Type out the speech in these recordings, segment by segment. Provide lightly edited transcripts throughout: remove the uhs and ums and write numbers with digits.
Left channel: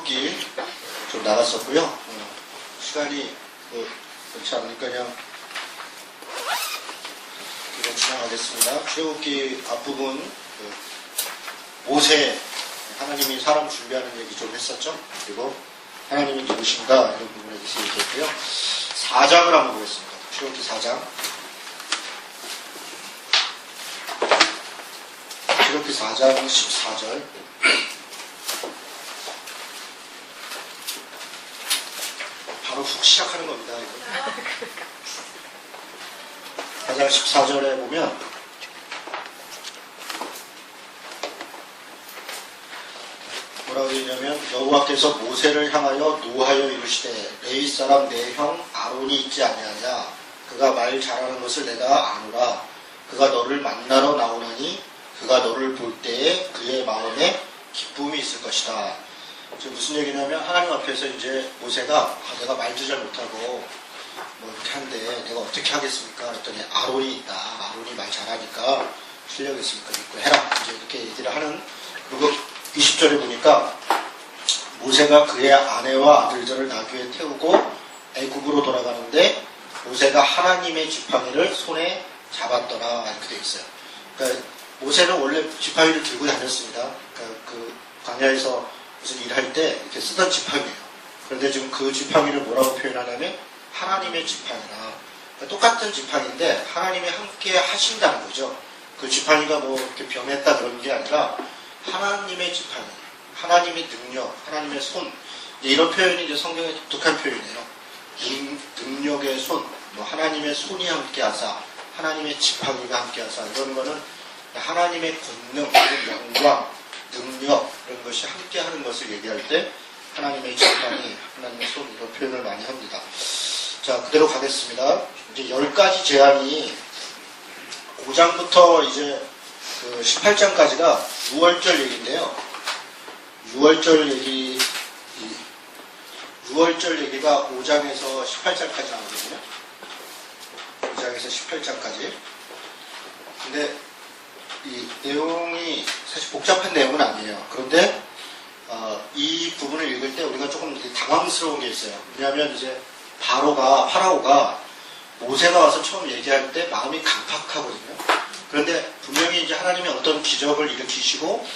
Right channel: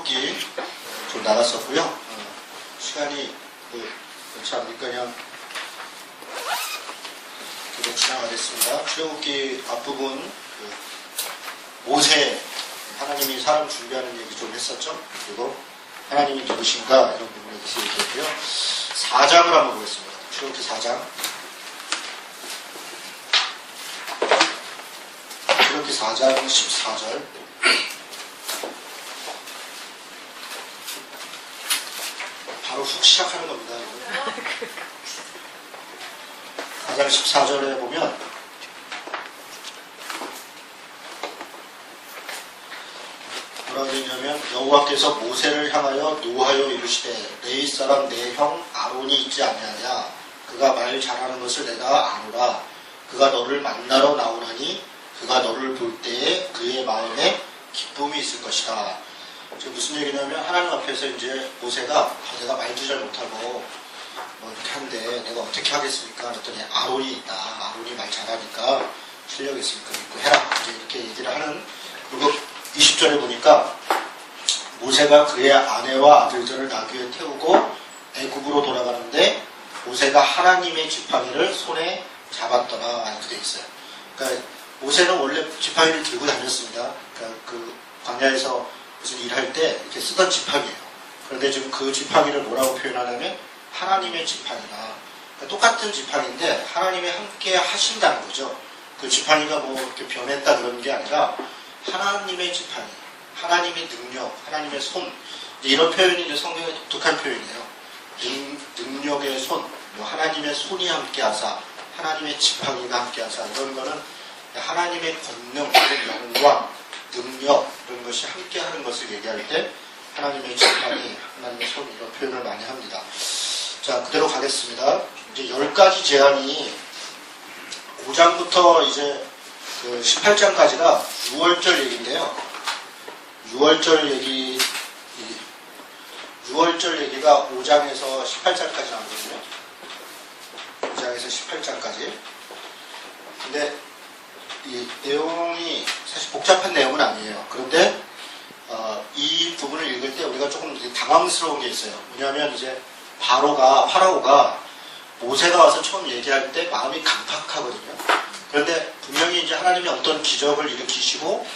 기 좀 나갔었고요. 시간이 그렇지 않으니까 그냥 계속 지나가겠습니다. 출애굽기 앞부분 모세 하나님이 사람 준비하는 얘기 좀 했었죠. 그리고 하나님이 누구신가 이런 부분에 대해서 얘기했고요. 4장을 한번 보겠습니다. 출애굽기 4장. 출애굽기 4장 14절. 바로 훅 시작하는 겁니다. 4장 14절에 보면 뭐라고 되냐면 여호와께서 모세를 향하여 노하여 이르시되 내 사람 내 형 아론이 있지 아니하냐 그가 말 잘하는 것을 내가 아노라 그가 너를 만나러 나오나니 그가 너를 볼 때에 그의 마음에 기쁨이 있을 것이다. 지금 무슨 얘기냐면 하나님 앞에서 이제 모세가 내가 말도 잘 못하고 뭐 이렇게 하는데 내가 어떻게 하겠습니까? 그랬더니 아론이 있다. 아론이 말 잘하니까 실력 있으니까 믿고 해라. 이제 이렇게 얘기를 하는. 그리고 20절에 보니까 모세가 그의 아내와 아들들을 나귀에 태우고 애굽으로 돌아가는데 모세가 하나님의 지팡이를 손에 잡았더라. 이렇게 되어 있어요. 그러니까 모세는 원래 지팡이를 들고 다녔습니다. 그러니까 그 광야에서 무슨 일할 때 이렇게 쓰던 지팡이에요. 그런데 지금 그 지팡이를 뭐라고 표현하냐면 하나님의 지팡이라. 그러니까 똑같은 지팡이인데 하나님이 함께 하신다는 거죠. 그 지팡이가 뭐 이렇게 변했다 그런 게 아니라 하나님의 지팡이, 하나님의 능력, 하나님의 손. 이런 표현이 이제 성경의 독특한 표현이에요. 능력의 손, 뭐 하나님의 손이 함께 하사, 하나님의 지팡이가 함께 하사. 이런 거는 하나님의 권능, 영광, 능력 이런 것이 함께 하는 것을 얘기할 때 하나님의 지팡이, 하나님의 손 이런 표현을 많이 합니다. 자, 그대로 가겠습니다. 이제 10가지 제안이 5장부터 이제 그 18장까지가 6월절 얘기인데요. 6월절 얘기가 5장에서 18장까지 나오거든요. 5장에서 18장까지. 근데 이 내용이 사실 복잡한 내용은 아니에요. 그런데 이 부분을 읽을 때 우리가 조금 당황스러운 게 있어요. 왜냐하면 이제 파라오가 모세가 와서 처음 얘기할 때 마음이 강팍하거든요. 그런데 분명히 이제 하나님이 어떤 기적을 일으키시고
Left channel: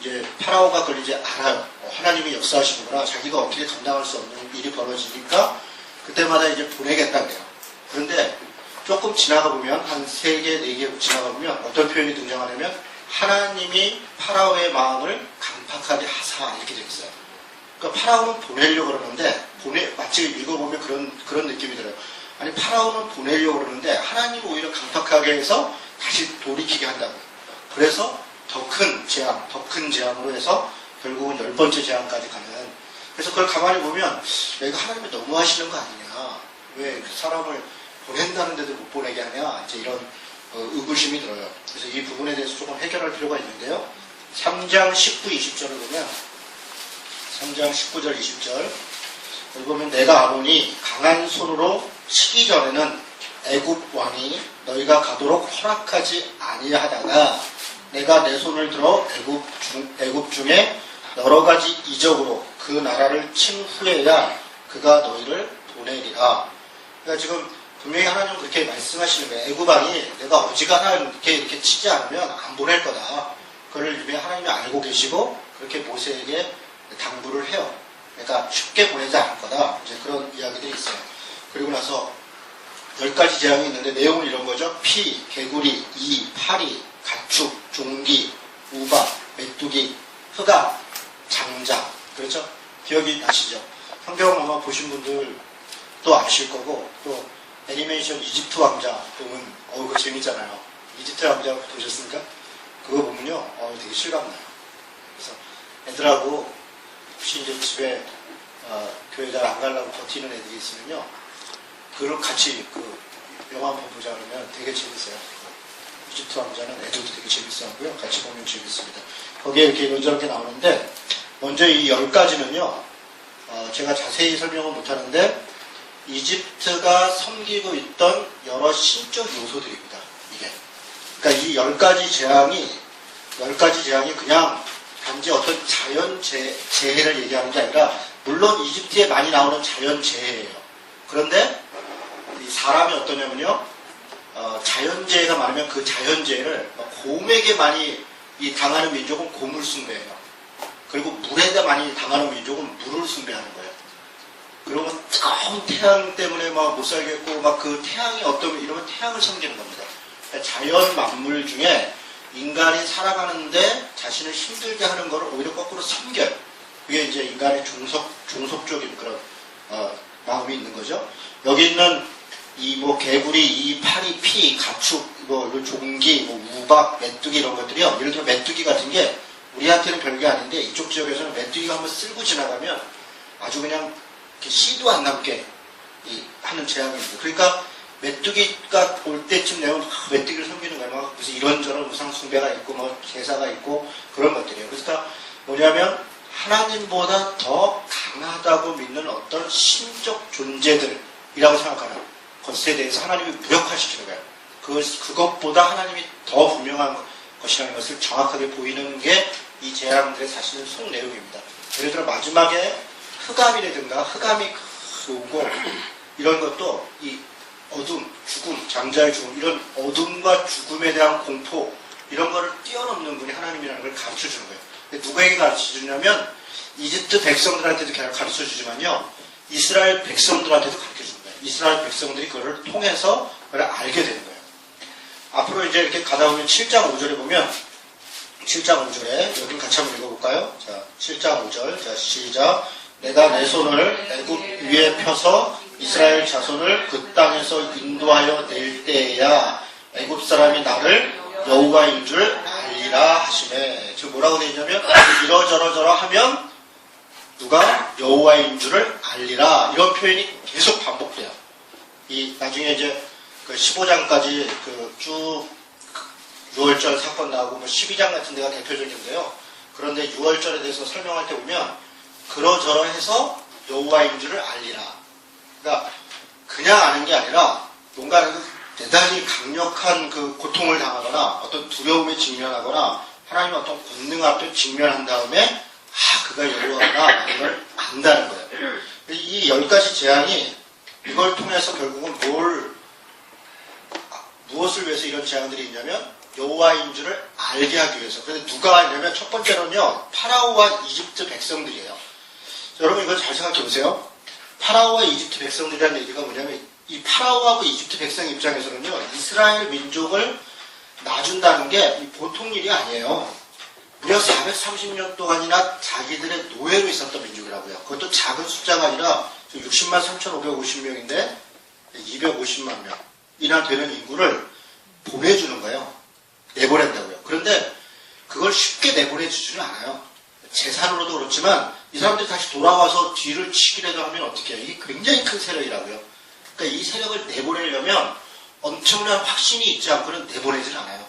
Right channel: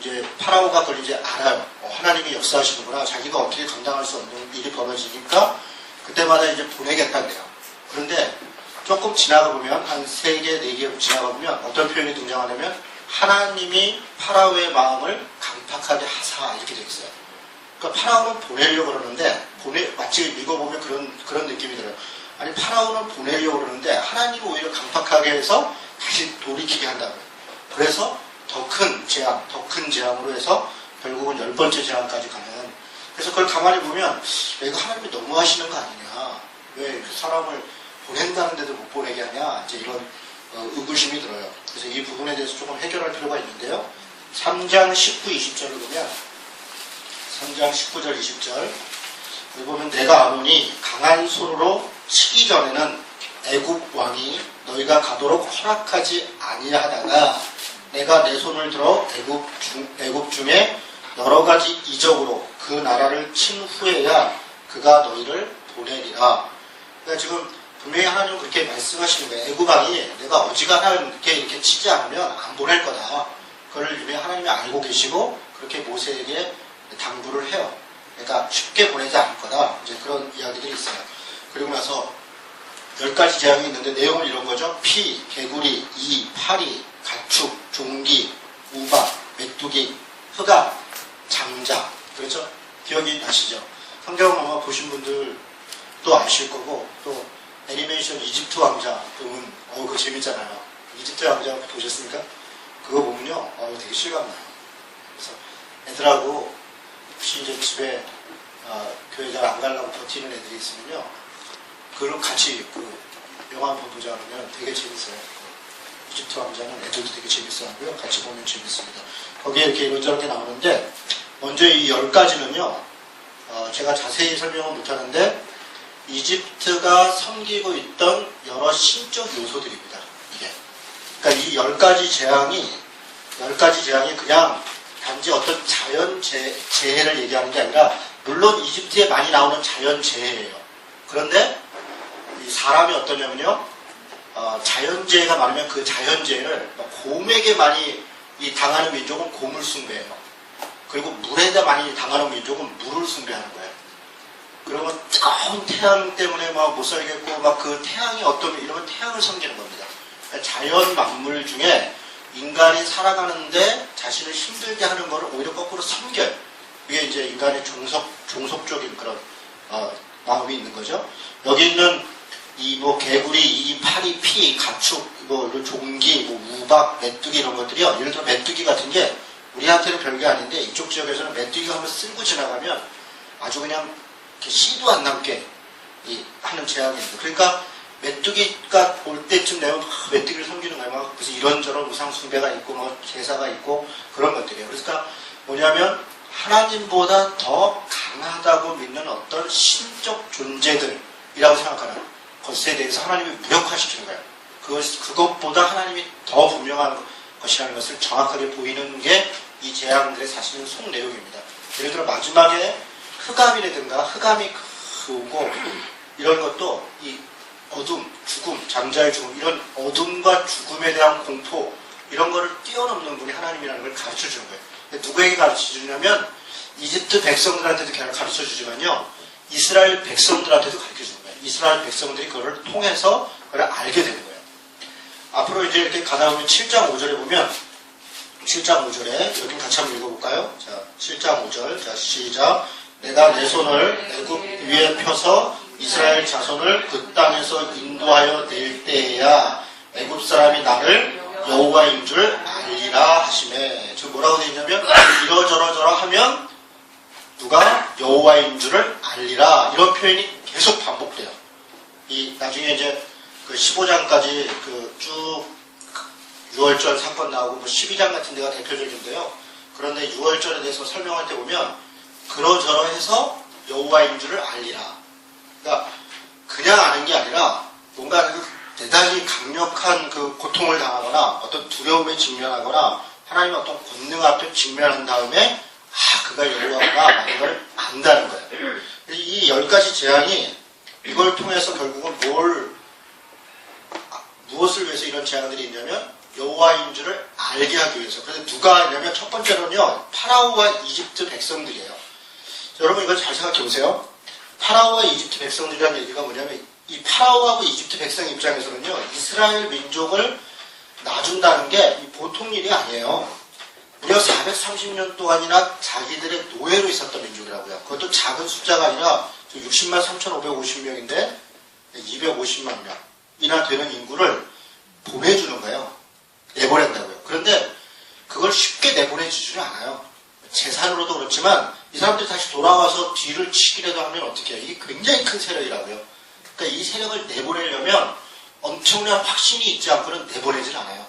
이제 파라오가 그걸 이제 알아요. 하나님이 역사하시는구나. 자기가 어떻게 감당할 수 없는 일이 벌어지니까 그때마다 이제 보내겠다 그래요. 그런데 조금 지나가 보면 한 3개, 4개 지나가 보면 어떤 표현이 등장하냐면 하나님이 파라오의 마음을 강팍하게 하사 이렇게 되어 있어요. 그러니까 파라오는 보내려고 그러는데 마치 읽어보면 그런 느낌이 들어요. 아니 파라오는 보내려고 그러는데 하나님이 오히려 강팍하게 해서 다시 돌이키게 한다고요. 그래서 더 큰 재앙으로 해서 결국은 10번째 재앙까지 가는. 그래서 그걸 가만히 보면 이거 하나님이 너무 하시는 거 아니냐. 왜 사람을 보낸다는데도 못 보내게 하냐. 이제 이런 의구심이 들어요. 그래서 이 부분에 대해서 조금 해결할 필요가 있는데요. 3장 19, 20절을 보면 3장 19절, 20절 여기 보면 내가 아론이 강한 손으로 치기 전에는 애굽 왕이 너희가 가도록 허락하지 아니하다가 내가 내 손을 들어 애굽 중에 여러 가지 이적으로 그 나라를 친 후에야 그가 너희를 보내리라. 그러니까 지금 분명히 하나님은 그렇게 말씀하시는 거예요. 애굽 왕이 내가 어지간하게 이렇게 치지 않으면 안 보낼 거다. 그걸 이미 하나님이 알고 계시고 그렇게 모세에게 당부를 해요. 그러니까 쉽게 보내지 않을 거다. 이제 그런 이야기들이 있어요. 그리고 나서 10가지 재앙이 있는데 내용은 이런 거죠. 피, 개구리, 이, 파리, 가축, 종기, 우박, 메뚜기, 흑암, 장자. 그렇죠? 기억이 나시죠? 성경을 아마 보신 분들 또 아실 거고 또 애니메이션 이집트 왕자 보면 그거 재밌잖아요. 이집트 왕자 보셨습니까? 그거 보면요 되게 실감나요. 그래서 애들하고 혹시 이제 집에 교회 잘 안 가려고 버티는 애들이 있으면요 그걸 같이 그 영화 한번 보자 그러면 되게 재밌어요. 이집트 왕자는 애들도 되게 재밌어하고요. 같이 보면 재밌습니다. 거기에 이렇게 이런저렇게 나오는데 먼저 이 10가지는요 제가 자세히 설명은 못하는데 이집트가 섬기고 있던 여러 신적 요소들입니다. 이게. 그러니까 이 10가지 재앙이 그냥 단지 어떤 자연 재해를 얘기하는 게 아니라 물론 이집트에 많이 나오는 자연 재해예요. 그런데 이 사람이 어떠냐면요. 자연재해가 많으면 그 자연재해를 곰에게 많이 당하는 민족은 곰을 숭배해요. 그리고 물에다 많이 당하는 민족은 물을 숭배하는 거예요. 그리고 뜨거운 태양 때문에 막 못 살겠고 막 그 태양이 어떤 이러면 태양을 섬기는 겁니다. 그러니까 자연 만물 중에 인간이 살아가는데 자신을 힘들게 하는 것을 오히려 거꾸로 섬겨요. 이게 이제 인간의 종속적인 그런 마음이 있는 거죠. 여기 있는 이 뭐 개구리, 이 파리, 피, 가축, 뭐 종기, 뭐 우박, 메뚜기 이런 것들이요. 예를 들어 메뚜기 같은 게 우리한테는 별게 아닌데 이쪽 지역에서는 메뚜기가 한번 쓸고 지나가면 아주 그냥 이렇게 씨도 안 남게 하는 재앙입니다. 그러니까 메뚜기가 올 때쯤 되면 메뚜기를 섬기는 거예요. 그래서 이런저런 우상 숭배가 있고 뭐 제사가 있고 그런 것들이에요. 그러니까 뭐냐면 하나님보다 더 강하다고 믿는 어떤 신적 존재들이라고 생각하는 것에 대해서 하나님이 무력화시키는 거예요. 그것보다 하나님이 더 분명한 것이라는 것을 정확하게 보이는 게 이 재앙들의 사실은 속 내용입니다. 예를 들어 마지막에 흑암이라든가 흑암이 오고 이런 것도 이 어둠, 죽음, 장자의 죽음 이런 어둠과 죽음에 대한 공포 이런 거를 뛰어넘는 분이 하나님이라는 걸 가르쳐 주는 거예요. 누구에게 가르쳐 주냐면 이집트 백성들한테도 가르쳐 주지만요. 이스라엘 백성들한테도 가르쳐 주는 거예요. 이스라엘 백성들이 그걸 통해서 그걸 알게 되는 거예요. 앞으로 이제 이렇게 가다 보면 7장 5절에 보면 7장 5절에 여기 같이 한번 읽어볼까요? 자, 7장 5절. 자, 시작. 내가 내 손을 애굽 위에 펴서 이스라엘 자손을 그 땅에서 인도하여 낼 때에야 애굽 사람이 나를 여호와인 줄 알리라 하시네. 지금 뭐라고 되어 있냐면 이러저러저러 하면 누가 여호와인 줄을 알리라. 이런 표현이 계속 반복돼요. 나중에 이제 그 15장까지 쭉 6월절 사건 나오고 뭐 12장 같은 데가 대표적인데요. 그런데 6월절에 대해서 설명할 때 보면 그러저러해서 여호와인 줄을 알리라. 그러니까 그냥 아는 게 아니라 뭔가 대단히 강력한 그 고통을 당하거나 어떤 두려움에 직면하거나 하나님의 어떤 권능 앞에 직면한 다음에 그가 여호와구나 라는 걸 안다는 거예요. 이 10가지 재앙이 이걸 통해서 결국은 무엇을 위해서 이런 재앙들이 있냐면 여호와인 줄을 알게 하기 위해서. 그런데 누가 있냐면 첫 번째로는요. 파라오와 이집트 백성들이에요. 자, 여러분 이걸 잘 생각해 보세요. 파라오와 이집트 백성들이라는 얘기가 뭐냐면 이 파라오하고 이집트 백성 입장에서는요. 이스라엘 민족을 놔준다는 게 보통 일이 아니에요. 무려 430년 동안이나 자기들의 노예로 있었던 민족이라고요. 그것도 작은 숫자가 아니라 60만 3,550명인데 250만 명이나 되는 인구를 보내주는 거예요. 내보낸다고요. 그런데 그걸 쉽게 내보내주지는 않아요. 재산으로도 그렇지만 이 사람들이 다시 돌아와서 뒤를 치기라도 하면 어떻게 해요? 이게 굉장히 큰 세력이라고요. 그러니까 이 세력을 내보내려면 엄청난 확신이 있지 않고는 내보내질 않아요.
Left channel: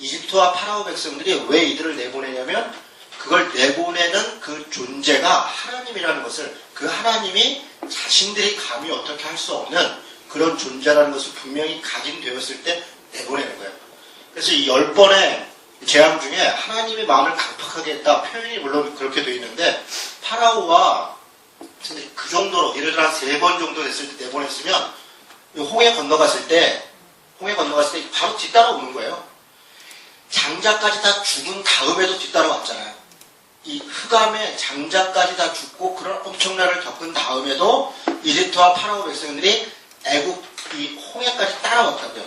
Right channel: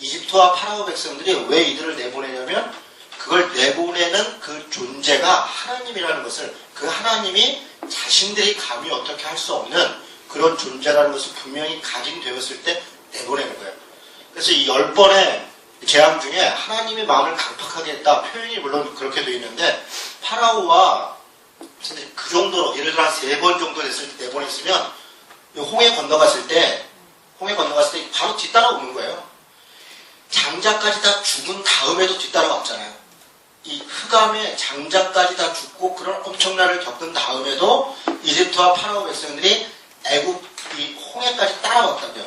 이집트와 파라오 백성들이 왜 이들을 내보내냐면 그걸 내보내는 그 존재가 하나님이라는 것을 그 하나님이 자신들이 감히 어떻게 할 수 없는 그런 존재라는 것을 분명히 각인되었을 때 내보내는 거예요. 그래서 이 10번의 재앙 중에 하나님의 마음을 강팍하게 했다. 표현이 물론 그렇게 되어 있는데 파라오와 그 정도로 예를 들어 한 3번 정도 됐을 때 내보냈으면 홍해 건너갔을 때 바로 뒤따라오는 거예요. 장자까지 다 죽은 다음에도 뒤따라왔잖아요. 이 흑암에 장자까지 다 죽고 그런 엄청난 일을 겪은 다음에도 이집트와 파라오 백성들이 애굽 이 홍해까지 따라왔다고요.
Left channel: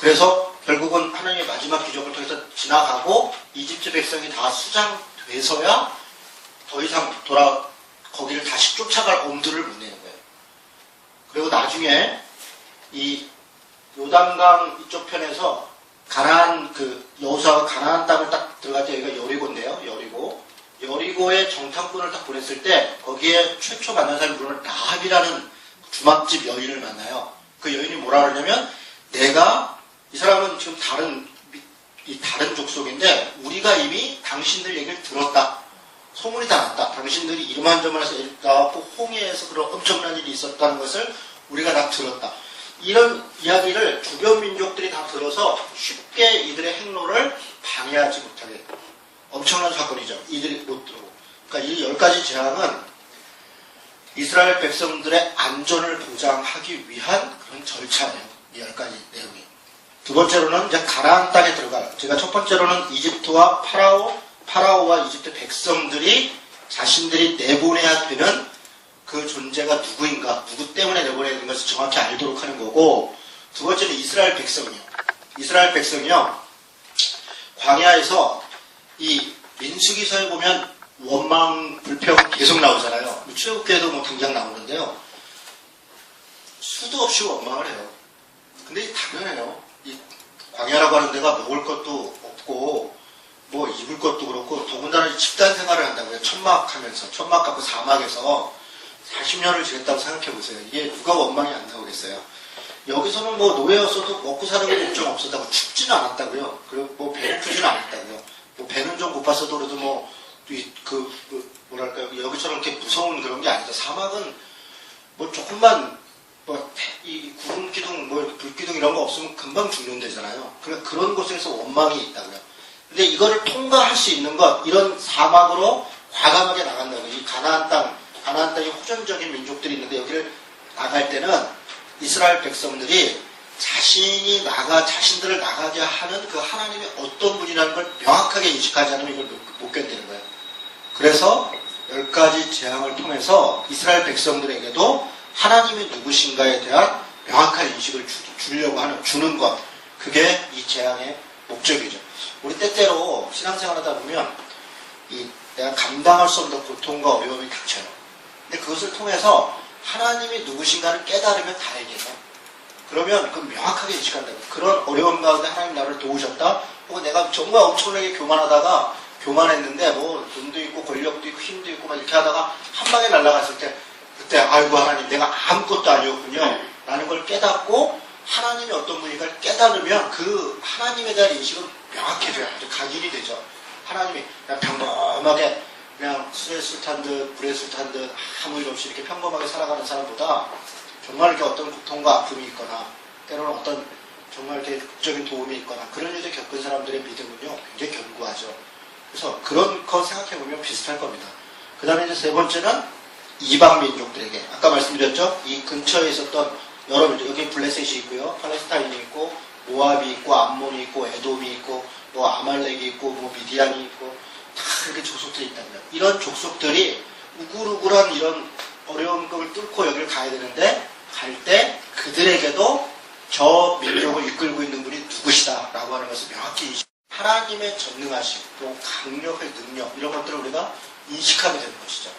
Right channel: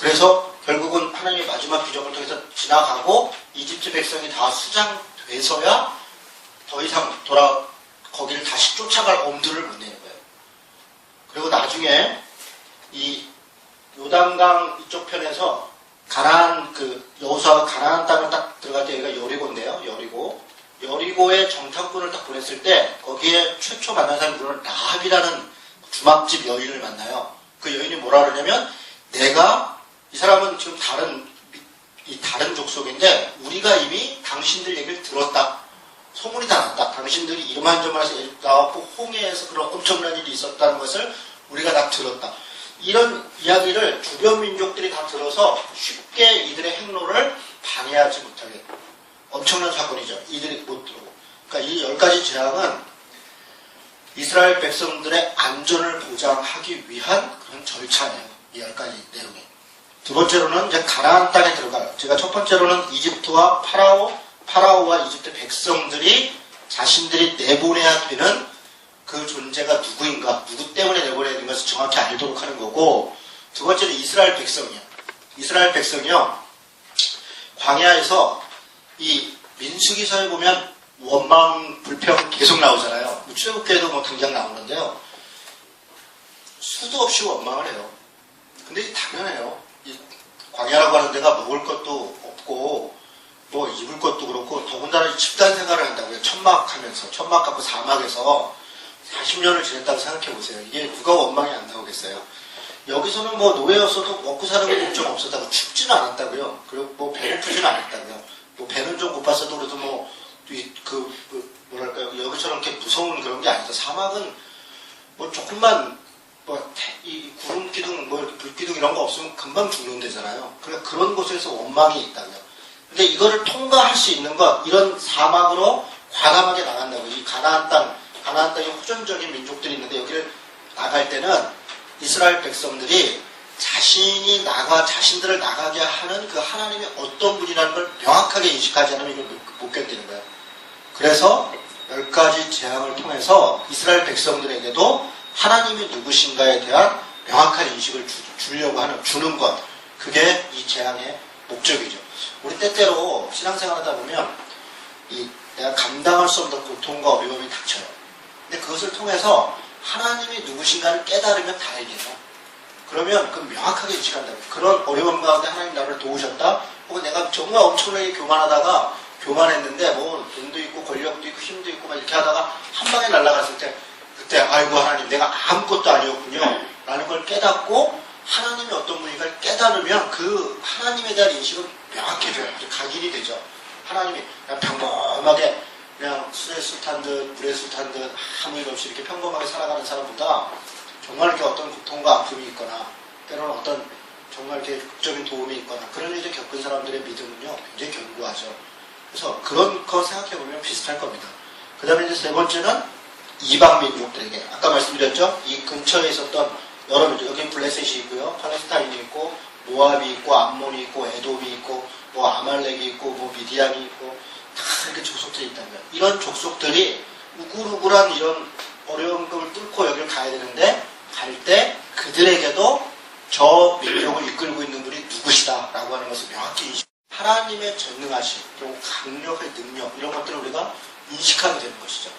그래서 결국은 하나님의 마지막 기적을 통해서 지나가고 이집트 백성이 다 수장돼서야 더 이상 거기를 다시 쫓아갈 엄두를 못 내는 거예요. 그리고 나중에 이 요단강 이쪽 편에서 여호수아가 가나안 땅을 딱 들어갈 때 여기가 여리고인데요. 여리고의 정탐꾼을 딱 보냈을 때 거기에 최초 만난 사람이 물론 라합이라는 주막집 여인을 만나요. 그 여인이 뭐라 그러냐면 이 사람은 지금 다른 족속인데 우리가 이미 당신들 얘기를 들었다. 소문이 다 났다. 당신들이 이만저만해서 나왔고 홍해에서 그런 엄청난 일이 있었다는 것을 우리가 다 들었다. 이런 이야기를 주변 민족들이 다 들어서 쉽게 이들의 행로를 방해하지 못하게 엄청난 사건이죠. 이들이 못 들어오고. 그러니까 이 10가지 재앙은 이스라엘 백성들의 안전을 보장하기 위한 그런 절차예요. 이 10가지 내용이. 두 번째로는 이제 가나안 땅에 들어가요. 제가 첫 번째로는 이집트와 파라오와 이집트 백성들이 자신들이 내보내야 되는 그 존재가 누구인가, 누구 때문에 내보내야 되는 것을 정확히 알도록 하는 거고, 두 번째는 이스라엘 백성이요. 이스라엘 백성이요. 광야에서 이 민수기서에 보면 원망, 불평 계속 나오잖아요. 출애굽기에도 뭐 등장 나오는데요. 수도 없이 원망을 해요. 근데 당연해요. 이 광야라고 하는 데가 먹을 것도 없고 뭐 입을 것도 그렇고 더군다나 집단 생활을 한다고요. 천막 갖고 사막에서 40년을 지냈다고 생각해 보세요. 이게 누가 원망이 안 나오겠어요. 여기서는 뭐 노예였어도 먹고 사는 게 걱정 없었다고 춥지는 않았다고요. 그리고 뭐 배고프지는 않았다고요. 뭐 배는 좀 고팠어도 그래도 뭐랄까요. 여기처럼 이렇게 무서운 그런 게 아니다. 사막은 뭐 조금만 이 구름 기둥, 뭐 이렇게 불 기둥 이런 거 없으면 금방 죽는 데잖아요. 그러니까 그런 곳에서 원망이 있다고요. 근데 이거를 통과할 수 있는 것, 이런 사막으로 과감하게 나간다고. 이 가나안 땅에 호전적인 민족들이 있는데 여기를 나갈 때는 이스라엘 백성들이 자신들을 나가게 하는 그 하나님이 어떤 분이라는 걸 명확하게 인식하지 않으면 이걸 못 견디는 거예요. 그래서 10가지 재앙을 통해서 이스라엘 백성들에게도 하나님이 누구신가에 대한 명확한 인식을 주는 것. 그게 이 재앙의 목적이죠. 우리 때때로 신앙생활 하다 보면 내가 감당할 수 없는 고통과 어려움이 닥쳐요. 근데 그것을 통해서 하나님이 누구신가를 깨달으면 다행이에요. 그러면 그 명확하게 인식한다. 그런 어려움 가운데 하나님 나를 도우셨다. 혹은 내가 정말 엄청나게 교만했는데 뭐 돈도 있고 권력도 있고 힘도 있고 막 이렇게 하다가 한 방에 날아갔을 때 그때 아이고 하나님 내가 아무것도 아니었군요 라는 걸 깨닫고 하나님이 어떤 분인가를 깨달으면 그 하나님에 대한 인식은 명확해져요. 각인이 되죠. 하나님이 그냥 평범하게 그냥 술에 술 탄 듯 물에 술 탄 듯 아무 일 없이 이렇게 평범하게 살아가는 사람보다 정말 이렇게 어떤 고통과 아픔이 있거나 때로는 어떤 정말 이렇게 극적인 도움이 있거나 그런 일을 겪은 사람들의 믿음은요 굉장히 견고하죠. 그래서 그런 거 생각해보면 비슷할 겁니다. 그 다음에 이제 세 번째는 이방 민족들에게 아까 말씀드렸죠. 이 근처에 있었던 여러 민족, 여기 블레셋이 있고요, 팔레스타인이 있고 모압이 있고 암몬이 있고 에돔이 있고 뭐 아말렉이 있고 뭐 미디안이 있고 다 이렇게 족속들이 있답니다. 이런 족속들이 우글우글한 이런 어려움을 뚫고 여기를 가야 되는데 갈 때 그들에게도 저 민족을 이끌고 있는 분이 누구시다 라고 하는 것을 명확히 하나님의 전능하심 그리고 강력의 능력 이런 것들을 우리가 인식하게 되는 것이죠.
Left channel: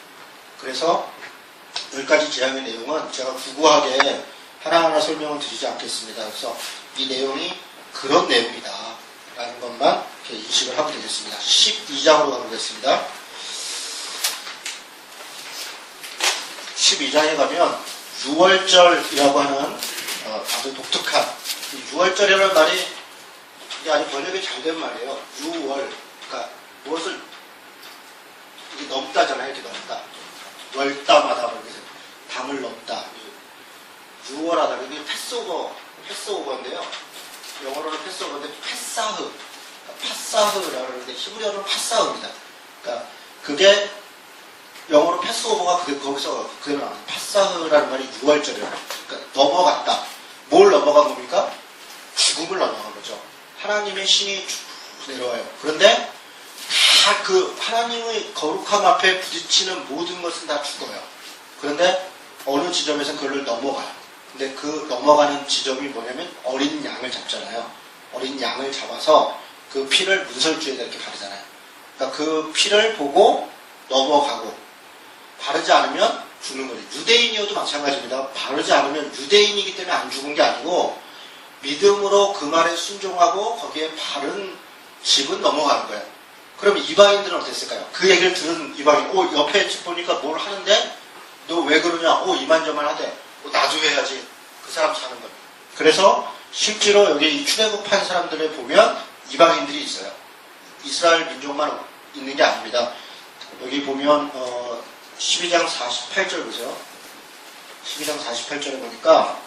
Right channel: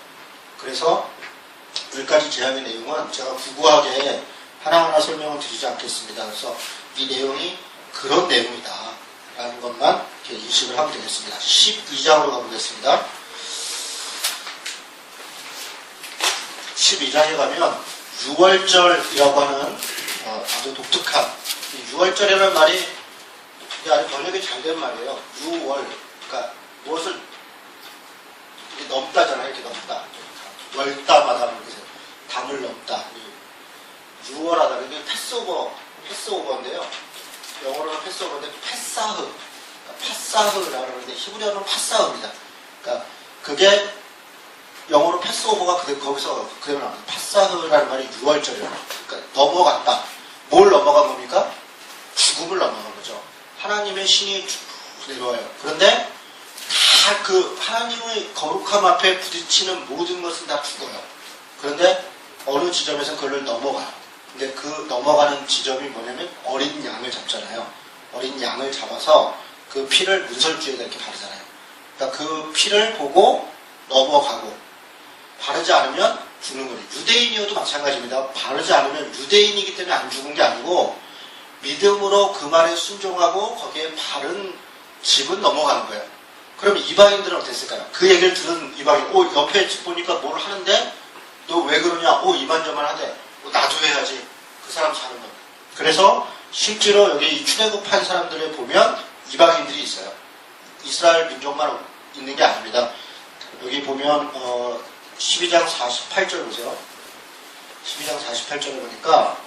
그래서 10가지 재앙의 내용은 제가 구구하게 하나하나 설명을 드리지 않겠습니다. 그래서 이 내용이 그런 내용이다 라는 것만 이렇게 인식을 하면 되겠습니다. 12장으로 가보겠습니다. 12장에 가면 6월절이라고 하는 아주 독특한 이 6월절이라는 말이 아주 번역이 잘 된 말이에요. 6월 그러니까 무엇을 넘다잖아요. 이렇게 넘다. 월다마다 그래서 담을 넘다. 6월하다. 이게 패스오버인데요. 영어로는 패스오버인데 파사흐라고 하는데 히브리어는 파사흐입니다. 그러니까 그게 영어로 패스오버가 거기서 그대로 나옵니다. 파사흐라는 말이 6월절이에요. 그러니까 넘어갔다. 뭘 넘어간 겁니까? 죽음을 넘어간 거죠. 하나님의 신이 내려와요. 그런데 다 그 하나님의 거룩함 앞에 부딪히는 모든 것은 다 죽어요. 그런데 어느 지점에서 그걸 넘어가요. 근데 그 넘어가는 지점이 뭐냐면 어린 양을 잡잖아요. 어린 양을 잡아서 그 피를 문설주에다 이렇게 바르잖아요. 그러니까 그 피를 보고 넘어가고 바르지 않으면 죽는 거죠. 유대인이어도 마찬가지입니다. 바르지 않으면 유대인이기 때문에 안 죽은 게 아니고 믿음으로 그 말에 순종하고 거기에 바른 집은 넘어가는 거예요. 그럼 이방인들은 어땠을까요? 그 얘기를 들은 이방인, 옆에 보니까 뭘 하는데 너 왜 그러냐? 이만저만 하대. 나도 해야지. 그 사람 사는 겁니다. 그래서 실제로 여기 이 출애굽한 사람들을 보면 이방인들이 있어요. 이스라엘 민족만 있는 게 아닙니다. 여기 보면 12장 48절 보세요. 12장 48절을 보니까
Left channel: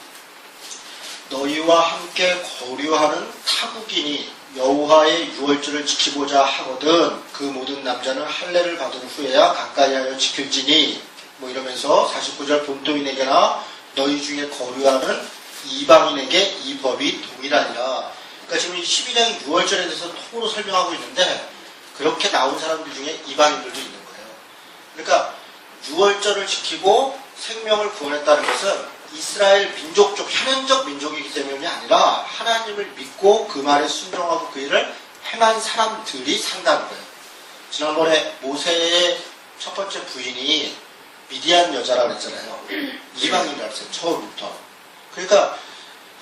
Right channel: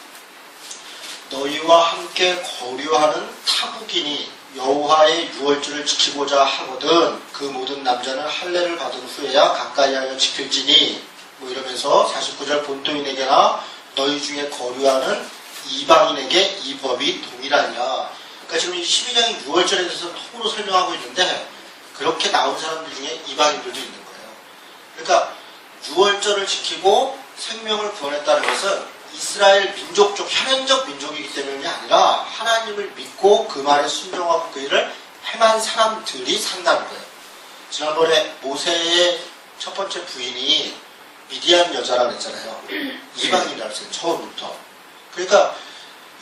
너희와 함께 거류하는 타국인이 여호와의 유월절을 지키고자 하거든 그 모든 남자는 할례를 받은 후에야 가까이하여 지킬지니 뭐 이러면서 49절 본토인에게나 너희 중에 거류하는 이방인에게 이 법이 동일하니라. 그러니까 지금 이 12장의 유월절에 대해서 통으로 설명하고 있는데 그렇게 나온 사람들 중에 이방인들도 있는 거예요. 그러니까 유월절을 지키고 생명을 구원했다는 것은 이스라엘 민족적 현현적 민족이기 때문이 아니라 하나님을 믿고 그 말에 순종하고 그 일을 행한 사람들이 산다는 거예요. 지난번에 모세의 첫 번째 부인이 미디안 여자라고 했잖아요. 이방인이라고 했어요. 처음부터. 그러니까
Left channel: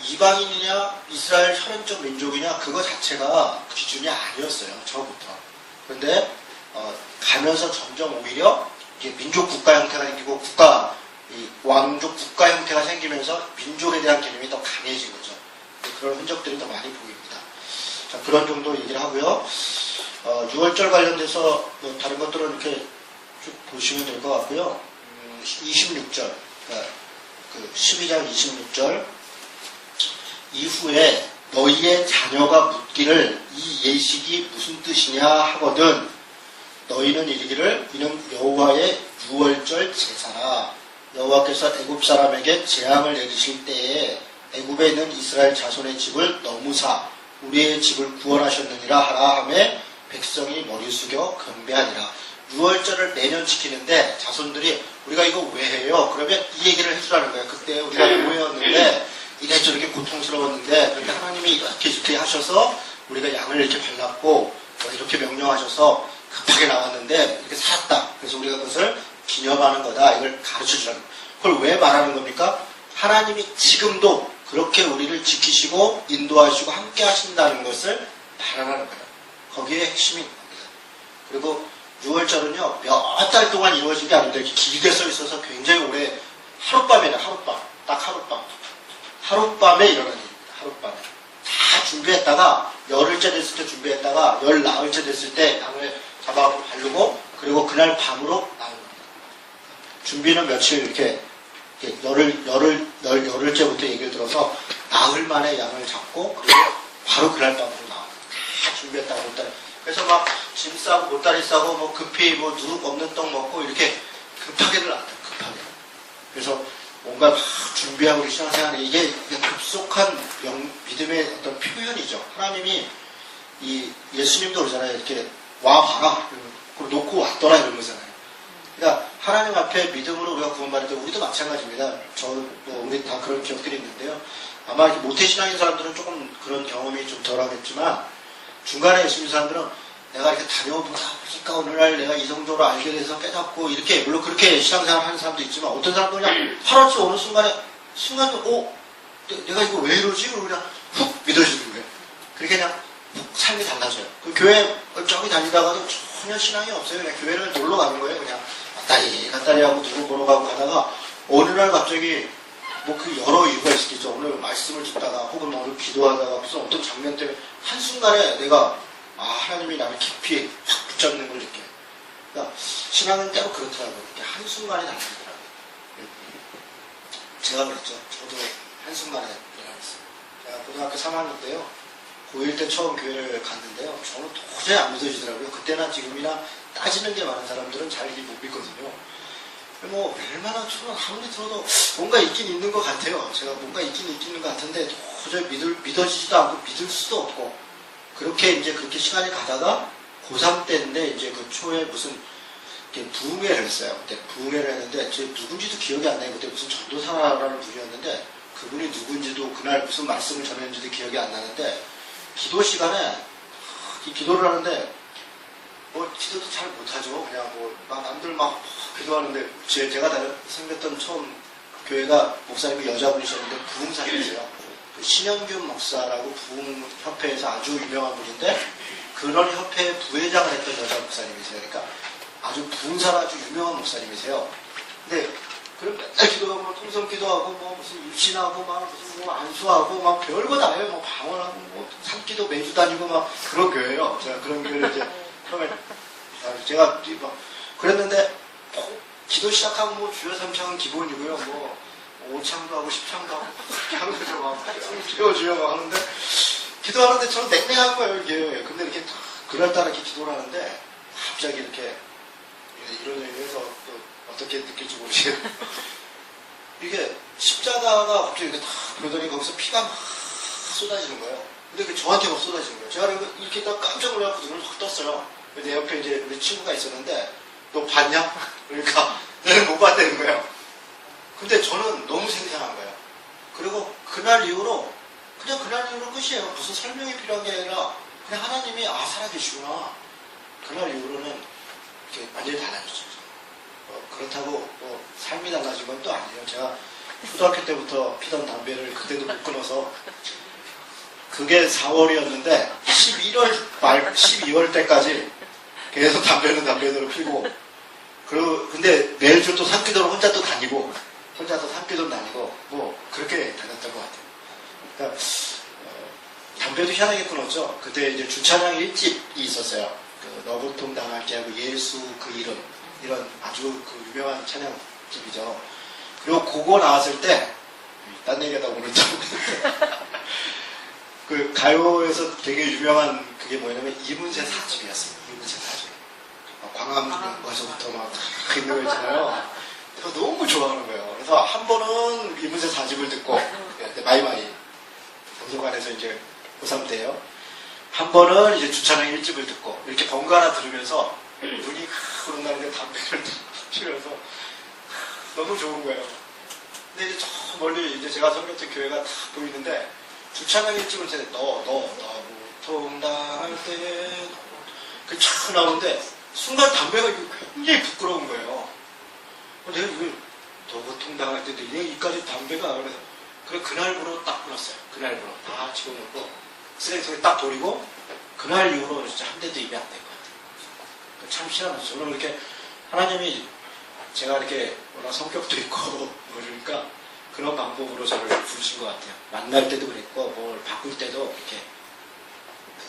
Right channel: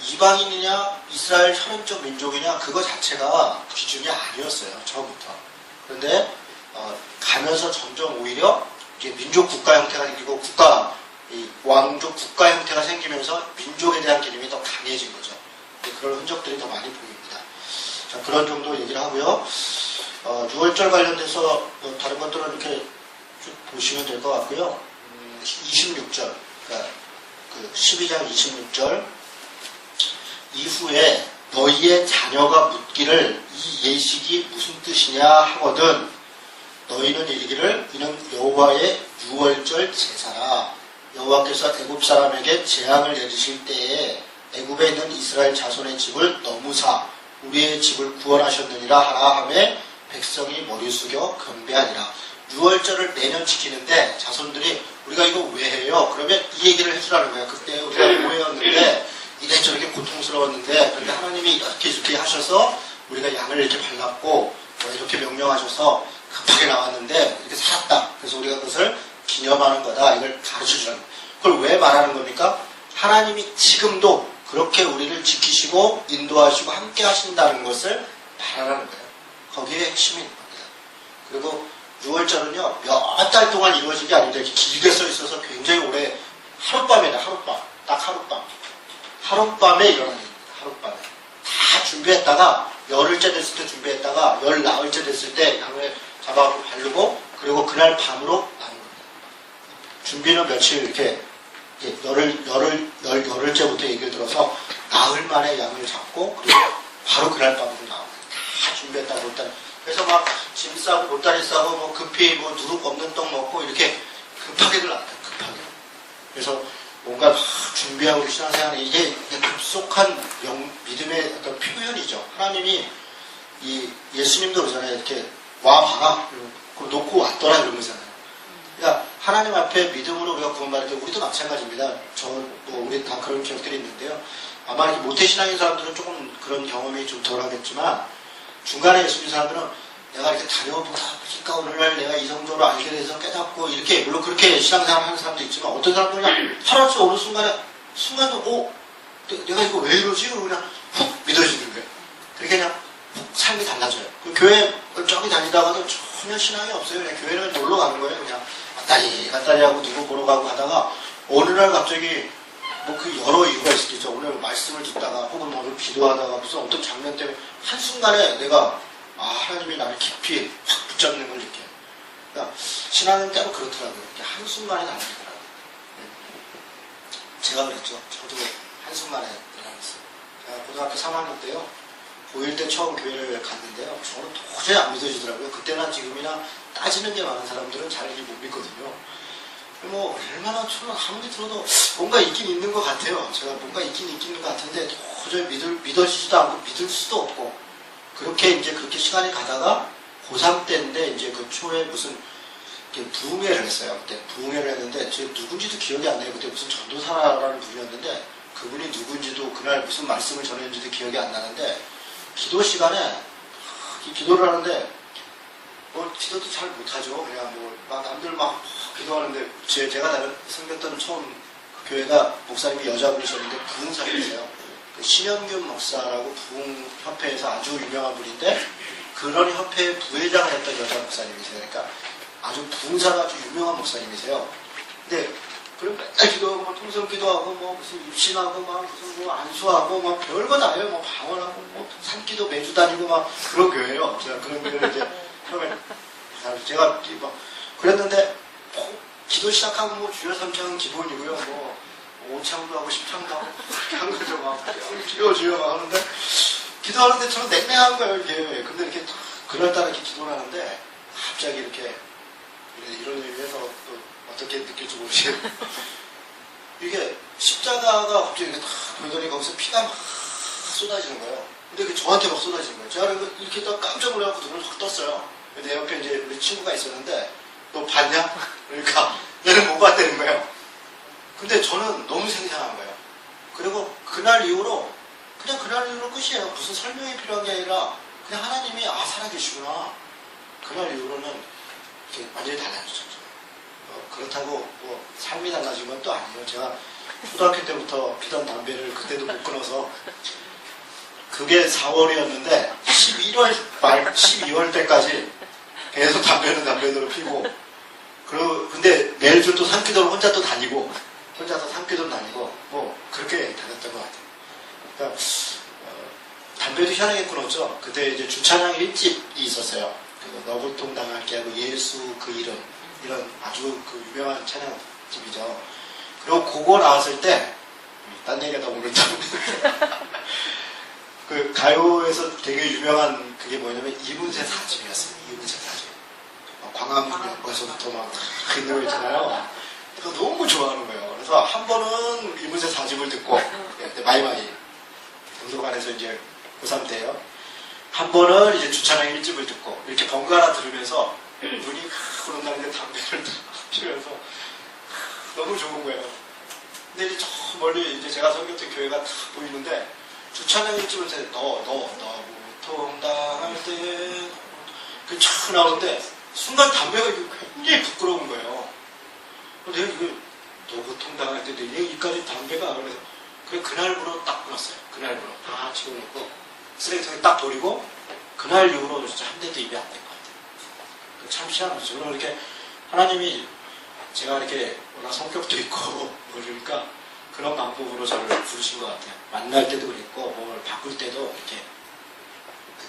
이방인이냐 이스라엘 현현적 민족이냐 그거 자체가 기준이 아니었어요. 처음부터. 그런데 가면서 점점 오히려 이게 민족 국가 형태가 생기고 왕족 국가 형태가 생기면서 민족에 대한 개념이 더 강해진 거죠. 그런 흔적들이 더 많이 보입니다. 자, 그런 정도 얘기를 하고요. 6월절 관련돼서 뭐 다른 것들은 이렇게 쭉 보시면 될 것 같고요. 26절, 그 12장 26절 이후에 너희의 자녀가 묻기를 이 예식이 무슨 뜻이냐 하거든 너희는 이르기를 이는 여호와의 6월절 제사라. 여호와께서 애굽 사람에게 재앙을 내리실 때에 애굽에 있는 이스라엘 자손의 집을 너무사 우리의 집을 구원하셨느니라 하라 하매 백성이 머리 숙여 경배하니라. 6월절을 매년 지키는데 자손들이 우리가 이거 왜 해요? 그러면 이 얘기를 해주라는 거예요. 그때 우리가 노예였는데 이래저렇게 고통스러웠는데 그런데 하나님이 이렇게 하셔서 우리가 양을 이렇게 발랐고 이렇게 명령하셔서 급하게 나왔는데 이렇게 살았다. 그래서 우리가 그것을 기념하는 거다. 이걸 가르쳐주라는 거예요. 그걸 왜 말하는 겁니까? 하나님이 지금도 그렇게 우리를 지키시고 인도하시고 함께 하신다는 것을 바라는 거예요. 거기에 핵심이 있는 겁니다. 그리고 6월절은요 몇 달 동안 이루어진 게 아닌데 이렇게 길게 써 있어서 굉장히 오래 하룻밤이다. 하룻밤. 딱 하룻밤. 하룻밤에 일어나는 겁니다. 하룻밤에. 다 준비했다가 열흘째 됐을 때 준비했다가 열 나흘째 됐을 때 양을 잡아갖고 바르고 그리고 그날 밤으로 나는 겁니다. 준비는 며칠 이렇게 열흘째부터 얘기를 들어서 나흘 만에 양을 잡고 그리고 바로 그날 밤으로 나와요. 다 준비했다고 했다. 그래서 막 짐 싸고 보따리 싸고 뭐 급히 뭐 누룩 없는 떡 먹고 이렇게 급하게들 안 해요. 급하게. 그래서 뭔가 막 준비하고 신앙생활이 이게 급속한 믿음의 어떤 표현이죠. 하나님이 이 예수님도 그러잖아요. 이렇게 와봐라. 그리고 놓고 왔더라 이런 거잖아요. 그러니까 하나님 앞에 믿음으로 우리가 구원받을 때 우리도 마찬가지입니다. 저는 뭐 우리 다 그런 기억들이 있는데요. 아마 이렇게 모태신앙인 사람들은 조금 그런 경험이 좀 덜하겠지만 중간에 있는 사람들은 내가 이렇게 다녀보다 보니까 오늘날 내가 이성적으로 알게 돼서 깨닫고 이렇게 물론 그렇게 신앙생활 하는 사람도 있지만 어떤 사람들은 그냥 하루아침에 어느 순간에 내가 이거 왜 이러지? 그냥 훅 믿어지는 거예요. 그렇게 그냥 삶이 달라져요. 그 교회 저기 다니다가도 전혀 신앙이 없어요. 그냥 교회를 놀러 가는 거예요. 그냥 갔다리 하고 누구 보러 가고 하다가 어느 날 갑자기 뭐 그 여러 이유가 있겠죠. 오늘 말씀을 듣다가 혹은 오늘 기도하다가 무슨 어떤 장면 때문에 한순간에 내가 하나님이 나를 깊이 확 붙잡는 걸 느껴요. 그러니까 신앙은 때로 그렇더라고요. 한순간에 달라져요. 제가 그랬죠. 저도 한순간에 일어났어요. 제가 고등학교 3학년 때요. 고1 때 처음 교회를 갔는데요. 저는 도저히 안 믿어지더라고요. 그때나 지금이나 따지는 게 많은 사람들은 잘 못 믿거든요. 뭐 얼마나 저는 아무리 들어도 뭔가 있긴 있는 것 같아요. 제가 뭔가 있긴 있는 것 같은데 도저히 믿어지지도 않고 믿을 수도 없고 그렇게 이제 그렇게 시간이 가다가 고3 때인데 이제 그 초에 무슨 부흥회를 했어요. 그때 부흥회를 했는데 제 누군지도 기억이 안 나요. 그때 무슨 전도사라는 분이었는데 그분이 누군지도 그날 무슨 말씀을 전했는지도 기억이 안 나는데 기도 시간에 기도를 하는데 뭐 기도도 잘 못하죠. 그냥 막 남들 막 기도하는데 제가 생겼던 처음 그 교회가 목사님이 여자분이셨는데 부흥사님이세요. 신현균 목사라고 부흥협회에서 아주 유명한 분인데 그런 협회의 부회장을 했던 여자 목사님이세요. 그러니까 아주 부흥사가 아주 유명한 목사님이세요. 근데 그럼 맨날 기도하고 뭐 통성 기도하고 뭐 무슨 입신하고 막 무슨 뭐 안수하고 막 별거 다 해요. 뭐 방언하고 뭐 산기도 매주 다니고 막 그런 교회예요. 제가 그런 교회를 이제 처음에 제가 막 그랬는데 기도 시작하면 뭐 주여 삼창은 기본이고요. 뭐 5창도 하고 10창도 하고 하는 거죠. 막 주여 막 하는데 기도하는데 저는 냉랭한 거예요, 이게. 근데 이렇게 그날따라 이렇게 기도를 하는데 갑자기 이렇게 이런 얘기를 해서 또 어떻게 느낄지 모르겠어요. 이게 십자가가 갑자기 이렇게 탁 그러더니 거기서 피가 막 쏟아지는 거예요. 근데 이게 저한테 막 쏟아지는 거예요. 제가 이렇게 딱 깜짝 놀라서 눈을 확 떴어요. 내 옆에 이제 우리 친구가 있었는데 너 봤냐? 그러니까 얘는 못 봤다는 거예요. 근데 저는 너무 생생한 거예요. 그리고 그날 이후로 끝이에요. 무슨 설명이 필요한 게 아니라 그냥 하나님이 살아계시구나. 그날 이후로는 이렇게 완전히 달라졌죠. 그렇다고 뭐 삶이 달라진 건 또 아니에요. 제가 초등학교 때부터 피던 담배를 그때도 못 끊어서 그게 4월이었는데 11월 말 12월 때까지 계속 담배대로 피고 근데 매일주 또 산기도를 혼자 또 다니고 혼자서 산기도를 다니고 뭐 그렇게 다녔던 것 같아요. 그러니까 담배도 희한하게 끊었죠. 그때 이제 주찬양 1집이 있었어요. 그 너굴통 당할 게 하고 예수 그 이름 이런 아주 그 유명한 찬양집이죠. 그리고 그거 나왔을 때 딴 얘기하다 보면 참 그 가요에서 되게 유명한 그게 뭐냐면 이문세 4집이었어요. 이문세 4집. 광화문역에서부터 막 있는 거 있잖아요. 그래서 너무 좋아하는 거예요. 그래서 한 번은 이문세 4집을 듣고 마이마이 도서관에서 이제 고3 때요. 한 번은 이제 주찬양 1집을 듣고 이렇게 번갈아 들으면서 눈이 흐른다는 게 담배를 피우면서 너무 좋은 거예요. 근데 이제 저 멀리 이제 제가 섬겼던 교회가 딱 보이는데 주찬양 1집을 때 너 통당할 때 그 촥 나오는데 순간 담배가 굉장히 부끄러운 거예요. 내가 이거 너 통당할 때 이까지 담배가 그래 그날부로 딱 끊었어요. 그날부로 다 치워놓고 쓰레기통에 딱 버리고 그날 이후로 진짜 한 대도 입에 안 댄 것 같아요. 참 희한하죠. 저는 이렇게 하나님이 제가 이렇게 워낙 성격도 있고 그러니까 그런 방법으로 저를 부르신 것 같아요. 만날 때도 그랬고 뭘 바꿀 때도 이렇게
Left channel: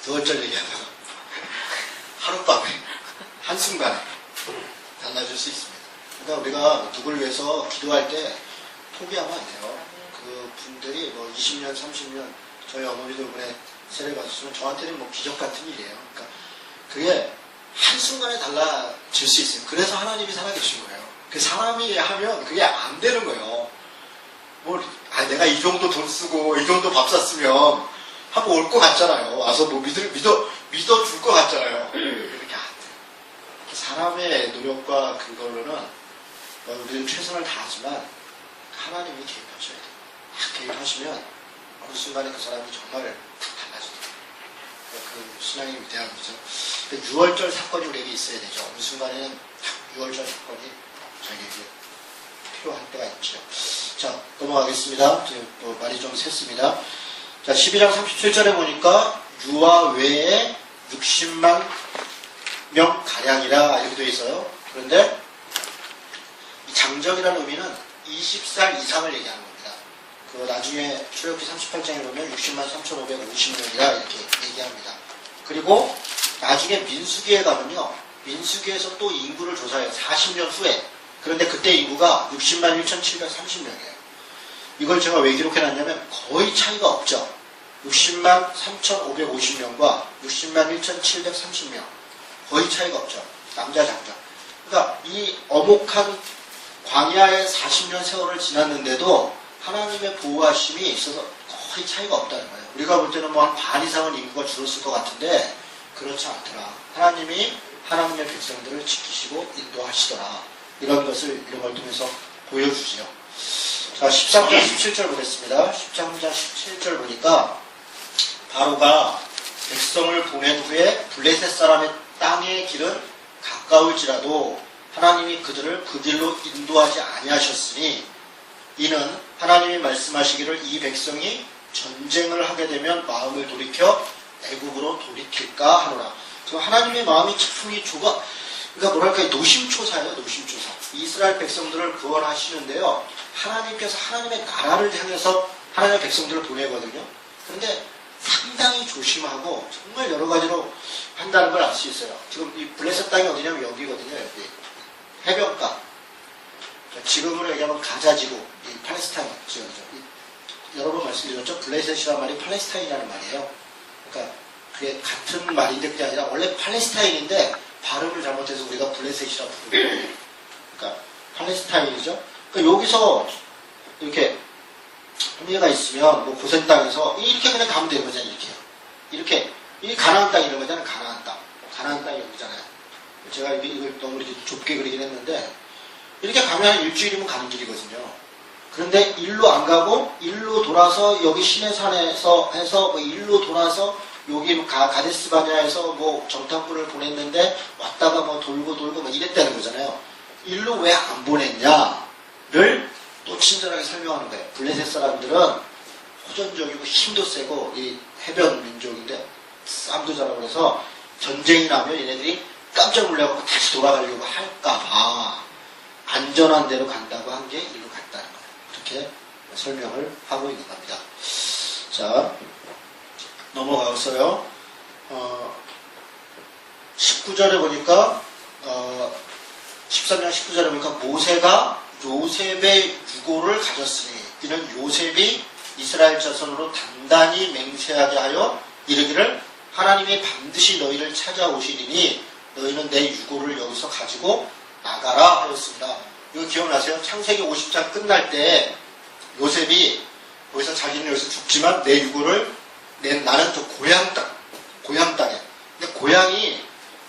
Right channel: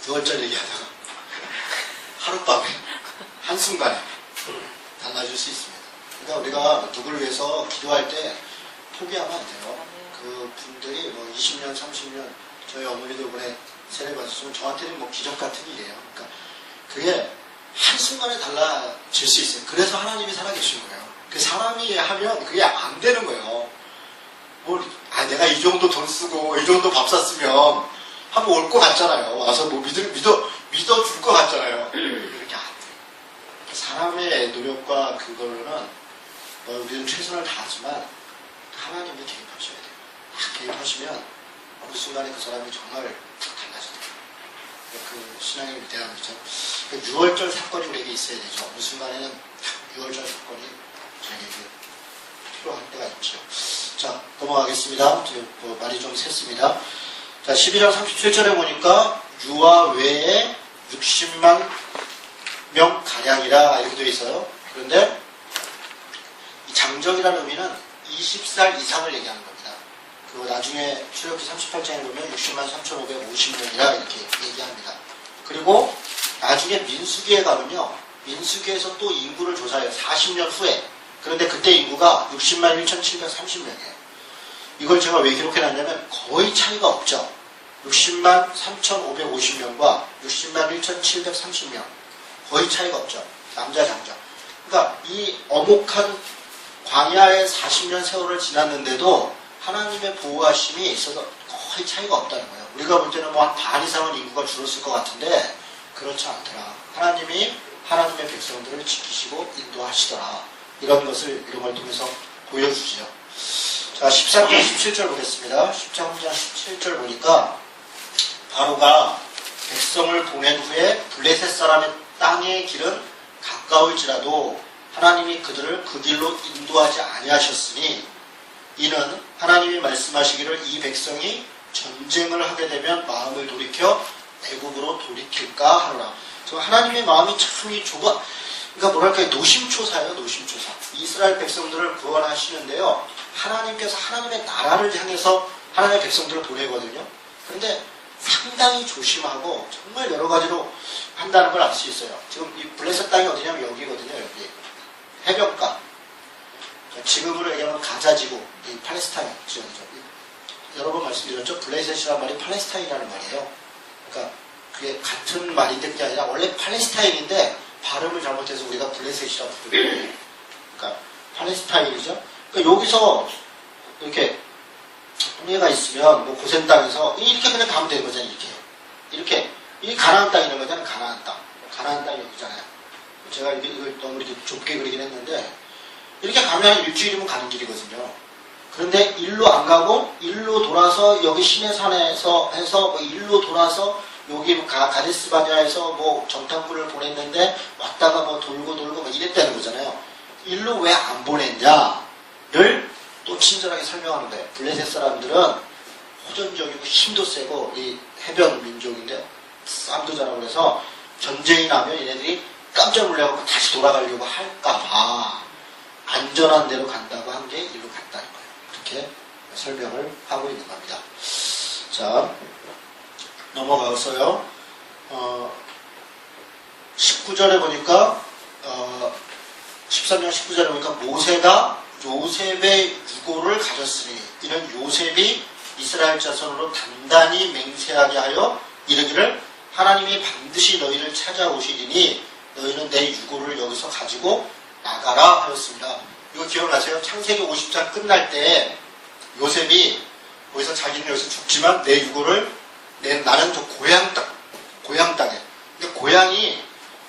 9월절 얘기하다가 하룻밤에 한순간에 달라질 수 있습니다. 그러니까 우리가 누구를 위해서 기도할 때 포기하면 안 돼요. 그 분들이 뭐 20년, 30년 저희 어머니도 이번에 세례 받았으면 저한테는 뭐 기적 같은 일이에요. 그러니까 그게 한순간에 달라질 수 있어요. 그래서 하나님이 살아계신 거예요. 그 사람이 하면 그게 안 되는 거예요. 내가 이 정도 돈 쓰고 이 정도 밥 샀으면 한번 올 것 같잖아요. 와서 뭐 믿어줄 것 같잖아요. 그렇게 안 돼요. 사람의 노력과 그걸로는 우리는 최선을 다하지만 하나님이 개입하셔야 돼요. 개입하시면 어느 순간에 그 사람이 정말 달라져요. 그 신앙의 위대함이죠. 6월절 사건이 우리에게 있어야 되죠. 어느 순간에는 6월절 사건이 저에게 필요할 때가 있죠. 자, 넘어가겠습니다. 지금 말이 좀 샜습니다. 자, 12장 37절에 보니까 유아 외에 60만 명 가량이라 이렇게 되어 있어요. 그런데 이 장정이라는 의미는 20살 이상을 얘기하는 겁니다. 그 나중에 출애굽기 38장에 보면 60만 3,550명이라 이렇게 얘기합니다. 그리고 나중에 민수기에 가면요. 민수기에서 또 인구를 조사해요. 40년 후에. 그런데 그때 인구가 60만 1,730명이에요. 이걸 제가 왜 기록해놨냐면 거의 차이가 없죠. 60만 3,550명과 60만 1,730명. 거의 차이가 없죠. 남자 장자. 그러니까 이 어목한 광야의 40년 세월을 지났는데도 하나님의 보호하심이 있어서 거의 차이가 없다는 거예요. 우리가 볼 때는 뭐 한 반 이상은 인구가 줄었을 것 같은데 그렇지 않더라. 하나님이 하나님의 백성들을 지키시고 인도하시더라. 이런 것을 이런 걸 통해서 보여주지요. 자, 13장 17절 보겠습니다. 13장 17절 보니까 바로가 백성을 보낸 후에 블레셋 사람의 땅의 길은 가까울지라도 하나님이 그들을 그 길로 인도하지 아니하셨으니 이는 하나님이 말씀하시기를 이 백성이 전쟁을 하게 되면 마음을 돌이켜 애국으로 돌이킬까 하노라. 하나님의 마음이 참 좁아. 그러니까 뭐랄까 노심초사예요. 노심초사. 이스라엘 백성들을 구원하시는데요. 하나님께서 하나님의 나라를 향해서 하나님의 백성들을 보내거든요. 그런데 상당히 조심하고 정말 여러 가지로 한다는 걸 알 수 있어요. 지금 이 블레셋 땅이 어디냐면 여기거든요. 여기. 해변가. 지금으로 얘기하면 가자지구. 이 팔레스타인 지역이죠. 여러 번 말씀드렸죠. 블레셋이라는 말이 팔레스타인이라는 말이에요. 그러니까 그게 같은 말인데 그게 아니라 원래 팔레스타인인데 발음을 잘못해서 우리가 블레셋이라고 부르거든요. 그러니까 팔레스타인이죠. 그러니까 여기서 이렇게 홍해가 있으면 뭐 고센 땅에서 이렇게 그냥 가면 되는 거잖아요. 이렇게 이 가나안 땅 이런 거잖아요. 가나안 땅. 가나안 땅이 여기잖아요. 제가 이걸 너무 이렇게 좁게 그리긴 했는데 이렇게 가면 일주일이면 가는 길이거든요. 그런데 일로 안 가고 일로 돌아서 여기 시내산에서 해서 뭐 일로 돌아서 여기 가데스 바냐에서 뭐 정탐꾼을 보냈는데 왔다가 뭐 돌고 뭐 이랬다는 거잖아요. 일로 왜 안 보냈냐를 또 친절하게 설명하는 거예요. 블레셋 사람들은 호전적이고 힘도 세고 이 해변 민족인데 싸움도 잘하고 그래서 전쟁이 나면 얘네들이 깜짝 놀라고 다시 돌아가려고 할까봐 안전한 데로 간다고 한 게 일로 갔다는 거예요. 이렇게 설명을 하고 있는 겁니다. 자, 넘어가서요. 19절에 보니까 13장 19절에 보니까 모세가 요셉의 유고를 가졌으니 이는 요셉이 이스라엘 자손으로 단단히 맹세하게 하여 이르기를 하나님이 반드시 너희를 찾아오시리니 너희는 내 유고를 여기서 가지고 나가라 하였습니다. 이거 기억나세요? 창세기 50장 끝날 때 요셉이 거기서 자기는 여기서 죽지만 내 유고를 나는 저 고향 땅에. 근데 고향이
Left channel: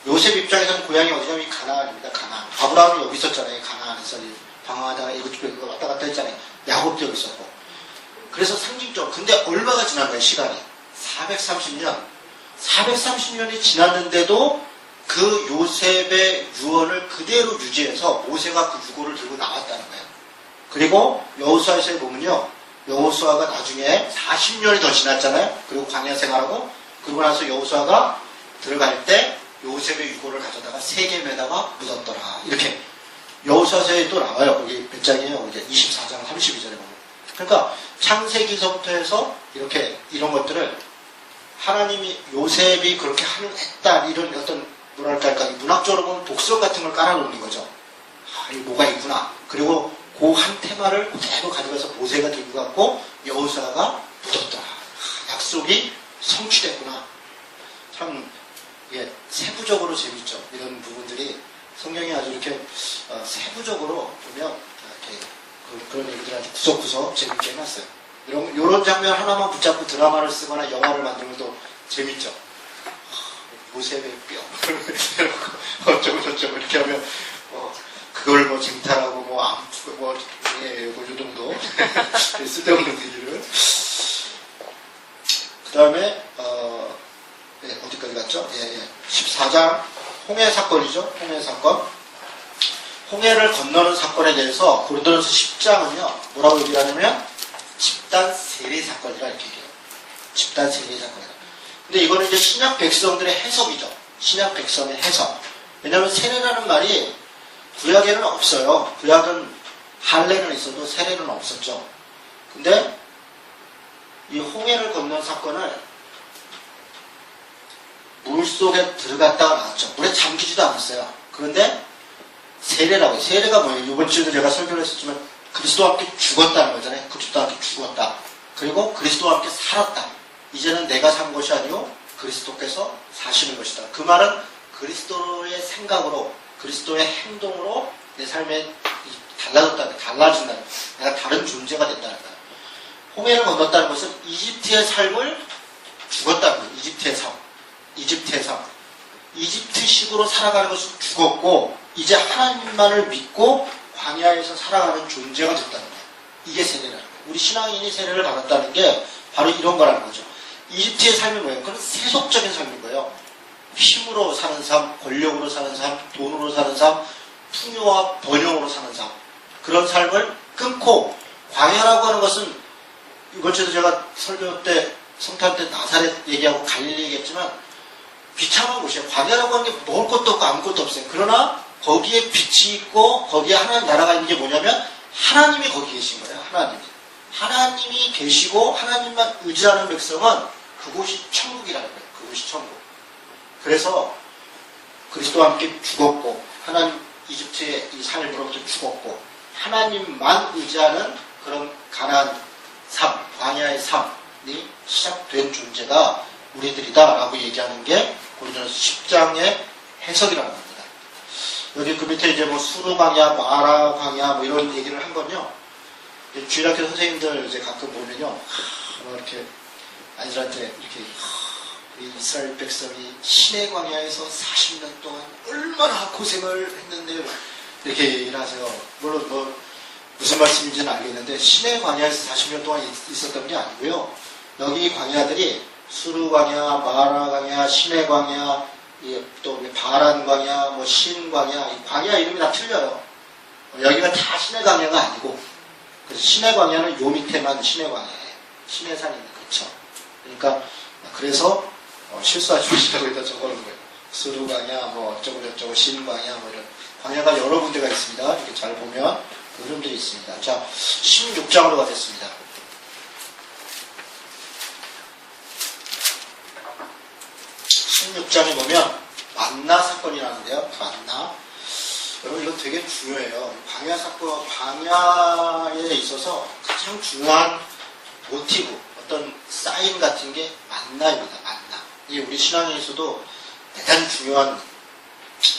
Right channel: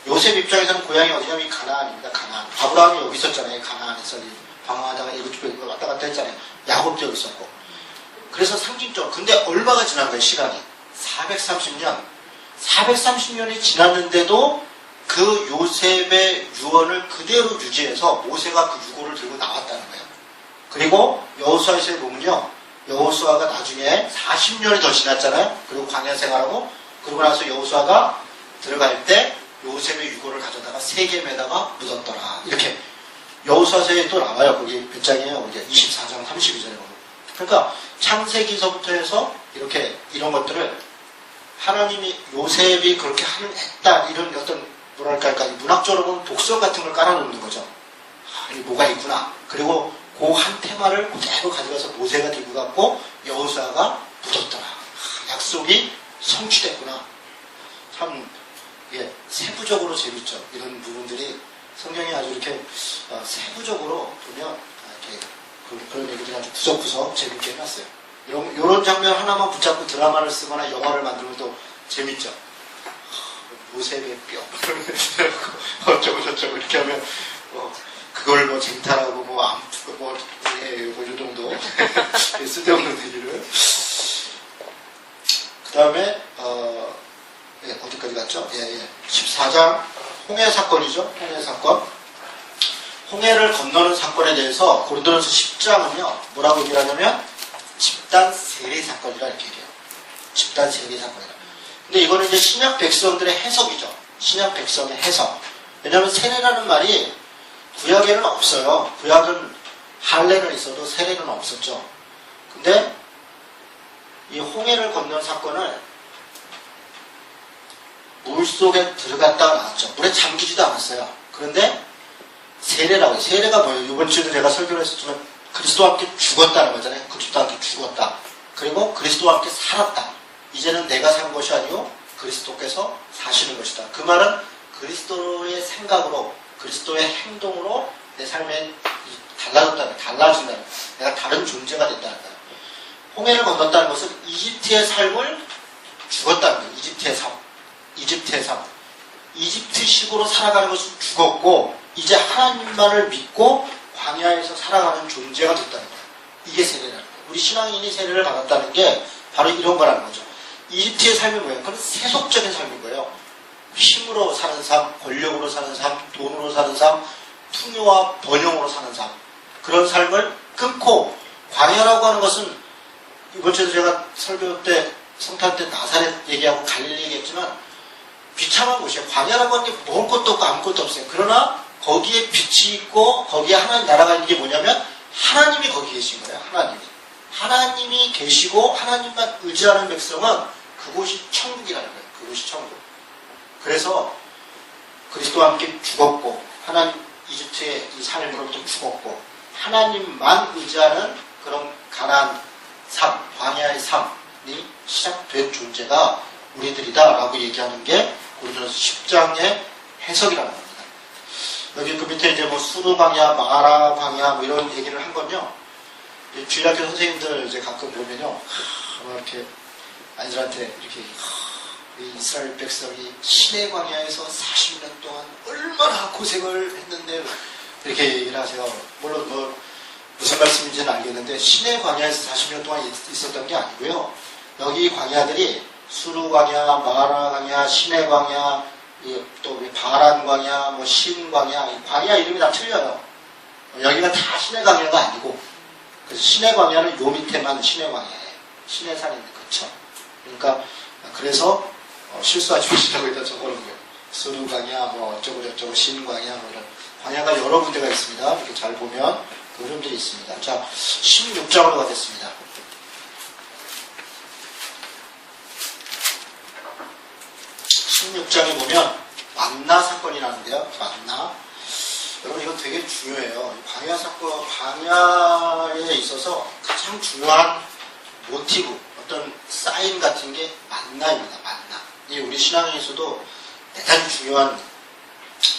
요셉 입장에서는 고향이 어디냐면 가나안입니다. 가나안. 아브라함이 여기 있었잖아요. 가나안에서 방황하다가 이곳저곳 왔다 갔다 했잖아요. 야곱도 여기 있었고. 그래서 상징적으로. 근데 얼마가 지난 거예요, 시간이? 430년. 430년이 지났는데도 그 요셉의 유언을 그대로 유지해서 모세가 그 유고를 들고 나왔다는 거예요. 그리고 여호수아에서 보면요. 여호수아가 나중에 40년이 더 지났잖아요. 그리고 광야 생활하고 그러고 나서 여호수아가 들어갈 때 요셉의 유고를 가져다가 세겜에다가 묻었더라. 이렇게 여호수아서에 또 나와요. 거기 몇 장이에요? 이게 24장 32절에 보면. 그러니까 창세기서부터 해서 이렇게 이런 것들을 하나님이 요셉이 그렇게 했다 이런 어떤 뭐랄까 문학적으로 보면 독설 같은 걸 깔아놓는 거죠. 아, 이 뭐가 있구나. 그리고 그 한 테마를 그대로 가져가서 모세가 들고 갔고 여호수아가 묻었더라. 아, 약속이 성취됐구나. 참 이게 세부적으로 재밌죠. 이런 부분들이 성경이 아주 이렇게 세부적으로 보면 이렇게 그런 얘기들 아주 구석구석 재밌게 해놨어요. 이런 장면 하나만 붙잡고 드라마를 쓰거나 영화를 만들면 또 재밌죠. 모세의 뼈 어쩌고 저쩌고 이렇게 하면 그걸 뭐 쟁탈하고 뭐 암투고 뭐 이 정도 쓸데없는 얘기를. 그 다음에 어디까지 갔죠? 14장 홍해 사건이죠. 홍해 사건. 홍해를 건너는 사건에 대해서 고린도전서 10장은요 뭐라고 얘기를 하냐면 집단 세례 사건이라 이렇게 얘기해요. 집단 세례 사건이다. 근데 이거는 이제 신약 백성들의 해석이죠. 신약 백성의 해석. 왜냐하면 세례라는 말이 구약에는 없어요. 구약은 할례는 있어도 세례는 없었죠. 근데 이 홍해를 건넌 사건을 물속에 들어갔다가 나왔죠. 물에 잠기지도 않았어요. 그런데 세례라고 해요. 세례가 뭐예요? 이번 주에도 제가 설교를 했었지만 그리스도와 함께 죽었다는 거잖아요. 그리스도와 함께 죽었다. 그리고 그리스도와 함께 살았다. 이제는 내가 사는 것이 아니고 그리스도께서 사시는 것이다. 그 말은 그리스도의 생각으로 그리스도의 행동으로 내 삶에 달라진다. 내가 다른 존재가 됐다는 거예요. 홍해를 건넜다는 것은 이집트의 삶을 죽었다는 거예요. 이집트의 삶. 이집트식으로 살아가는 것은 죽었고 이제 하나님만을 믿고 광야에서 살아가는 존재가 됐다는 거예요. 이게 세례라는 거예요. 우리 신앙인이 세례를 받았다는 게 바로 이런 거라는 거죠. 이집트의 삶이 뭐예요? 그건 세속적인 삶인 거예요. 힘으로 사는 삶, 권력으로 사는 삶, 돈으로 사는 삶, 풍요와 번영으로 사는 삶. 그런 삶을 끊고 광야라고 하는 것은 이번 주에도 제가 설교 때 성탄 때 나사렛 얘기하고 갈릴리 얘기했지만 비참한 곳이에요. 광야라고 하는 게 먹을 것도 없고 아무것도 없어요. 그러나 거기에 빛이 있고 거기에 하나님 나라가 있는 게 뭐냐면 하나님이 거기 계신 거예요. 하나님이 계시고 하나님만 의지하는 백성은 그곳이 천국이라는 거예요. 그곳이 천국. 그래서 그리스도와 함께 죽었고 하나님 이집트의 이 삶으로부터 죽었고 하나님만 의지하는 그런 가난한 삶, 광야의 삶이 시작된 존재가 우리들이다라고 얘기하는 게 고린도전서 10장의 해석이라는 겁니다. 여기 그 밑에 이제 뭐 수르 광야, 마라 광야 뭐 이런 얘기를 한 건요. 주일학교 선생님들 이제 가끔 보면요, 이렇게 아이들한테 이렇게 이 이스라엘 백성이 시내 광야에서 40년 동안 얼마나 고생을 했는데 이렇게 얘기를 하세요. 물론 뭐 무슨 말씀인지는 알겠는데 시내 광야에서 40년 동안 있었던 게 아니고요. 여기 광야들이 수르 광야, 마라 광야, 시내 광야, 또 바란 광야, 뭐 신 광야, 광야 이름이 다 틀려요. 여기가 다 시내 광야가 아니고, 그래서 시내 광야는 요 밑에만 시내 광야예요. 시내 산이 그쵸. 그러니까 그래서 실수하지 마시라고 일단 적어놓은 거예요. 수르 광야, 뭐 어쩌고 저쩌고 신 광야, 뭐 이런 광야가 여러 군데가 있습니다. 이렇게 잘 보면 이름들이 있습니다. 자, 16장으로 가겠습니다. 16장에 보면 만나 사건이 나는데요. 만나. 여러분 이거 되게 중요해요. 광야 사건, 광야에 있어서 가장 중요한 모티브, 어떤 사인 같은 게 만나입니다. 만나. 이게 우리 신앙에 있어도 대단히 중요한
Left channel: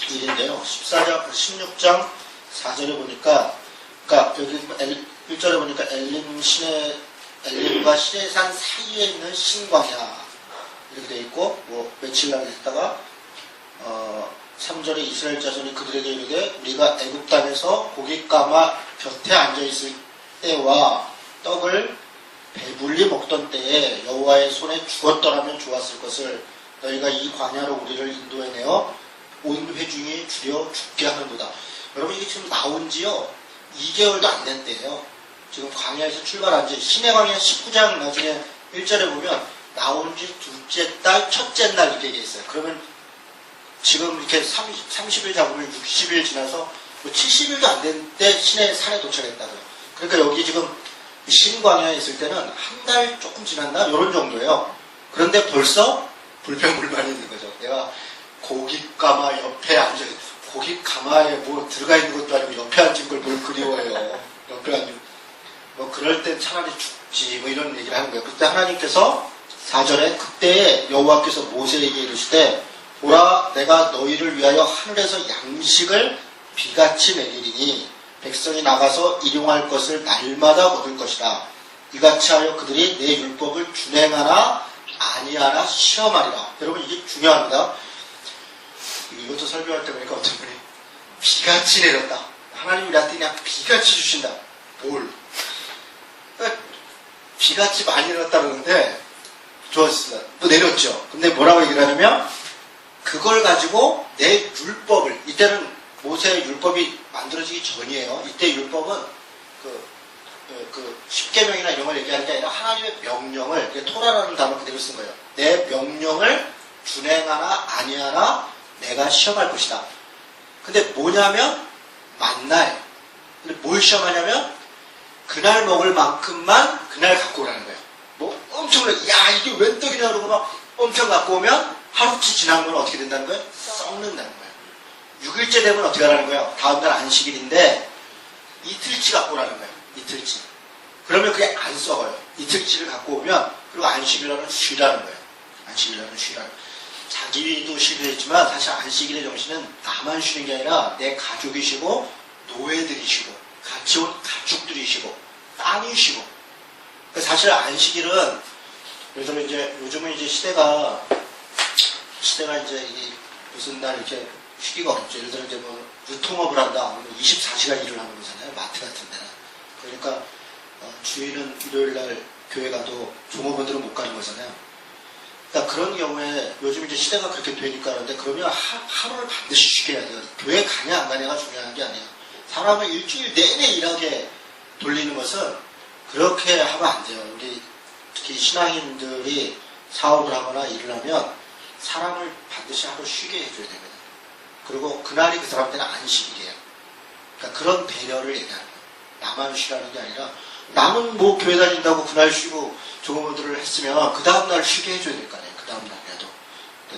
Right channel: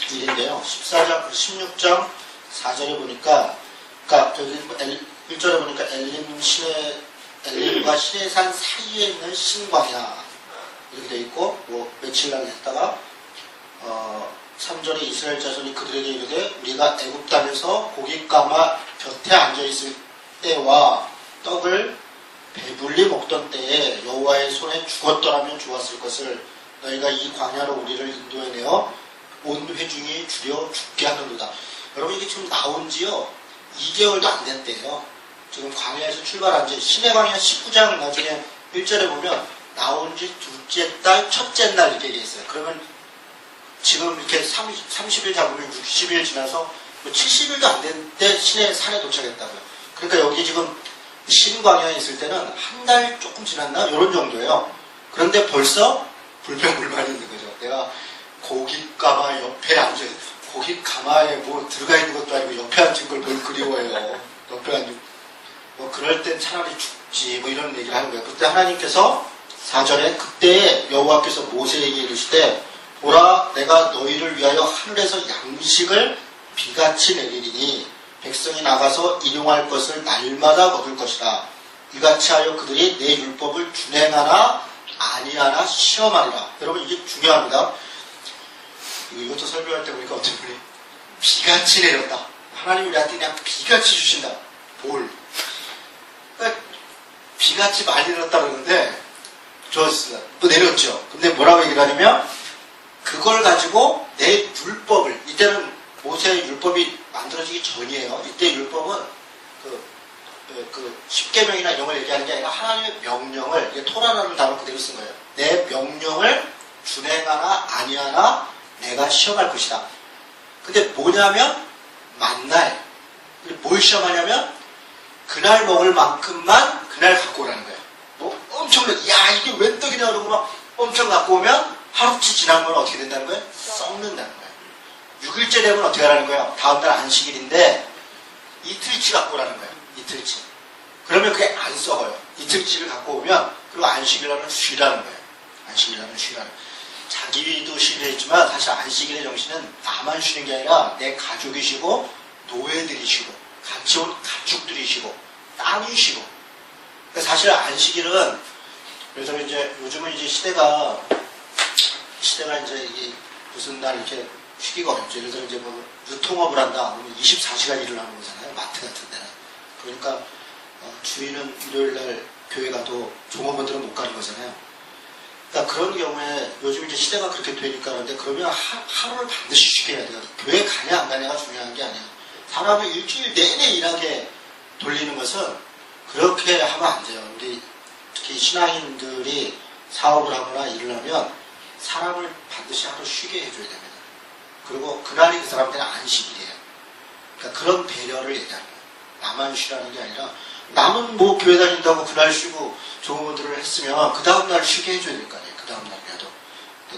일인데요. 16장 4절에 보니까, 그러니까 여기 1절에 보니까 엘림과 시내산 사이에 있는 신광야 이렇게 돼 있고, 뭐 며칠 날 있다가 3절에 이스라엘 자손이 그들에게 이르되 우리가 애굽 땅에서 고기 까마 곁에 앉아 있을 때와 떡을 배불리 먹던 때에 여호와의 손에 죽었더라면 좋았을 것을 너희가 이 광야로 우리를 인도해내어 온 회중이 주려 죽게 하는도다. 여러분 이게 지금 나온 지요 2개월도 안 된 때예요. 지금 광야에서 출발한 지 신의 광야 19장 나중에 1절에 보면 나온 지 둘째 달 첫째 날 이렇게 있어요. 그러면 지금 이렇게 30일 잡으면 60일 지나서 70일도 안 된 때 신의 산에 도착했다고요. 그러니까 여기 지금 신광야에 있을 때는 한 달 조금 지났나? 이런 정도예요. 그런데 벌써 불평불만이 있는 거죠. 내가 고깃가마 옆에 앉아, 고깃가마에 뭐 들어가 있는 것도 아니고 옆에 앉은 걸 뭘 그리워해요. 옆에 앉은, 뭐 그럴 땐 차라리 죽지, 뭐 이런 얘기를 하는 거예요. 그때 하나님께서 4절에 그때 여호와께서 모세에게 이르시되 보라 내가 너희를 위하여 하늘에서 양식을 비같이 내리리니 백성이 나가서 일용할 것을 날마다 얻을 것이다. 이같이 하여 그들이 내 율법을 준행하나 아니하나 시험하리라. 여러분 이게 중요합니다. 이것도 설명할 때 보니까 어떤 분이 비같이 내렸다. 하나님이 우리한테 그냥 비같이 주신다. 뭘? 그러니까 비같이 많이 내렸다 그러는데 좋았어요. 또 내렸죠. 근데 뭐라고 얘기를 하냐면 그걸 가지고 내 율법을, 이때는 모세의 율법이 만들어지기 전이에요. 이때 율법은 그 십계명이나 이런 걸 얘기하는 게 아니라 하나님의 명령을, 토라라는 단어 그대로 쓴 거예요. 내 명령을 준행하나 아니하나 내가 시험할 것이다. 근데 뭐냐면 만날. 뭘 시험하냐면 그날 먹을 만큼만 그날 갖고 오라는 거예요. 뭐 엄청나게 야 이게 웬 떡이냐 그러고 막 엄청 갖고 오면 하루치 지난 건 어떻게 된다는 거예요? 썩는다는 거예요. 6일째 되면 어떻게 하라는 거예요? 다음날 안식일인데 이틀치 갖고 오라는 거예요. 이틀치. 그러면 그게 안 썩어요. 이틀치를 갖고 오면 그리고 안식일날은 쉬라는 거예요. 안식일날은 쉬라는 거예요. 자기도 쉬겠지만 사실 안식일의 정신은 나만 쉬는 게 아니라 내 가족이 쉬고 노예들이 쉬고 같이 온 가축들이 쉬고 땅이 쉬고. 사실 안식일은 그래서 이제 요즘은 이제 시대가 이제 이 무슨 날 이렇게 쉬기가 어렵죠. 예를 들어 이제 뭐 유통업을 한다 그러면 24시간 일을 하는 거잖아요. 마트 같은 데는. 그러니까 주일은 일요일 날 교회 가도 종업원들은 못 가는 거잖아요. 그러니까 그런 경우에 요즘 이제 시대가 그렇게 되니까 그런데 그러면 하루를 반드시 쉬게 해야 돼요. 교회 가냐 안 가냐가 중요한 게 아니에요. 사람을 일주일 내내 일하게 돌리는 것은 그렇게 하면 안 돼요. 우리 특히 신앙인들이 사업을 하거나 일을 하면 사람을 반드시 하루 쉬게 해줘야 됩니다. 그리고 그날이 그 사람들은 안식일이에요. 그러니까 그런 배려를 얘기하는 거예요. 나만 쉬라는 게 아니라 나는 뭐 교회 다닌다고 그날 쉬고 종업원들을 했으면 그 다음날 쉬게 해줘야 될 거 아니에요. 그 다음날이라도.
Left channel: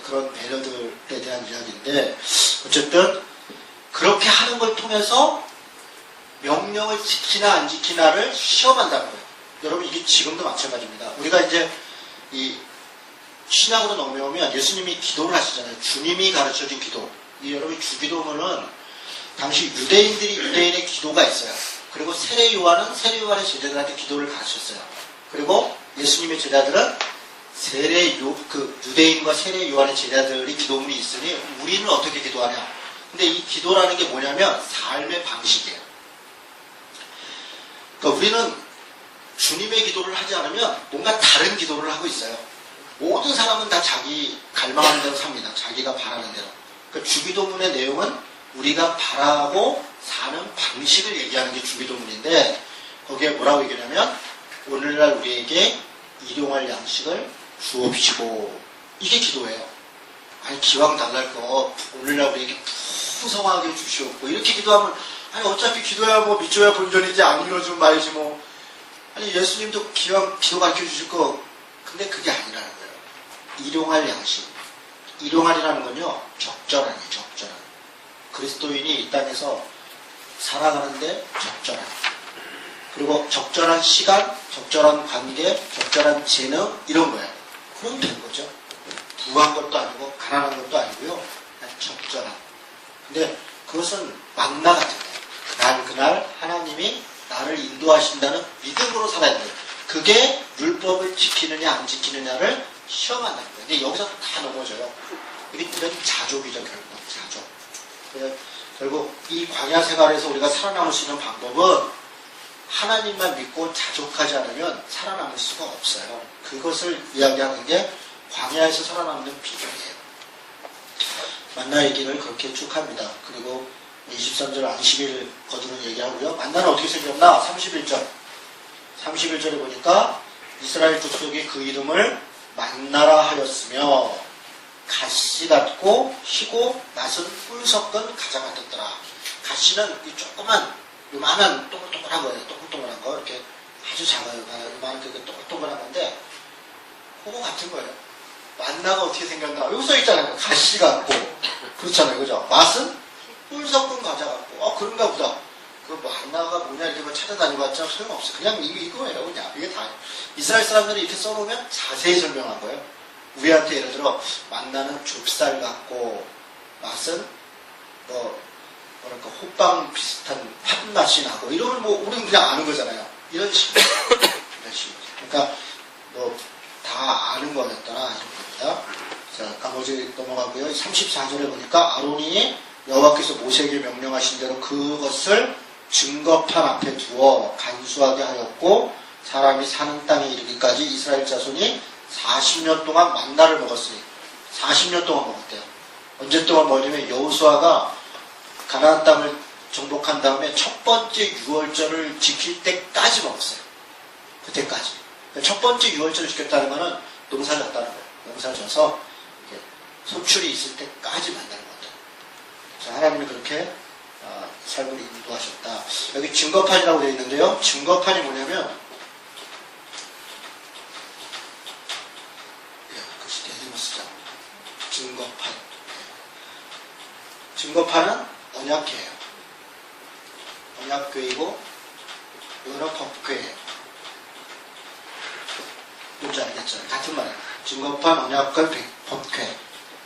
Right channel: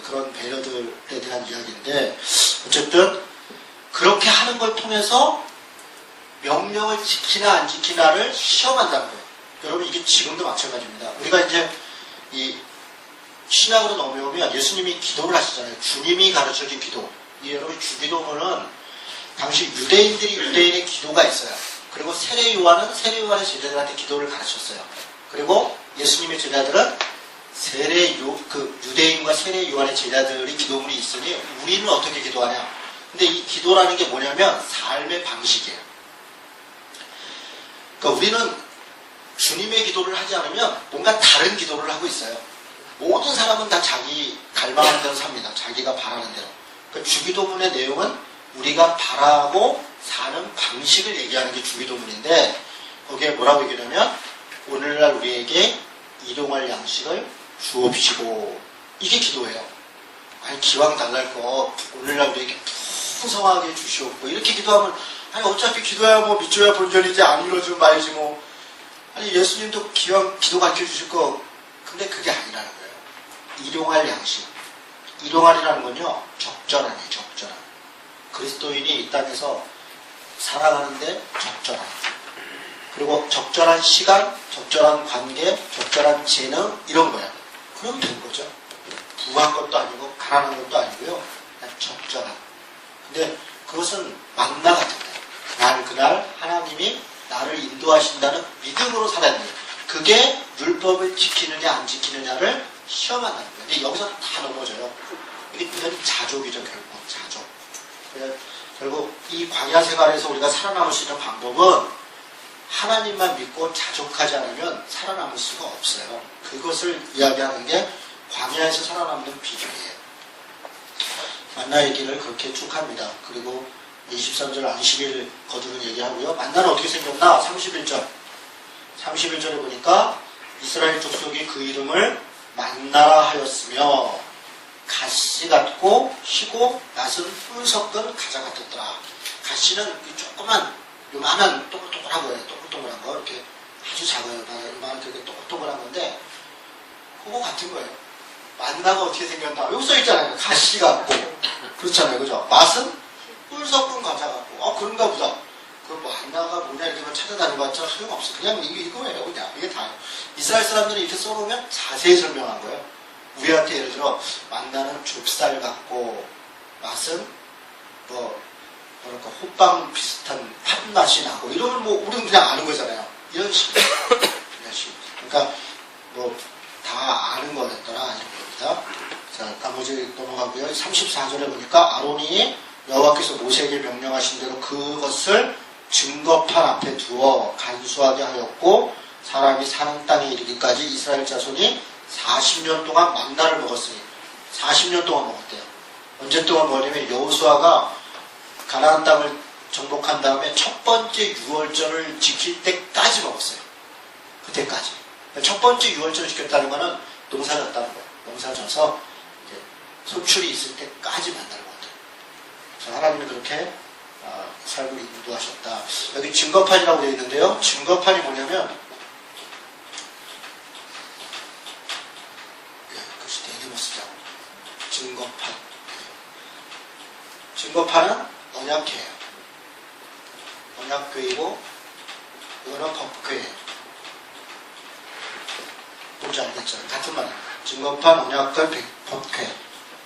그런 배려들에 대한 이야기인데 어쨌든 그렇게 하는 걸 통해서 명령을 지키나 안 지키나를 시험한다는 거예요. 여러분 이게 지금도 마찬가지입니다. 우리가 이제 이 신약으로 넘어오면 예수님이 기도를 하시잖아요. 주님이 가르쳐준 기도. 여러분 주기도문은 당시 유대인의 기도가 있어요. 그리고 세례요한은 세례요한의 제자들한테 기도를 가르쳤어요. 그리고 예수님의 제자들은 유대인과 세례요한의 제자들이 기도문이 있으니 우리는 어떻게 기도하냐? 근데 이 기도라는 게 뭐냐면 삶의 방식이에요. 그러니까 우리는 주님의 기도를 하지 않으면 뭔가 다른 기도를 하고 있어요. 모든 사람은 다 자기 갈망하는 대로 삽니다. 자기가 바라는 대로. 그러니까 주기도문의 내용은 우리가 바라고 사는 방식을 얘기하는 게 주기도문인데 거기에 뭐라고 얘기하냐면 오늘날 우리에게 일용할 양식을 주옵시고 이게 기도예요. 아니 기왕 달랄 거 오늘날 우리에게 풍성하게 주시옵고 이렇게 기도하면 아니 어차피 기도야 뭐 믿줘야 본전이지 안 이루어지면 말이지 뭐 아니 예수님도 기왕 기도 가르쳐 주실 거 근데 그게 아니라는 거예요. 일용할 양식. 일용할이라는 건요 적절하네 적절한. 그리스도인이 이 땅에서 살아가는데 적절한. 그리고 적절한 시간, 적절한 관계, 적절한 재능 이런 거예요. 그럼 되는 거죠. 부한 것도 아니고 가난한 것도 아니고요. 그냥 적절한. 근데 그것은 만나 같은 거예요. 난 그날 하나님이 나를 인도하신다는 믿음으로 살아야 돼요. 그게 율법을 지키느냐 안 지키느냐를 시험한다는 거예요. 근데 여기서 다 넘어져요. 우리들은 자족이죠. 결국 자족. 결국 이 광야 생활에서 우리가 살아남을 수 있는 방법은 하나님만 믿고 자족하지 않으면 살아남을 수가 없어요. 그것을 이야기하는 게 광야에서 살아남는 비결이에요. 만나 얘기를 그렇게 쭉 합니다. 그리고 23절 안식일 거두는 얘기하고요. 만나는 어떻게 생겼나? 31절. 31절에 보니까 이스라엘 족속이 그 이름을 만나라 하였으며 가시 같고 희고 낯은 뿔 섞은 가자 같았더라. 가시는 이 조그만 요만한 동글동글한 거예요. 동글동글한 거 이렇게 아주 작아요. 요만한 되게 동글동글한 건데 그거 같은 거예요. 만나가 어떻게 생겼나? 여기 써 있잖아요. 가시 같고 그렇잖아요. 그죠? 맛은 뿔 섞은 과자 같고 그런가 보다. 그 만나가 뭐냐 이렇게 뭐 찾아다니봤자 소용없어. 그냥 이거예요. 그냥 이게 다 이스라엘 사람들이 이렇게 써보면 자세히 설명한 거예요. 우리한테 예를 들어 만나는 좁쌀 같고 맛은 뭐랄까 호빵 비슷한 팥맛이 나고 이러면 뭐 우리는 그냥 아는 거잖아요. 이런 식으로. 그러니까 뭐 다 아는 거였더라 이런 겁니다. 자 나머지 넘어가고요. 34절에 보니까 아론이 여호와께서 모세에게 명령하신 대로 그것을 증거판 앞에 두어 간수하게 하였고 사람이 사는 땅에 이르기까지 이스라엘 자손이 40년 동안 만나를 먹었으니 40년 동안 먹었대요. 언제 동안 먹냐면 여호수아가 가나안 땅을 정복한 다음에 첫 번째 유월절을 지킬 때까지 먹었어요. 그때까지. 첫 번째 유월절을 지켰다는 것은 농사졌다는 거예요. 농사져서 소출이 있을 때까지 만나를 먹었대요. 하나님이 그렇게 삶을 인도하셨다. 여기 증거판이라고 되어 있는데요. 증거판이 뭐냐면 증거판. 증거판은 언약회예요. 언약궤이고 이거는 법궤예요. 뭔지 알겠죠? 같은 말이에요. 증거판, 언약궤, 법궤.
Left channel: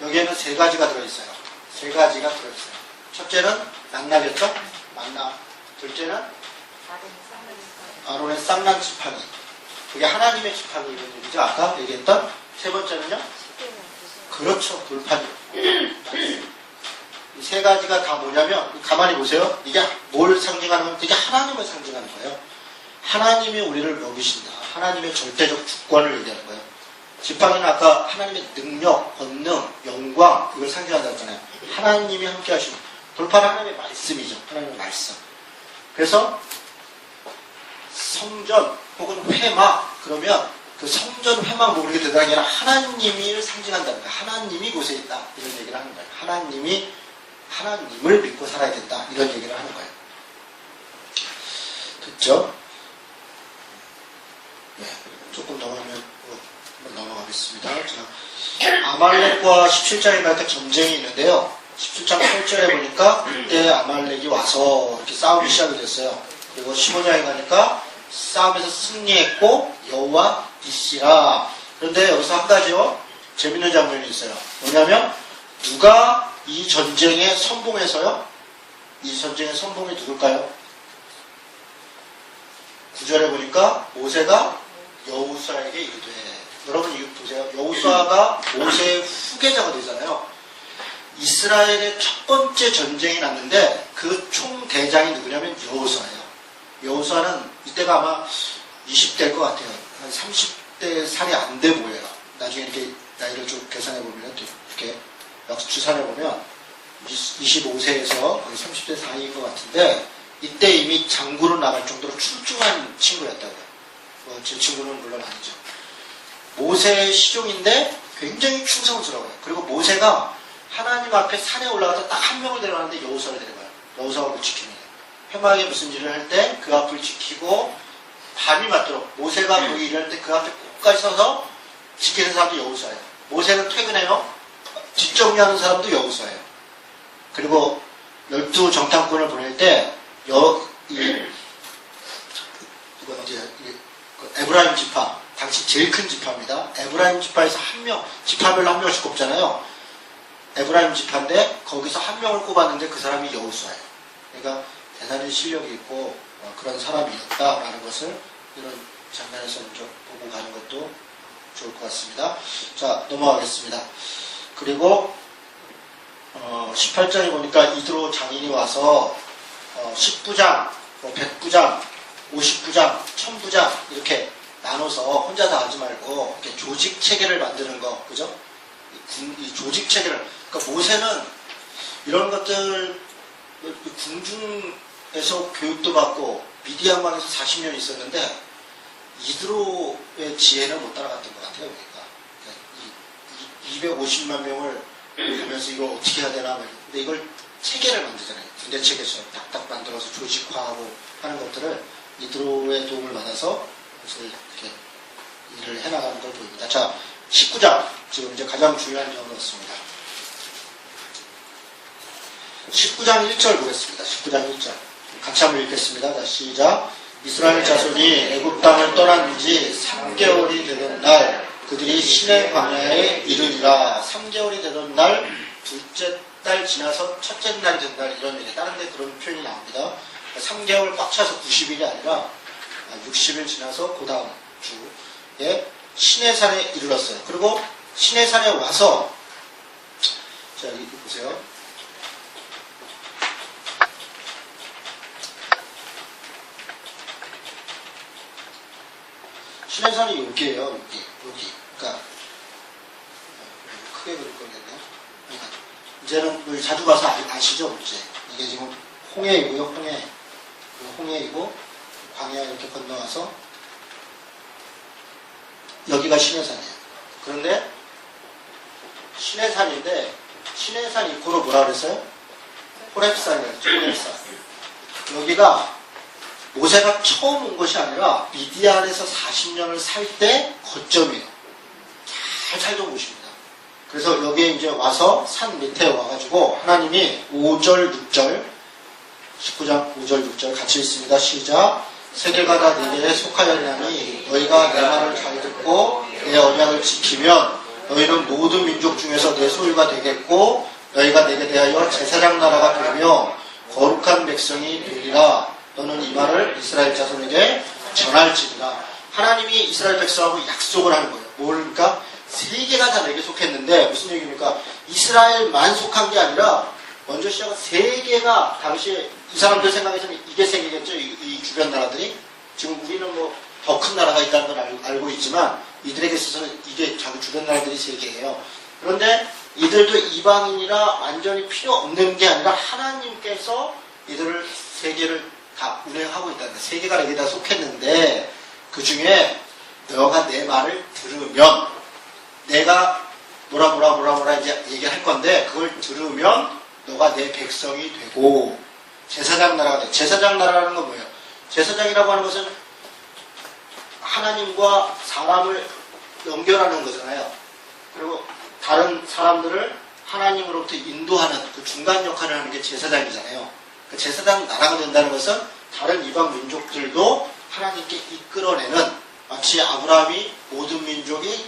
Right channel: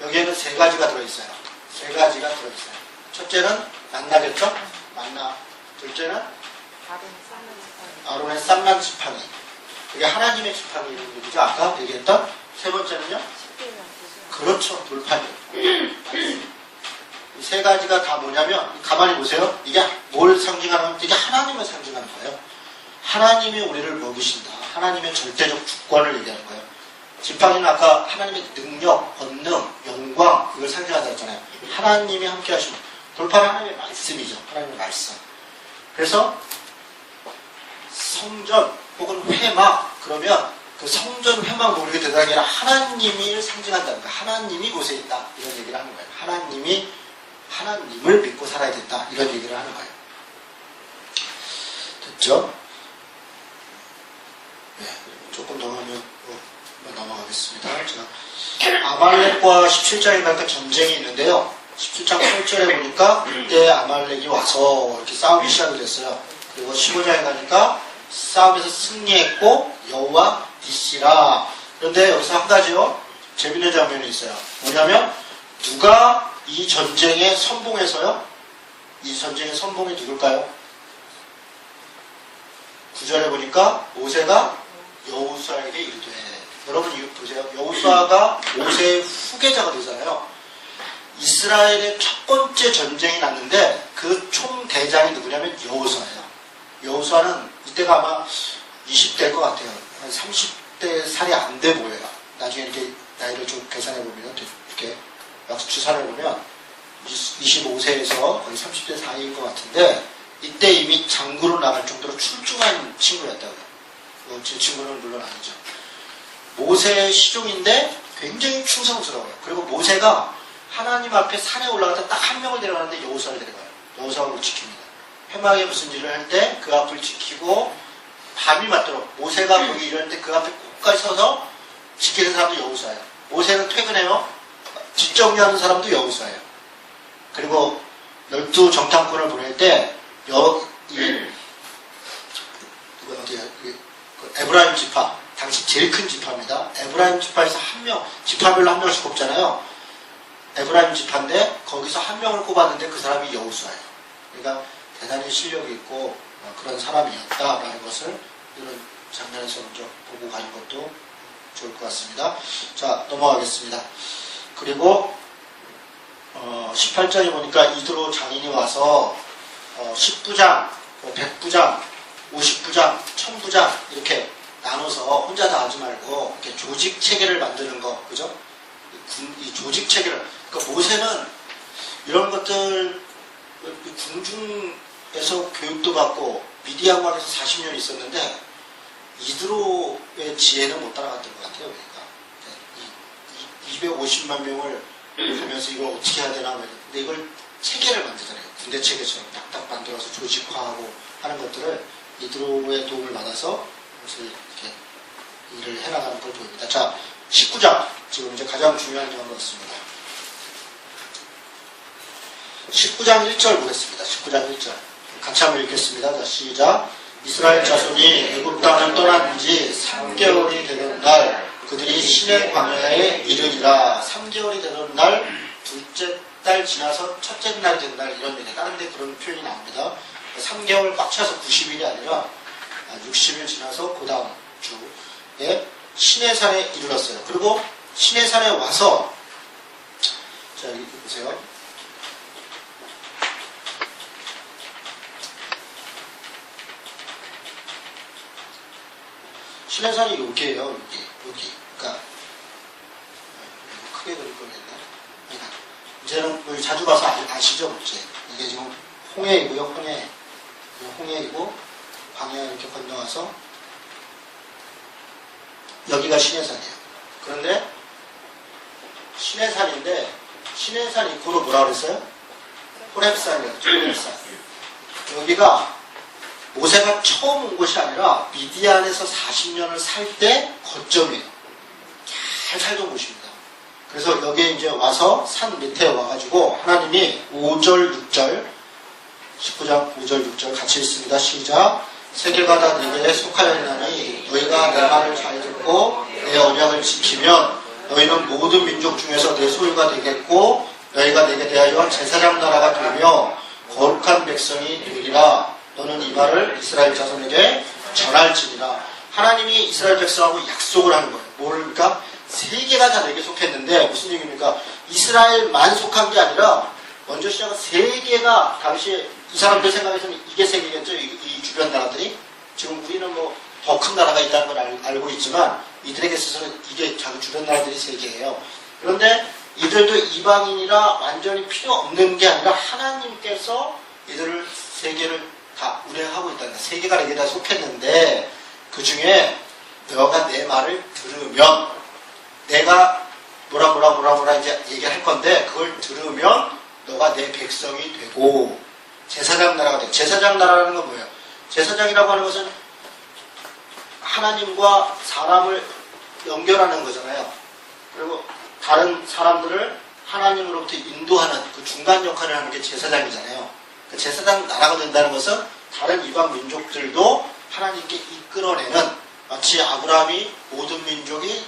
여기에는 세 가지가 들어있어요. 세 가지가 들어있어요. 첫째는 만나겠죠? 만나. 둘째는 아론의 쌍난 지팡이. 그게 하나님의 지팡이라는 얘기죠. 아까 얘기했던. 세 번째는요? 그렇죠. 돌판이요. 이 세 가지가 다 뭐냐면 가만히 보세요. 이게 뭘 상징하는 거예요? 이게 하나님을 상징하는 거예요. 하나님이 우리를 먹이신다. 하나님의 절대적 주권을 얘기하는 거예요. 지팡이는 아까 하나님의 능력, 권능, 영광 이걸 상징한다고 했잖아요. 하나님이 함께 하시는 돌판은 하나님의 말씀이죠. 하나님의 말씀. 그래서 성전 혹은 회막 그러면 그 성전 회막 모르게 대단한 게 아니라 하나님을 상징한다는 거예요. 하나님이 곳에 있다. 이런 얘기를 하는 거예요. 하나님을 믿고 살아야 된다. 이런 얘기를 하는 거예요. 됐죠? 네. 조금 더 하면 넘어가겠습니다. 자, 아말렉과 17장에 갈 때 전쟁이 있는데요. 17장 8절에 보니까 그때 아말렉이 와서 이렇게 싸우기 시작이 됐어요. 그리고 15장에 가니까 싸움에서 승리했고 여호와 니시라. 그런데 여기서 한 가지요. 재밌는 장면이 있어요. 뭐냐면 누가 이 전쟁에 선봉해서요? 이 전쟁의 선봉이 누굴까요? 9절에 보니까 모세가 여호수아에게 이르되, 여러분 이거 보세요. 여호수아가 모세의 후계자가 되잖아요. 이스라엘의 첫 번째 전쟁이 났는데 그 총대장이 누구냐면 여호수아예요. 여호수아는 이때가 아마 20대일 것 같아요. 한 30대 살이 안 돼 보여요. 나중에 이렇게 나이를 좀 계산해 보면, 이렇게 추산해 보면 25세에서 거의 30대 사이인 것 같은데, 이때 이미 장군으로 나갈 정도로 출중한 친구였다고요. 제 친구는 물론 아니죠. 모세의 시종인데 굉장히 충성스러워요. 그리고 모세가 하나님 앞에 산에 올라가서 딱 한 명을 데려가는데 여호수아를 데려가요. 여호수아가 못 지킵니다. 회막에 무슨 일을 할 때 그 앞을 지키고 밤이 맞도록 모세가 거기 일할 때 그 앞에 꼭까지 서서 지키는 사람도 여호수아예요. 모세는 퇴근해요. 뒷정리하는 사람도 여호수아예요. 그리고 12 정탐꾼을 보낼 때 에브라임 지파, 당시 제일 큰 지파입니다. 에브라임 지파에서 한 명, 지파별로 한 명씩 꼽잖아요. 에브라임 지파인데 거기서 한 명을 꼽았는데 그 사람이 여호수아예요. 그러니까 대단히 실력이 있고 그런 사람이었다라는 것을 이런 장면에서 좀 보고 가는 것도 좋을 것 같습니다. 자, 넘어가겠습니다. 그리고 18장에 보니까 이드로 장인이 와서 10부장, 100부장, 50부장, 1000부장 이렇게 나눠서 혼자 다 하지 말고 이렇게 조직 체계를 만드는 거, 그죠? 이 조직 체계를, 그러니까 모세는 이런 것들 궁중에서 교육도 받고 미디안방에서 40년 있었는데 이드로의 지혜는 못 따라갔던 것 같아요. 그러니까 250만 명을 보면서 이걸 어떻게 해야 되나, 근데 이걸 체계를 만들잖아요. 군대 체계처럼 딱딱 만들어서 조직화하고 하는 것들을 이드로의 도움을 받아서 그것을 이렇게 일을 해나가는 걸 보입니다. 자, 19장. 지금 이제 가장 중요한 점으로 왔습니다. 19장 1절 보겠습니다. 19장 1절. 같이 한번 읽겠습니다. 자, 시작. 이스라엘 자손이 애굽 땅을 떠난 지 3개월이 되는 날 그들이 시내 광야에 이르니라. 3개월이 되는 날, 둘째 달 지나서 첫째 날이 된 날, 이런 얘기. 다른 데 그런 표현이 나옵니다. 3개월 꽉 차서 90일이 아니라 60일 지나서 그 다음 주에 시내산에 이르렀어요. 그리고 시내산에 와서, 자, 여기 보세요. 시내산이 여기에요. 여기. 그러니까 크게 그릴 거겠네. 이제는 여기 자주 가서 아시죠? 이게 지금 홍해이고요. 홍해이고 광야 이렇게 건너와서 여기가 시내산이에요. 그런데 시내산인데 시내산 입구로 뭐라 그랬어요? 호렙산이에요. 호렙산. 여기가 모세가 처음 온 것이 아니라 미디안에서 40년을 살 때 거점이에요. 잘 살던 곳입니다. 그래서 여기에 이제 와서 산 밑에 와가지고 하나님이 5절, 6절, 19장 5절, 6절 같이 읽습니다. 시작. 세계가 다 너희에 속하였나니 너희가 내 말을 잘 듣고 내 언약을 지키면 너희는 모든 민족 중에서 내 소유가 되겠고 너희가 내게 대하여 제사장 나라가 되며 거룩한 백성이 되리라. 너는 이 말을 이스라엘 자손에게 전할지니라. 하나님이 이스라엘 백성하고 약속을 하는 거예요. 뭘까? 세계가 다 내게 속했는데 무슨 얘기입니까? 이스라엘만 속한 게 아니라 먼저 시작은 세계가, 당시에 이 사람들 생각에서는 이게 세계겠죠. 이 주변 나라들이. 지금 우리는 뭐 더 큰 나라가 있다는 걸 알고 있지만 이들에게 있어서는 이게 자기 주변 나라들이 세계예요. 그런데 이들도 이방인이라 완전히 필요 없는 게 아니라 하나님께서 이들을 세계를 다 운행하고 있다는 거예요. 세계가 내게 다 속했는데 그 중에 너가 내 말을 들으면 내가 뭐라 이제 얘기할 건데 그걸 들으면 너가 내 백성이 되고 제사장 나라가 되고. 제사장 나라라는 건 뭐예요? 제사장이라고 하는 것은 하나님과 사람을 연결하는 거잖아요. 그리고 다른 사람들을 하나님으로부터 인도하는 그 중간 역할을 하는 게 제사장이잖아요. 그 제사장 나라가 된다는 것은 다른 이방 민족들도 하나님께 이끌어내는, 마치 아브라함이 모든 민족이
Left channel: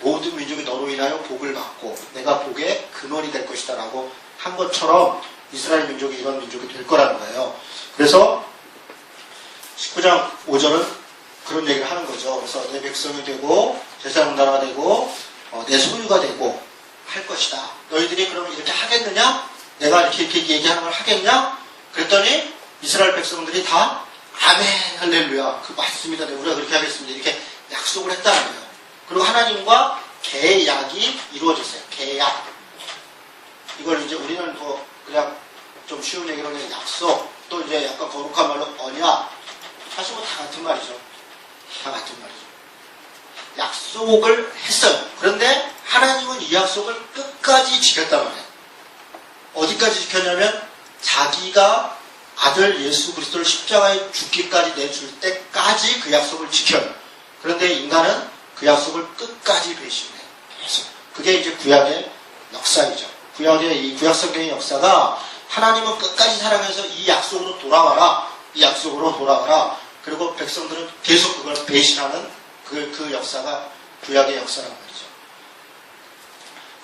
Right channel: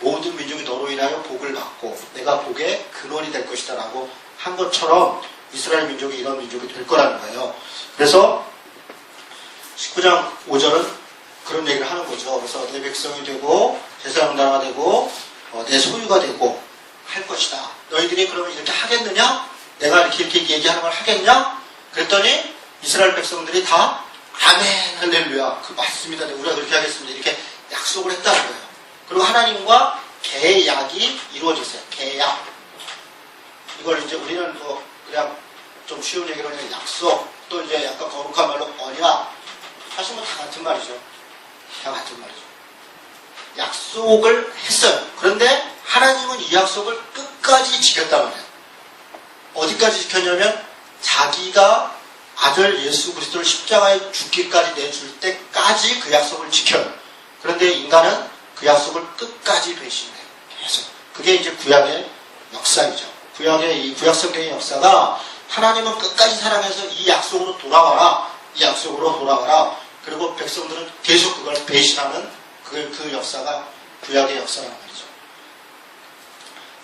모든 민족이 너로 인하여 복을 받고 내가 복의 근원이 될 것이다 라고 한 것처럼 이스라엘 민족이 이런 민족이 될 거라는 거예요. 그래서 19장 5절은 그런 얘기를 하는 거죠. 그래서 내 백성이 되고 제사장 나라가 되고 내 소유가 되고 할 것이다. 너희들이 그러면 이렇게 하겠느냐? 내가 이렇게 얘기하는 걸 하겠냐? 그랬더니 이스라엘 백성들이 다 아멘 할렐루야 맞습니다. 우리가 그렇게 하겠습니다. 이렇게 약속을 했다는 거예요. 그리고 하나님과 계약이 이루어졌어요. 계약. 이걸 이제 우리는 뭐 그냥 좀 쉬운 얘기로 그냥 약속, 또 이제 약간 거룩한 말로 언약. 사실 뭐 다 같은 말이죠. 다 같은 말이죠. 약속을 했어요. 그런데 하나님은 이 약속을 끝까지 지켰단 말이에요. 어디까지 지켰냐면 자기가 아들 예수 그리스도를 십자가에 죽기까지 내줄 때까지 그 약속을 지켜요. 그런데 인간은 그 약속을 끝까지 배신해요. 계속. 그게 이제 구약의 역사이죠. 구약의 이 구약 성경의 역사가 하나님은 끝까지 사랑해서 이 약속으로 돌아와라. 이 약속으로 돌아와라. 그리고 백성들은 계속 그걸 배신하는 그 역사가 구약의 역사란 말이죠.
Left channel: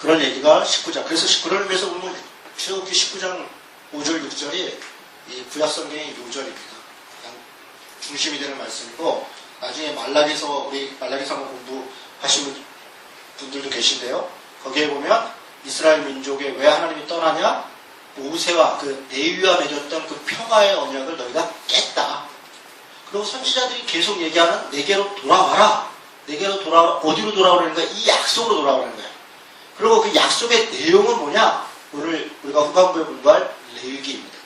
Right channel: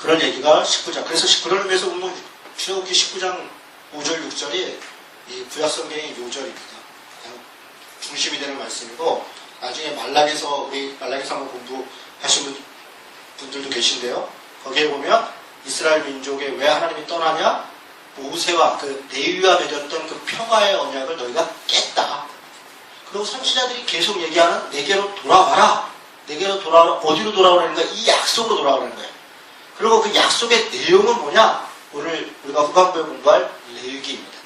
그런 얘기가 19장. 그래서 그런 의미에서 보면 출애굽기 19장 5절 6절이 이 구약 성경의 요절입니다. 그냥 중심이 되는 말씀이고 나중에 말라기서 우리 말라기서 한번 공부하신 분들도 계신데요. 거기에 보면 이스라엘 민족에 왜 하나님이 떠나냐? 모세와 그 레위와 맺었던 그 평화의 언약을 너희가 깼다. 그리고 선지자들이 계속 얘기하는 내게로 돌아와라. 내게로 돌아와라. 어디로 돌아오라는 거야? 이 약속으로 돌아오라는 거야. 그리고 그 약속의 내용은 뭐냐? 오늘 우리가 후반부에 공부할 레위기입니다.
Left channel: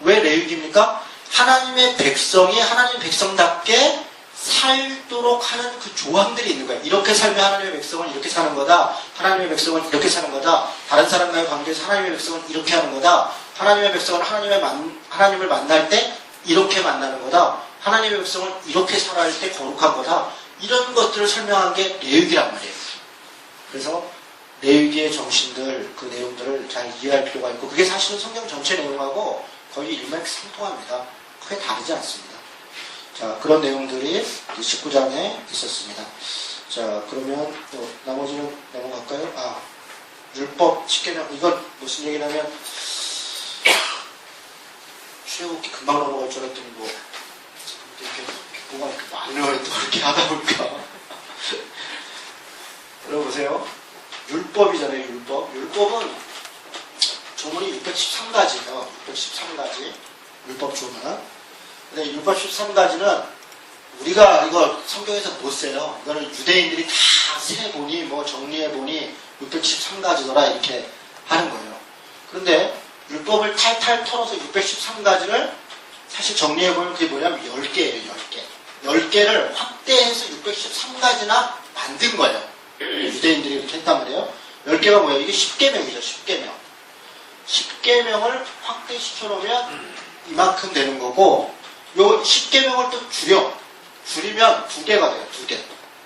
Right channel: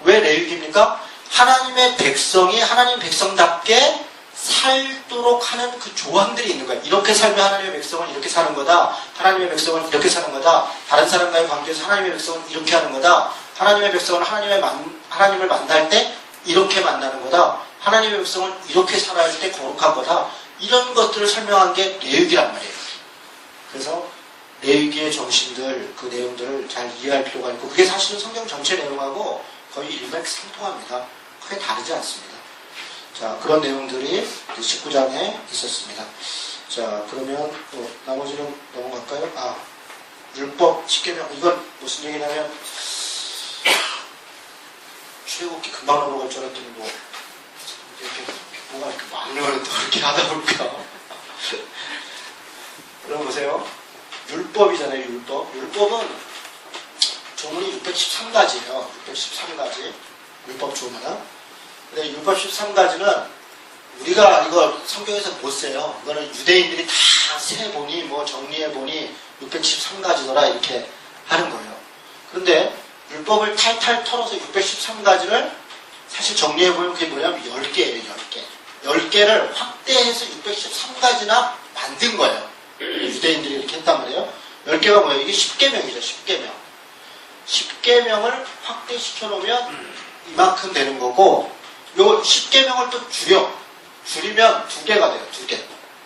왜 레위기입니까? 하나님의 백성이 하나님 백성답게 살도록 하는 그 조항들이 있는 거예요. 이렇게 살면 하나님의 백성은 이렇게 사는 거다. 하나님의 백성은 이렇게 사는 거다. 다른 사람과의 관계에서 하나님의 백성은 이렇게 하는 거다. 하나님의 백성은 하나님을 만날 때 이렇게 만나는 거다. 하나님의 백성은 이렇게 살아야 할 때 거룩한 거다. 이런 것들을 설명한 게 레위기란 말이에요. 그래서 레위기의 정신들, 그 내용들을 잘 이해할 필요가 있고 그게 사실은 성경 전체 내용하고 거의 일맥상통합니다. 크게 다르지 않습니다. 자, 그런 내용들이 19장에 있었습니다. 자, 그러면 나머지는 넘어갈까요? 율법 10계명. 이건 무슨 얘기냐면 출애굽기 금방 넘어갈 줄 알았더니 이렇게 뭐가 이렇게 많은 또 이렇게 하다 보니까 들어보세요. 율법이잖아요. 율법은 조문이 613가지예요. 613가지 율법 조문은. 근데 율법 13가지는 우리가 이거 성경에서 못 써요. 이거는 유대인들이 다 세보니 정리해보니 613가지더라 이렇게 하는 거예요. 그런데 율법을 탈탈 털어서 613가지를 사실 정리해보면 그게 뭐냐면 10개예요. 10개. 10개를 확대해서 613가지나 만든 거예요. 유대인들이 이렇게 했단 말이에요. 10개가 뭐예요? 이게 10계명이죠. 10계명. 10계명을 확대시켜놓으면 이만큼 되는 거고 요 10계명을 또 줄이면 2개가 돼요. 2개.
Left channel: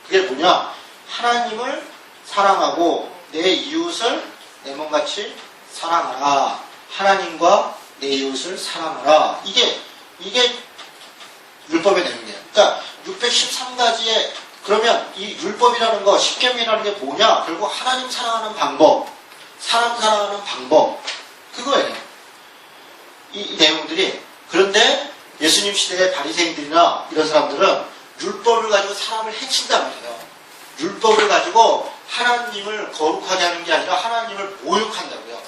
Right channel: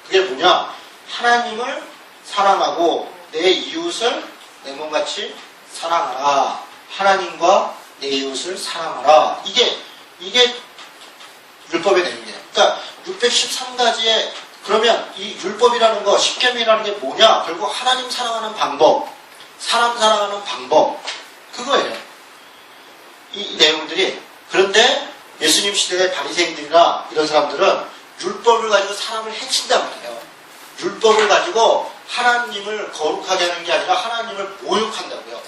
그게 뭐냐? 하나님을 사랑하고 내 이웃을 내 몸같이 사랑하라. 하나님과 내 이웃을 사랑하라. 이게 율법의 내용이에요. 그러니까 613가지의 그러면 이 율법이라는 거 10계명이라는 게 뭐냐? 결국 하나님 사랑하는 방법, 사람 사랑하는 방법 그거예요. 이 내용들이. 그런데 예수님 시대의 바리새인들이나 이런 사람들은 율법을 가지고 사람을 해친단 말이에요. 율법을 가지고 하나님을 거룩하게 하는 게 아니라 하나님을 모욕한다고요.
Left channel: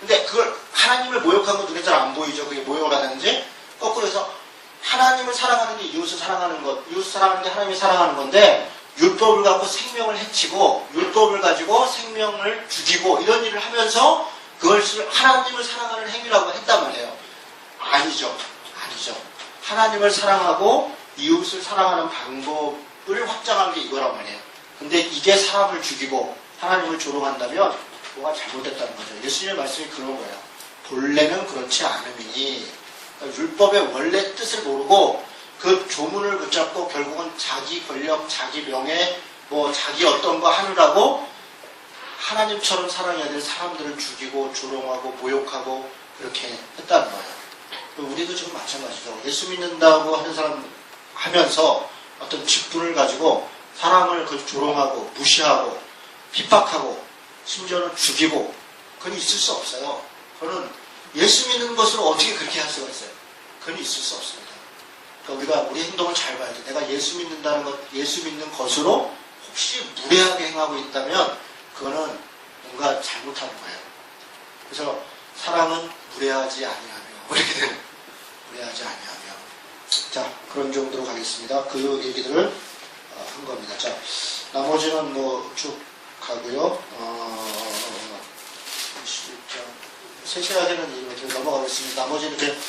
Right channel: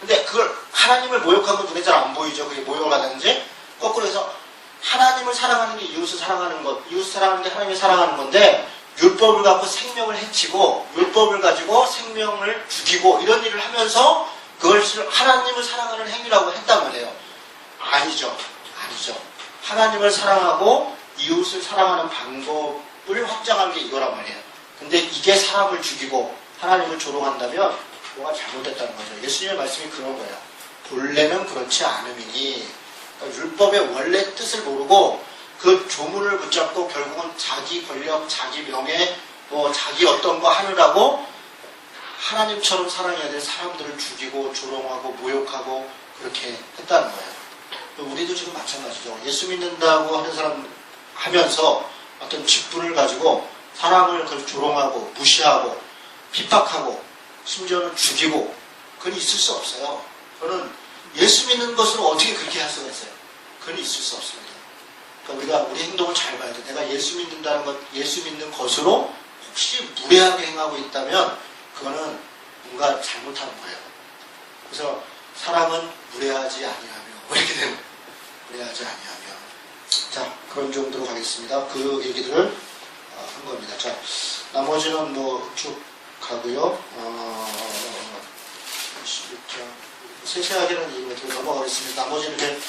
근데 그걸 하나님을 모욕한 건 눈에 잘 안 보이죠. 그게 모욕을 하는지. 거꾸로 해서 하나님을 사랑하는 게 이웃을 사랑하는 것, 이웃을 사랑하는 게 하나님을 사랑하는 건데 율법을 갖고 생명을 해치고 율법을 가지고 생명을 죽이고 이런 일을 하면서 그것을 하나님을 사랑하는 행위라고 했단 말이에요. 아니죠. 하나님을 사랑하고 이웃을 사랑하는 방법을 확장한 게 이거란 말이에요. 근데 이게 사람을 죽이고 하나님을 조롱한다면 뭐가 잘못됐다는 거죠. 예수님의 말씀이 그런 거예요. 본래는 그렇지 않음이니. 그러니까 율법의 원래 뜻을 모르고 그 조문을 붙잡고 결국은 자기 권력, 자기 명예, 자기 어떤 거 하느라고 하나님처럼 사랑해야 될 사람들을 죽이고 조롱하고 모욕하고 그렇게 했다는 거예요. 우리도 지금 마찬가지죠. 예수 믿는다고 하는 사람 하면서 어떤 직분을 가지고 사람을 그걸 조롱하고 무시하고 핍박하고 심지어는 죽이고 그건 있을 수 없어요. 그거는 예수 믿는 것으로 어떻게 그렇게 할 수가 있어요? 그건 있을 수 없습니다. 그러니까 우리가 우리 행동을 잘 봐야죠. 내가 예수 믿는다는 것, 예수 믿는 것으로 혹시 무례하게 행하고 있다면 그거는 뭔가 잘못한 거예요. 그래서 사람은 무례하지 아니하며 이렇게 되는 무례하지 아니하며 자 그런 정도로 가겠습니다. 그 얘기들을 한 겁니다. 자 나머지는 뭐 쭉 가고요. 26장 세세하게는 이렇게 넘어가겠습니다. 나머지는 이제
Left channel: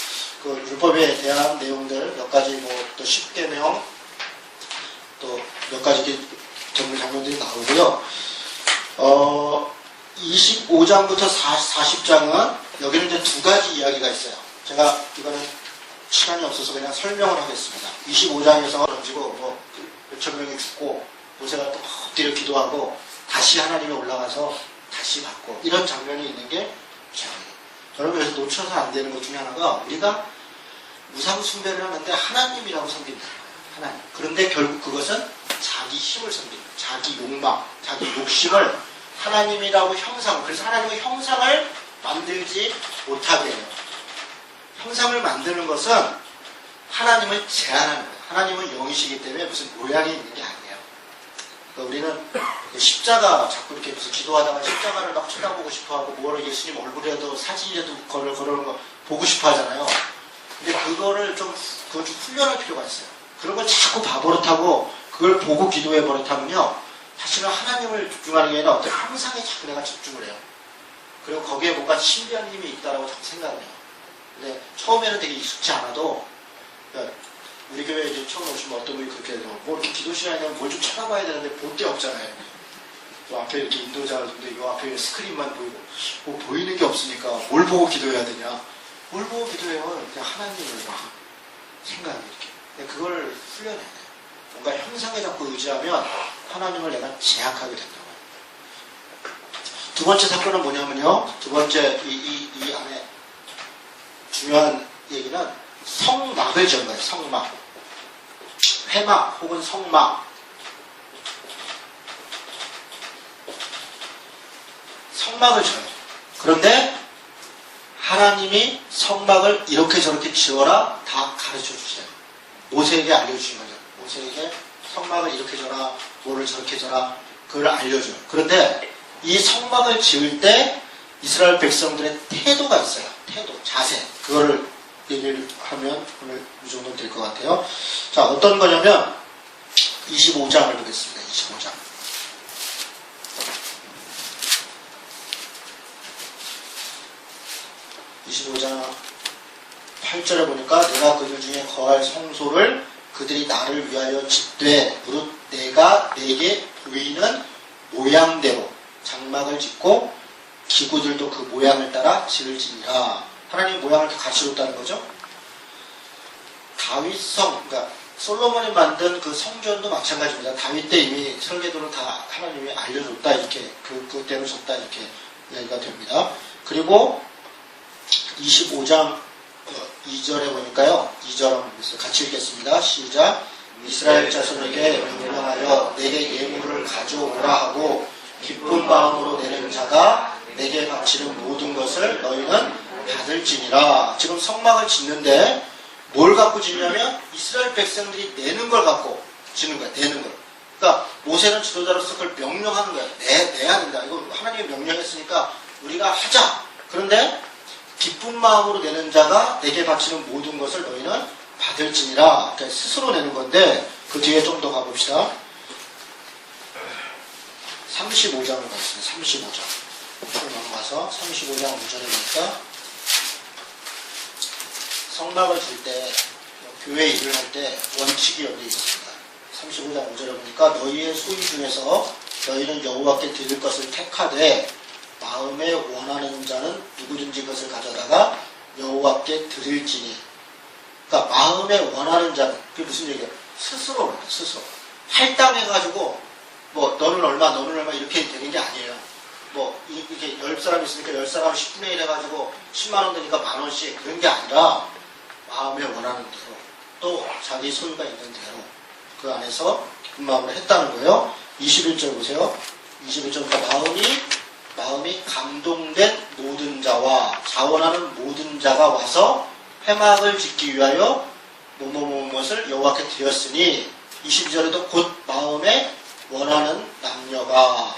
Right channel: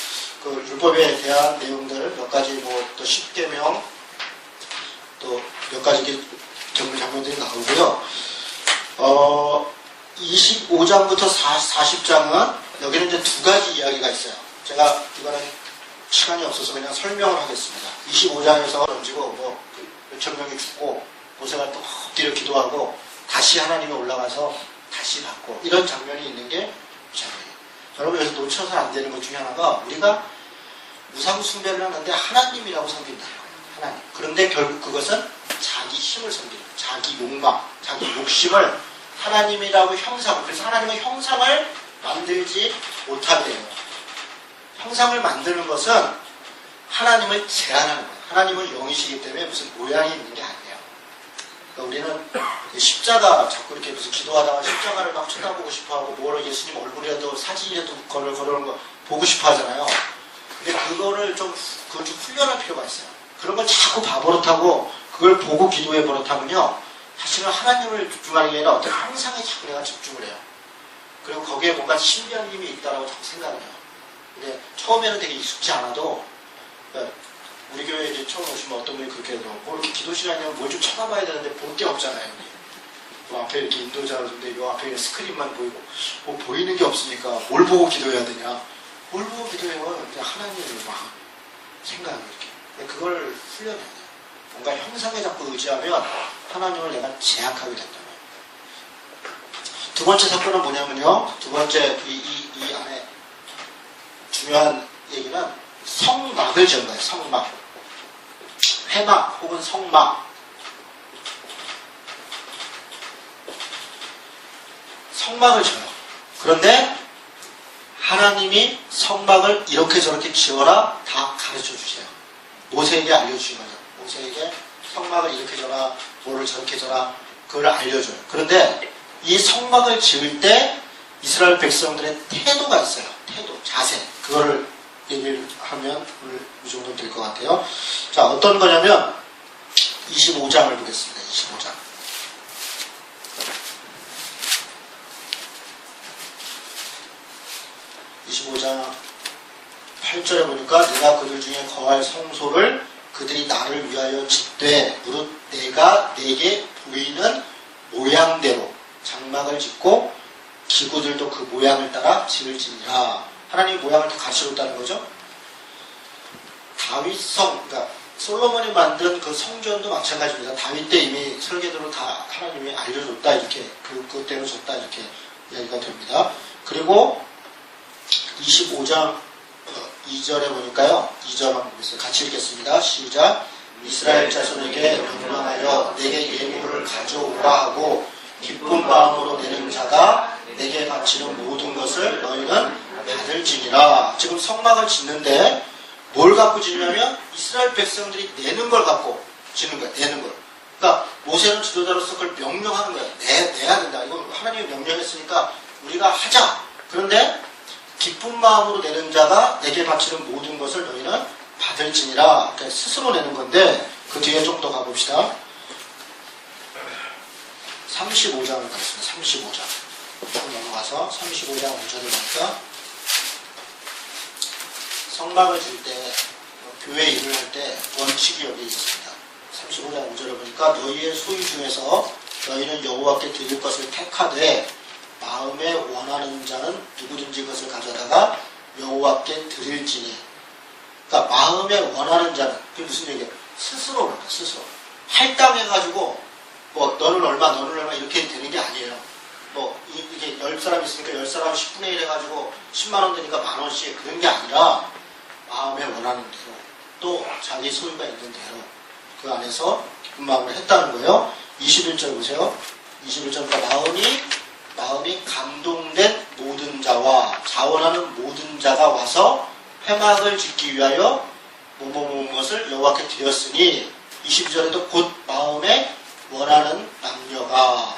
그 율법에 대한 내용들 몇 가지 뭐 또 10계명 또 몇 가지 장면들이 나오고요. 25장부터 40장은 여기는 이제 두 가지 이야기가 있어요. 제가 이거는 시간이 없어서 그냥 설명을 하겠습니다. 25장에서 던지고 뭐 몇천 명이 죽고 모세가 또 엎드려 기도하고 다시 하나님이 올라가서 다시 받고 이런 장면이 있는 게 장면이에요. 여러분 여기서 놓쳐서 안 되는 것 중에 하나가 우리가 우상 숭배를 하는데 하나님이라고 섬긴다는 거예요. 하나님. 그런데 결국 그것은 자기 힘을 섬기는 거예요. 자기 욕망, 자기 욕심을 하나님이라고 형상을, 그래서 하나님의 형상을 만들지 못하게 해요. 형상을 만드는 것은 하나님을 제한하는 거예요. 하나님은 영이시기 때문에 무슨 모양이 있는 게 아니에요. 그러니까 우리는 십자가 자꾸 이렇게 무슨 기도하다가 십자가를 막 쳐다보고 싶어하고 뭐로 예수님 얼굴이라도 사진이라도 걸어오는 거 보고 싶어 하잖아요. 근데 그거를 좀 훈련할 필요가 있어요. 그런 걸 자꾸 봐버릇하고 그걸 보고 기도해 버릇하면요. 사실은 하나님을 집중하는 게 아니라 어떤 형상에 자꾸 내가 집중을 해요. 그리고 거기에 뭔가 신비한 힘이 있다고 자꾸 생각을 해요. 근데 처음에는 되게 익숙지 않아도 그러니까 우리 교회에 이제 처음 오시면 어떤 분이 그렇게 해요. 뭐 이렇게 기도 시간이면 뭘 좀 쳐다봐야 되는데 볼 데 없잖아요. 요 앞에 이렇게 인도자가 있는데 요 앞에 스크린만 보이고 뭐 보이는 게 없으니까 뭘 보고 기도해야 되냐. 뭘 보고 기도해요? 그냥 하나님을 막 생각을 이렇게. 그걸 훈련해야 돼요. 뭔가 형상에 자꾸 의지하면 하나님을 내가 제약하게 된다. 두 번째 사건은 뭐냐면요. 두 번째 이 안에 중요한 얘기는 성막을 지은 거예요. 성막. 회막 혹은 성막. 성막을 지어요. 그런데 하나님이 성막을 이렇게 저렇게 지어라 다 가르쳐 주세요. 모세에게 알려주신 거죠. 모세에게 성막을 이렇게 져라, 뭐를 저렇게 져라, 그걸 알려줘요. 그런데 이 성막을 지을 때 이스라엘 백성들의 태도가 있어요. 태도, 자세. 그거를 얘기를 하면 오늘 이 정도 될 것 같아요. 자, 어떤 거냐면 25장을 보겠습니다. 25장. 25장 8절에 보니까 내가 그들 중에 거할 성소를 그들이 나를 위하여 짓되 무릇 내가 내게 보이는 모양대로 장막을 짓고 기구들도 그 모양을 따라 지을지니라. 하나님 모양을 갖추었다는 거죠. 다윗성, 그러니까 솔로몬이 만든 그 성전도 마찬가지입니다. 다윗 때 이미 설계도를 다 하나님이 알려줬다 이렇게 그때로 줬다 이렇게 이야기가 됩니다. 그리고 25장 2절에 보니까요. 2절 한번 보겠습니다. 같이 읽겠습니다. 시작. 이스라엘 자손에게 명령하여 내게 예물을 가져오라 하고 기쁜 마음으로 내는 자가 내게 바치는 모든 것을 너희는 받을지니라. 지금 성막을 짓는데 뭘 갖고 짓냐면 이스라엘 백성들이 내는 걸 갖고 짓는 거야. 내는 걸. 그러니까 모세는 지도자로서 그걸 명령하는 거야. 내야 된다. 이거 하나님이 명령했으니까 우리가 하자. 그런데 기쁜 마음으로 내는 자가 내게 바치는 모든 것을 너희는 받을지니라. 그러니까 스스로 내는 건데 그 뒤에 좀 더 가봅시다. 35장을 가겠습니다. 35장. 좀 넘어가서 35장 5절을 보니까 성막을 줄 때, 교회 일을 할 때 원칙이 여기 있습니다. 35장 5절에 보니까 너희의 소유 중에서 너희는 여호와께 드릴 것을 택하되 마음에 원하는 자는 누구든지 그것을 가져다가 여호와께 드릴지니. 그러니까 마음에 원하는 자는 그게 무슨 얘기예요? 스스로 스스로 할당해가지고 뭐 너는 얼마 이렇게 되는 게 아니에요. 뭐 이렇게 10사람 있으니까 10사람 10분의 1 해가지고 10만원 되니까 만원씩 그런 게 아니라 마음에 원하는 대로 또 자기 소유가 있는 대로 그 안에서 기쁜 마음으로 했다는 거예요. 21절 보세요. 21절부터 마음이 감동된 모든 자와 자원하는 모든 자가 와서 회막을 짓기 위하여 무엇을 여호와께 드렸으니 22절에도 곧 마음에 원하는 남녀가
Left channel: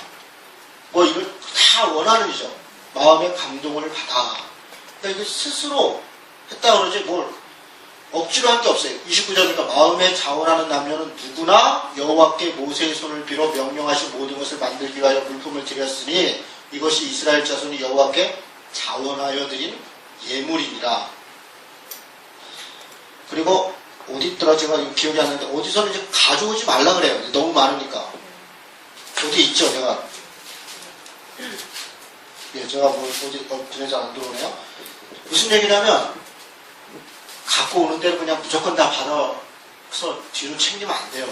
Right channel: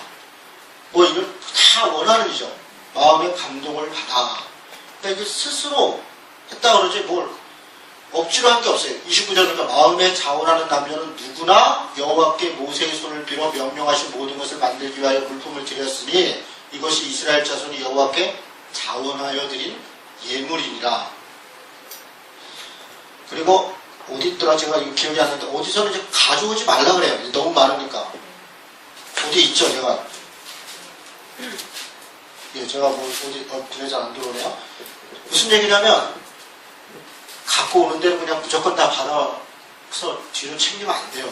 이걸 다 원하는 이죠. 마음의 감동을 받아. 그러니까 이게 스스로 했다 그러지 뭘 억지로 한 게 없어요. 29절부터 마음에 자원하는 남녀는 누구나 여호와께 모세의 손을 빌어 명령하신 모든 것을 만들기 위하여 물품을 드렸으니 이것이 이스라엘 자손이 여호와께 자원하여 드린 예물이니라. 그리고 어디 있더라 제가 기억이 안 나는데 어디서는 이제 가져오지 말라 그래요. 너무 많으니까. 어디 있죠 제가. 예, 제가 어디 눈에 잘 안 들어오네요. 무슨 얘기냐면 갖고 오는 데는 그냥 무조건 다 받아서 뒤로 챙기면 안 돼요.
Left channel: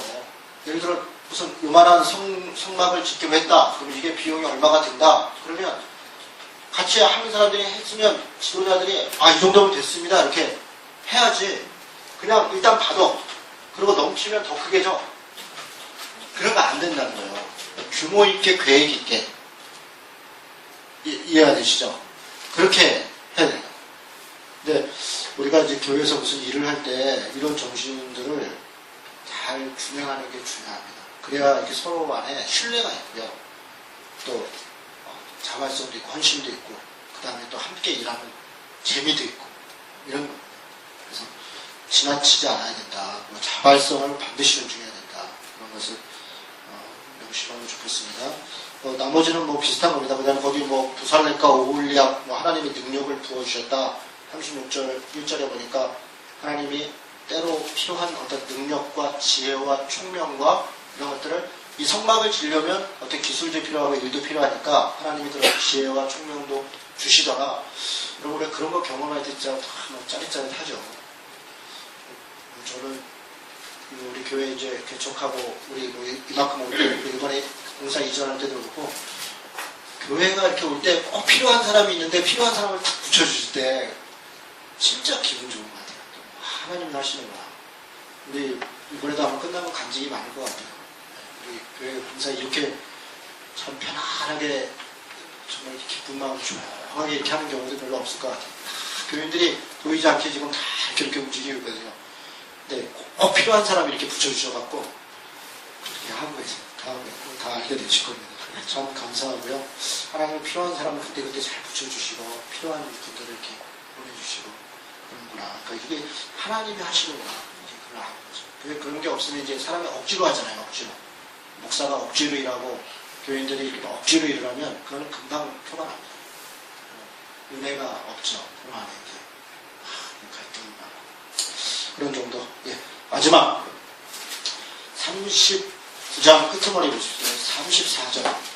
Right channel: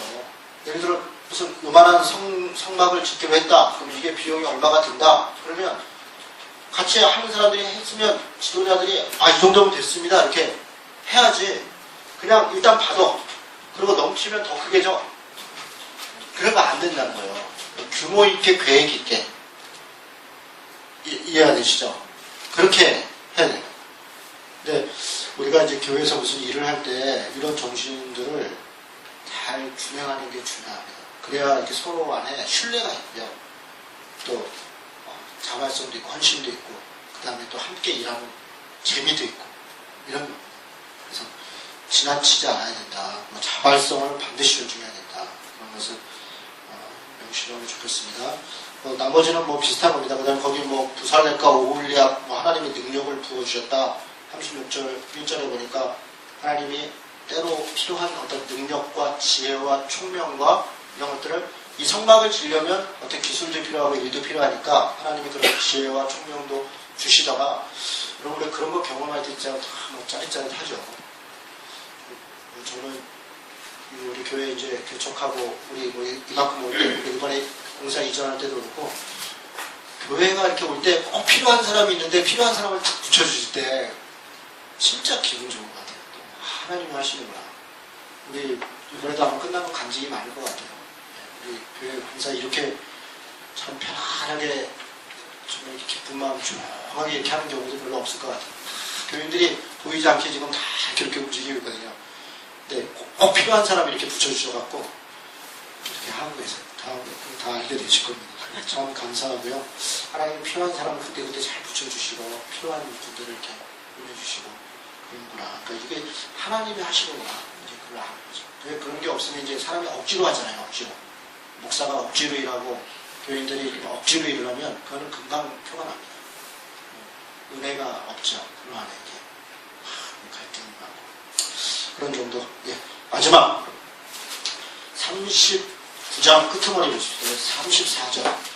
예를 들어 무슨 요만한 성막을 짓기로 했다. 그럼 이게 비용이 얼마가 든다. 그러면 같이 하는 사람들이 했으면 지도자들이 이 정도면 됐습니다. 이렇게 해야지. 그냥 일단 받아. 그리고 넘치면 더 크게 줘. 그러면 안 된다는 거예요. 규모 있게 계획 있게. 이해가 되시죠? 그렇게 해야 돼요. 근데 우리가 이제 교회에서 무슨 일을 할 때 이런 정신들을 잘 균형하는 게 중요합니다. 그래야 이렇게 서로 안에 신뢰가 있고요. 또 자발성도 있고 헌신도 있고 그 다음에 또 함께 일하는 재미도 있고 이런 거. 그래서 지나치지 않아야 된다. 자발성을 반드시 존중해야 된다. 그런 것을 명심하면 좋겠습니다. 나머지는 비슷한 겁니다. 그 다음에 거기 부살렐과 오홀리압 하나님의 능력을 부어주셨다. 36절 1절에 보니까 하나님이 때로 필요한 어떤 능력과 지혜와 총명과 이런 것들을 이 성막을 지으려면 어떻게 기술도 필요하고 일도 필요하니까 하나님이 그런 지혜와 총명도 주시다가 여러분 그런 거 경험할 때 진짜 짜릿짜릿하죠. 저는 우리 교회 이제 개척하고 우리 이만큼 올 때 우리 이번에 공사 이전할 때도 그렇고 교회가 이렇게 올 때 꼭 필요한 사람이 있는데 필요한 사람을 딱 붙여주실 때 진짜 기분 좋은 것 같아요. 하나님이 하시는구나. 우리 이번에도 한번 끝나면 간증이 많을 것 같아요. 우리 교회 공사 이렇게 참 편안하게 정말 기쁜 마음 조용하게 이렇게 하는 경우도 별로 없을 것 같아요. 교인들이 보이지 않게 지금 다 이렇게 움직이고 있거든요. 근데 꼭 필요한 사람이 이렇게 붙여주셔갖고 이렇게 하는 거에서 다 알게 되실 겁니다. 참 감사하고요. 하나님 필요한 사람을 그때그때 잘 붙여주시고 필요한 분들을 이렇게 보내주시고 그런구나. 그러니까 이게 하나님이 하시는구나. 이제 그걸 아는 거죠. 근데 그런 게 없으면 이제 사람이 억지로 하잖아요. 억지로. 목사가 억지로 일하고 교인들이 억지로 일을 하면 그거는 금방 표가 납니다. 은혜가 없죠. 그럼 안에 이제 갈등이 많고 그런 정도. 예. 마지막 39장 끝머리 보십시오. 34절.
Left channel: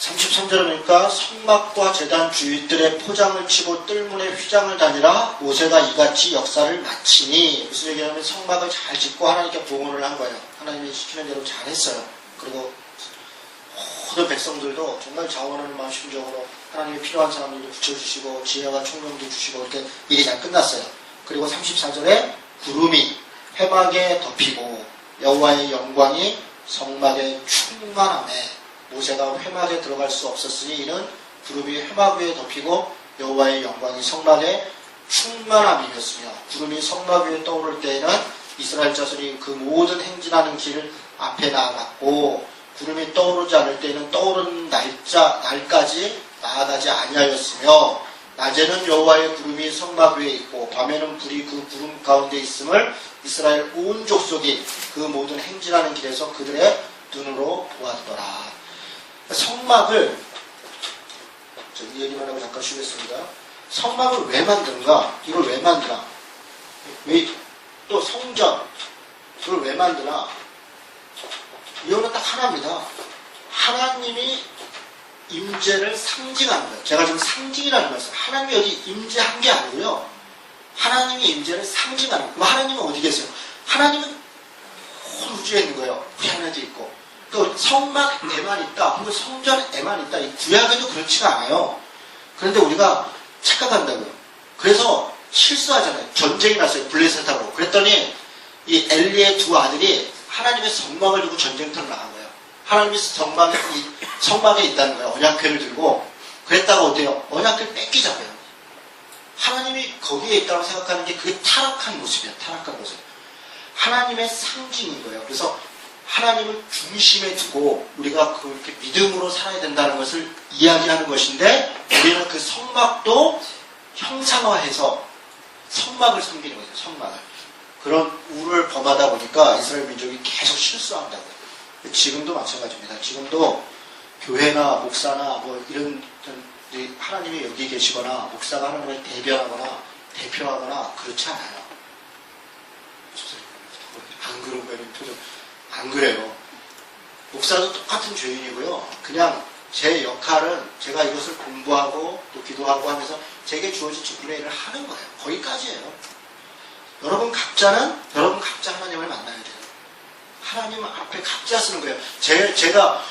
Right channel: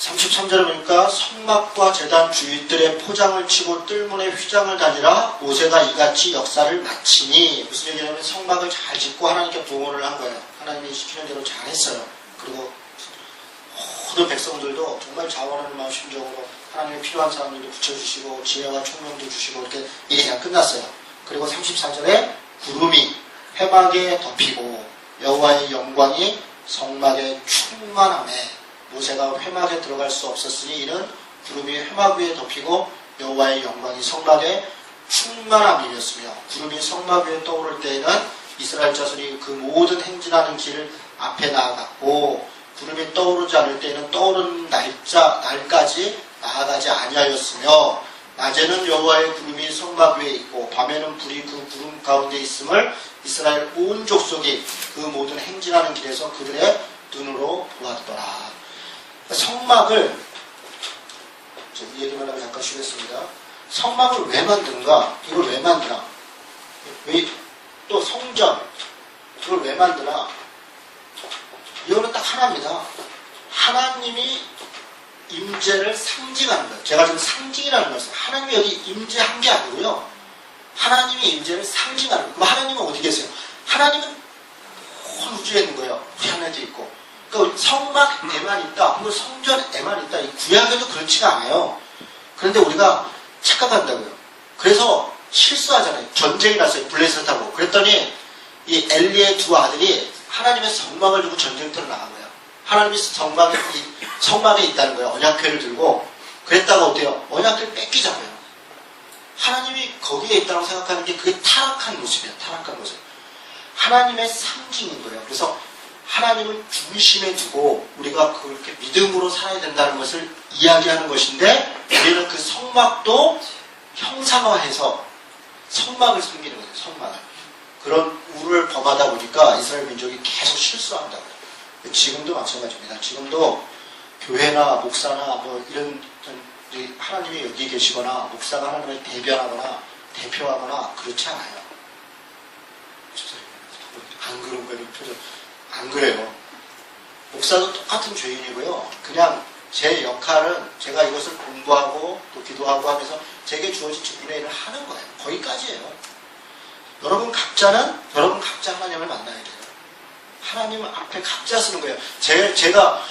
33절에 보니까 성막과 제단 주위들의 포장을 치고 뜰문에 휘장을 다니라 모세가 이같이 역사를 마치니 무슨 얘기냐면 성막을 잘 짓고 하나님께 봉헌을 한 거예요. 하나님이 시키는 대로 잘 했어요. 그리고 모든 백성들도 정말 자원하는 마음 심정으로 하나님이 필요한 사람들도 붙여주시고 지혜와 총명도 주시고 이렇게 일이 잘 끝났어요. 그리고 34절에 구름이 회막에 덮이고 여호와의 영광이 성막에 충만하매 모세가 회막에 들어갈 수 없었으니 이는 구름이 회막 위에 덮이고 여호와의 영광이 성막에 충만함이었으며 구름이 성막 위에 떠오를 때에는 이스라엘 자손이 그 모든 행진하는 길을 앞에 나아갔고 구름이 떠오르지 않을 때에는 떠오르는 날까지 나아가지 아니하였으며 낮에는 여호와의 구름이 성막 위에 있고 밤에는 불이 그 구름 가운데 있음을 이스라엘 온 족속이 그 모든 행진하는 길에서 그들의 눈으로 보았더라. 성막을 이 얘기만 하고 잠깐 쉬겠습니다. 성막을 왜 만드는가? 이걸 왜 만드나? 또 성전 그걸 왜 만드나? 이거는 딱 하나입니다. 하나님이 임재를 상징하는 거예요. 제가 지금 상징이라는 말씀. 하나님이 여기 임재한 게 아니고요. 하나님이 임재를 상징하는 거예요. 그럼 하나님은 어디 계세요? 하나님은 온 우주에 있는 거예요. 하늘에도 있고. 그 성막에만 있다. 그리고 성전에만 있다. 이 구약에도 그렇지가 않아요. 그런데 우리가 착각한다고요. 그래서 실수하잖아요. 전쟁이 났어요. 블레셋하고. 그랬더니 이 엘리의 두 아들이 하나님의 성막을 두고 전쟁터로 나간 거예요. 하나님이 성막에 있다는 거예요. 언약궤를 들고. 그랬다가 어때요? 언약궤를 뺏기자고요. 하나님이 거기에 있다고 생각하는 게 그게 타락한 모습이에요. 타락한 모습. 하나님의 상징인 거예요. 그래서 하나님을 중심에 두고 우리가 그렇게 믿음으로 살아야 된다는 것을 이야기하는 것인데, 우리는 그 성막도 형상화해서 성막을 섬기는 거예요. 성막을. 그런 우를 범하다 보니까 이스라엘 민족이 계속 실수한다고. 지금도 마찬가지입니다. 지금도 교회나 목사나 뭐 이런 하나님이 여기 계시거나 목사가 하나님을 대표하거나 그렇지 않아요. 안 그런 거예요. 안 그래요. 목사도 똑같은 죄인이고요. 그냥 제 역할은 제가 이것을 공부하고 또 기도하고 하면서 제게 주어진 직분의 일을 하는 거예요. 거기까지예요. 여러분 각자 하나님을 만나야 돼요. 하나님 앞에 각자 쓰는 거예요. 제가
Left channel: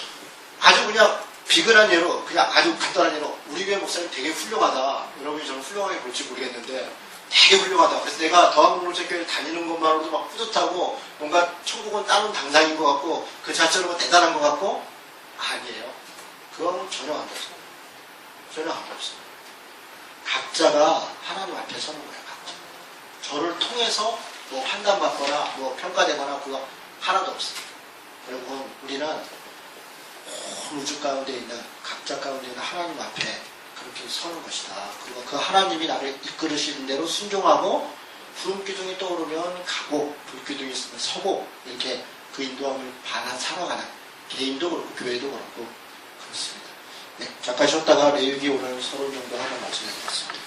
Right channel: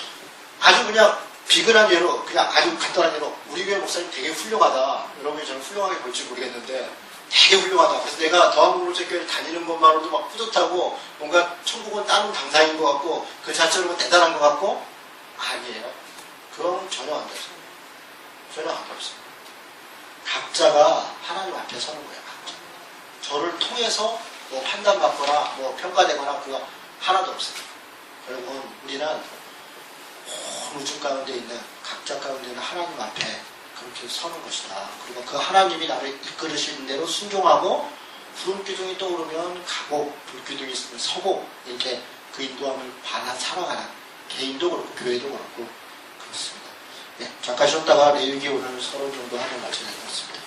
아주 그냥 비근한 예로, 그냥 아주 간단한 예로, 우리 교회 목사님 되게 훌륭하다. 여러분이 저는 훌륭하게 볼지 모르겠는데 되게 훌륭하다. 그래서 내가 더한국공동체교회를 다니는 것만으로도 막 뿌듯하고 뭔가 천국은 다른 당상인 것 같고 그 자체로 대단한 것 같고, 아니에요. 그건 전혀 안 돼요. 전혀 안 없어요. 각자가 하나님 앞에 서는 거예요. 각자. 저를 통해서 뭐 판단받거나 뭐 평가되거나 그거 하나도 없어요. 여러분, 우리는 온 우주 가운데 있는, 각자 가운데 있는 하나님 앞에 그렇게 서는 것이다. 그리고 그 하나님이 나를 이끌으시는 대로 순종하고, 구름 기둥이 떠오르면 가고 불기둥이 있으면 서고, 이렇게 그 인도함을 받아 살아가는, 개인도 그렇고 교회도 그렇고 그렇습니다. 네, 잠깐 쉬었다가 레위기 오늘 서론 정도 하는 말씀을 드렸습니다.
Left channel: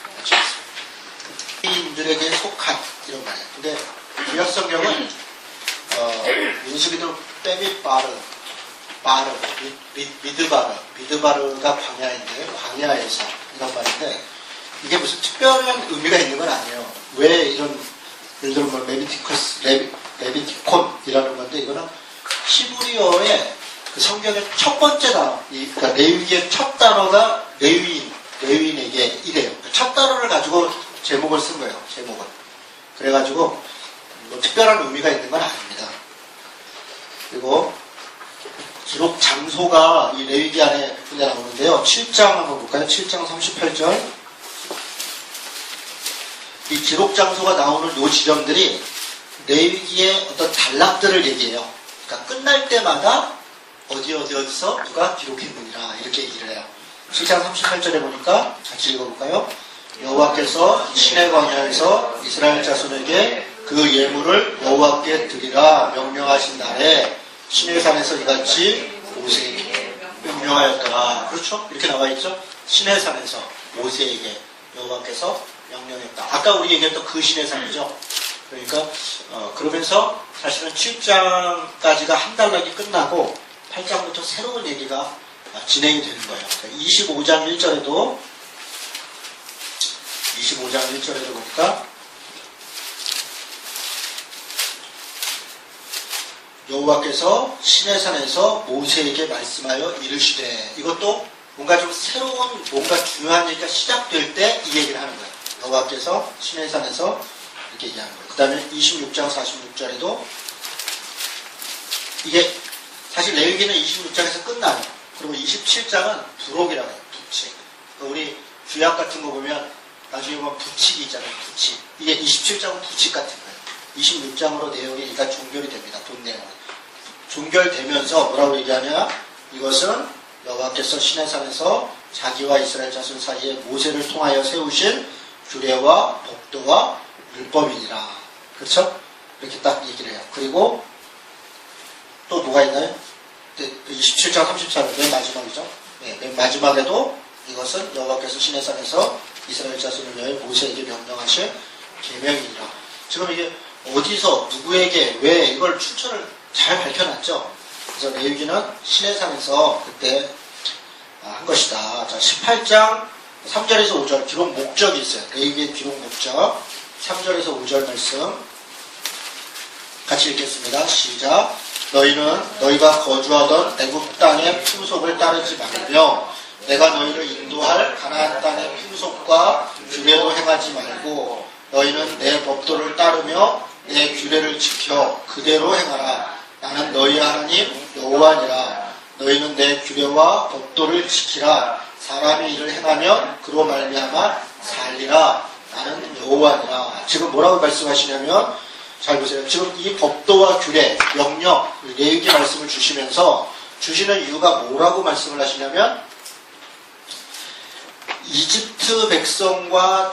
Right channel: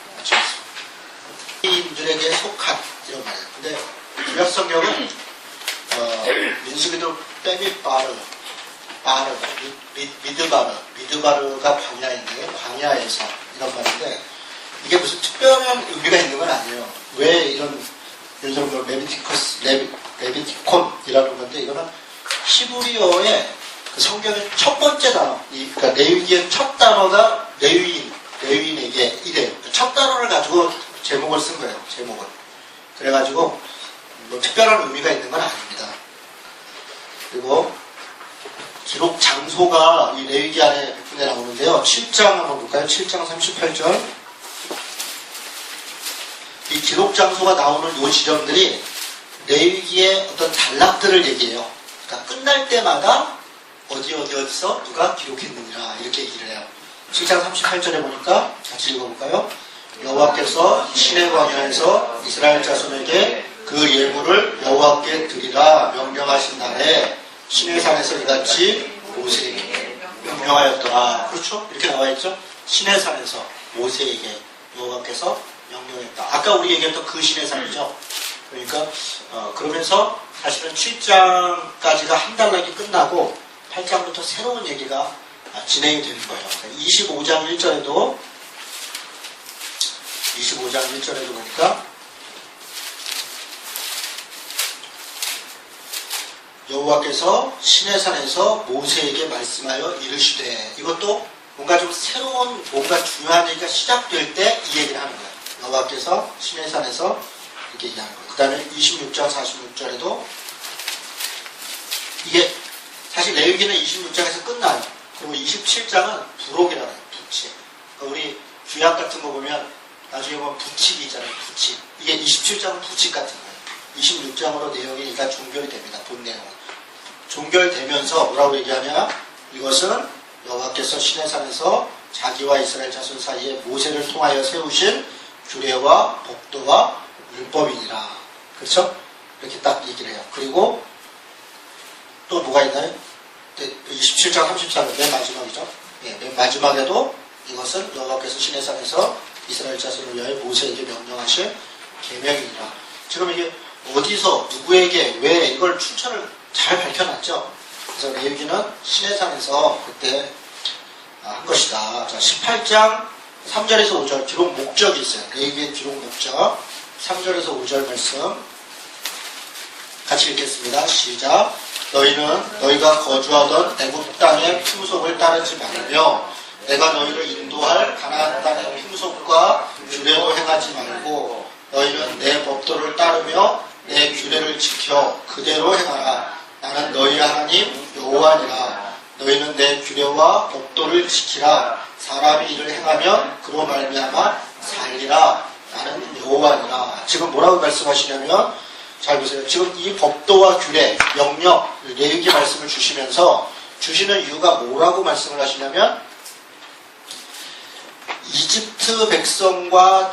이들에게 속한 이런 말이에요. 근데 구약성경은 민수기도 빼미 미드바르가 광야인데, 광야에서 이런 말인데, 이게 무슨 특별한 의미가 있는 건 아니에요. 왜 이런, 예를 들어 뭐 레비티콘이라는 건데, 이거는 히브리어의 그 성경의 첫 번째 단어, 그러니까 레위기의 첫 단어가 레위인에게 이래요. 그 첫 단어를 가지고 제목을 쓴 거예요. 제목을. 그래가지고 뭐 특별한 의미가 있는 건 아닙니다. 그리고 기록 장소가 이 레위기 안에 몇 군데 나오는데요. 7장 한번 볼까요? 7장 38절. 이 기록 장소가 나오는 요 지점들이 레위기의 어떤 단락들을 얘기해요. 그러니까 끝날 때마다 어디서 누가 기록했느니라 이렇게 얘기를 해요. 7장 38절에 보니까 같이 읽어볼까요? 여호와께서 시내 광야에서 이스라엘 자손에게 그 예물을 여호와께 드리라 명령하신 날에 시내산에서 이같이 모세에게 명령하였더라. 그렇죠? 이렇게 나와있죠? 시내산에서 모세에게 여호와께서 명령했다. 아까 우리 얘기했던 그 시내산이죠. 그러니까 그러면서 사실은 7장까지가 한 단락이 끝나고 8장부터 새로운 얘기가 진행이 되는 거예요. 25장 1절에도 보니까 여호와께서 시내산에서 모세에게 말씀하여 이르시되, 이것도 뭔가 좀 새로운, 뭔가 중요한 얘기가 시작될 때 이 얘기를 하는 거예요. 여호와께서 시내산에서 이렇게 얘기하는 거예요. 그 다음에 26장 46절에도 이게 사실 레위기는 26장에서 끝나요. 그리고 27장은 부록이라고 해요. 부칙. 우리 구약 같은 거 보면 나중에 보면 부칙이 있잖아요. 부칙. 이게 27장은 부칙 같은 거예요. 26장으로 내용이 다 종결이 됩니다. 본 내용은. 종결되면서 뭐라고 얘기하냐? 이것은 여호와께서 시내산에서 자기와 이스라엘 자손 사이에 모세를 통하여 세우신 규례와 법도와 율법이니라. 그렇죠? 이렇게 딱 얘기를 해요. 그리고 또 뭐가 있나요? 27장 34절 맨 마지막이죠. 네, 맨 마지막에도 이것은 여호와께서 시내산에서 이스라엘 자손을 위하여 모세에게 명령하신 계명이니라. 지금 이게 어디서 누구에게 왜 이걸 출처를 잘 밝혀놨죠. 그래서 레위기는 시내산에서 그때 한 것이다. 자, 18장 3절에서 5절 기록 목적이 있어요. 레위기의 기록 목적 3절에서 5절 말씀 같이 읽겠습니다. 시작. 너희는 너희가 거주하던 애굽 땅의 풍속을 따르지 말며 내가 너희를 인도할 가나안 땅의 풍속과 규례도 행하지 말고 너희는 내 법도를 따르며 내 규례를 지켜 그대로 행하라. 나는 너희 하나님 여호와니라. 너희는 내 규례와 법도를 지키라. 사람이 이를 행하면 그로 말미암아 살리라. 나는 여호와니라. 지금 뭐라고 말씀하시냐면, 잘 보세요. 지금 이 법도와 규례, 명령, 레위기 말씀을 주시면서 주시는 이유가 뭐라고 말씀을 하시냐면, 이집트 백성과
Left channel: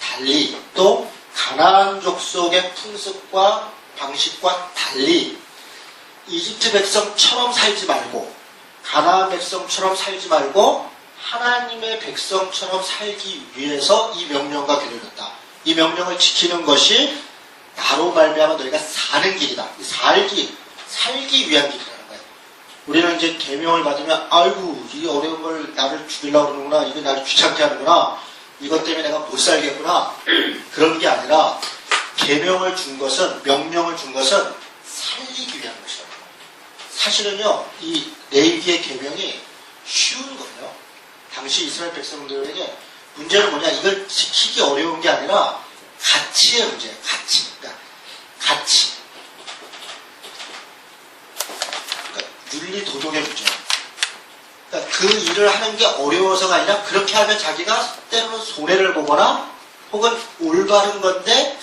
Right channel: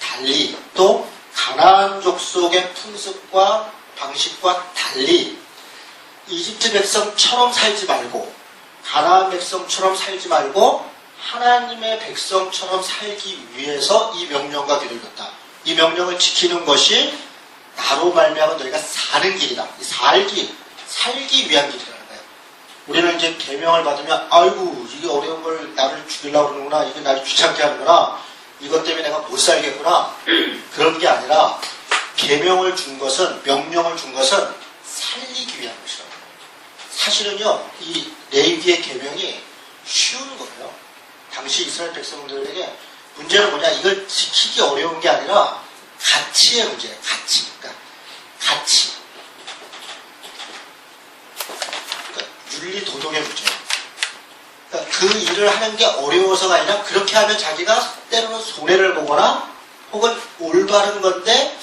달리 또 가나안 족속의 풍습과 방식과 달리 이집트 백성처럼 살지 말고, 가나안 백성처럼 살지 말고 하나님의 백성처럼 살기 위해서 이 명령과 규례를 줬다. 이 명령을 지키는 것이 나로 말미암아 너희가 사는 길이다. 살기 위한 길이라는 거예요. 우리는 이제 계명을 받으면 아이고 이게 어려운 걸 나를 죽이려고 그러는구나, 이거 나를 귀찮게 하는구나, 이것 때문에 내가 못 살겠구나, 그런 게 아니라 계명을 준 것은, 명령을 준 것은 살리기 위한 것이라고. 사실은요, 이 레위기의 계명이 쉬운 거예요. 당시 이스라엘 백성들에게 문제는 뭐냐, 이걸 지키기 어려운 게 아니라 가치의 문제예요. 그러니까 가치. 그러니까 윤리 도덕의 문제예요. 그러니까 그 일을 하는 게 어려워서가 아니라 그렇게 하면 자기가 때로는 손해를 보거나 혹은 올바른 건데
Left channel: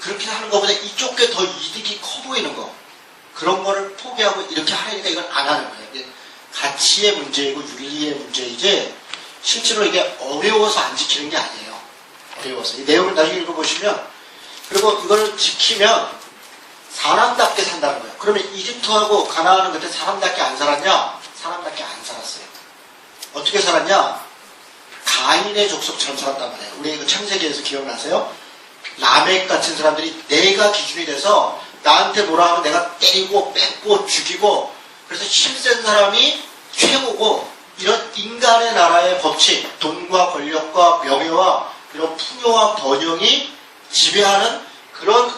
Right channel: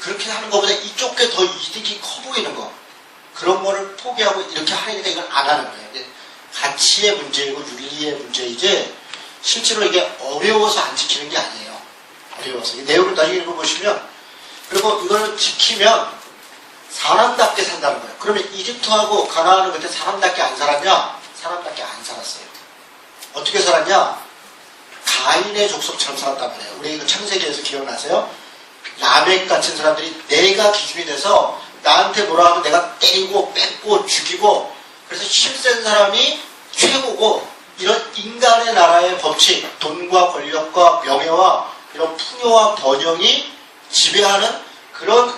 그렇게 하는 것보다 이쪽 게 더 이득이 커 보이는 거, 그런 거를 포기하고 이렇게 하려니까 이걸 안 하는 거예요. 이게 가치의 문제이고 윤리의 문제이지 실제로 이게 어려워서 안 지키는 게 아니에요. 어려워서. 이 내용을 나중에 읽어보시면, 그리고 이걸 지키면 사람답게 산다는 거예요. 그러면 이집트하고 가나안은 그때 사람답게 안 살았냐? 사람답게 안 살았어요. 어떻게 살았냐? 가인의 족속처럼 살았단 말이에요. 우리 이거 창세기에서 기억나세요? 라멕 같은 사람들이 내가 기준이 돼서 나한테 뭐라 하면 내가 때리고 뺏고 죽이고, 그래서 힘센 사람이 최고고, 이런 인간의 나라의 법칙, 돈과 권력과 명예와 이런 풍요와 번영이 지배하는 그런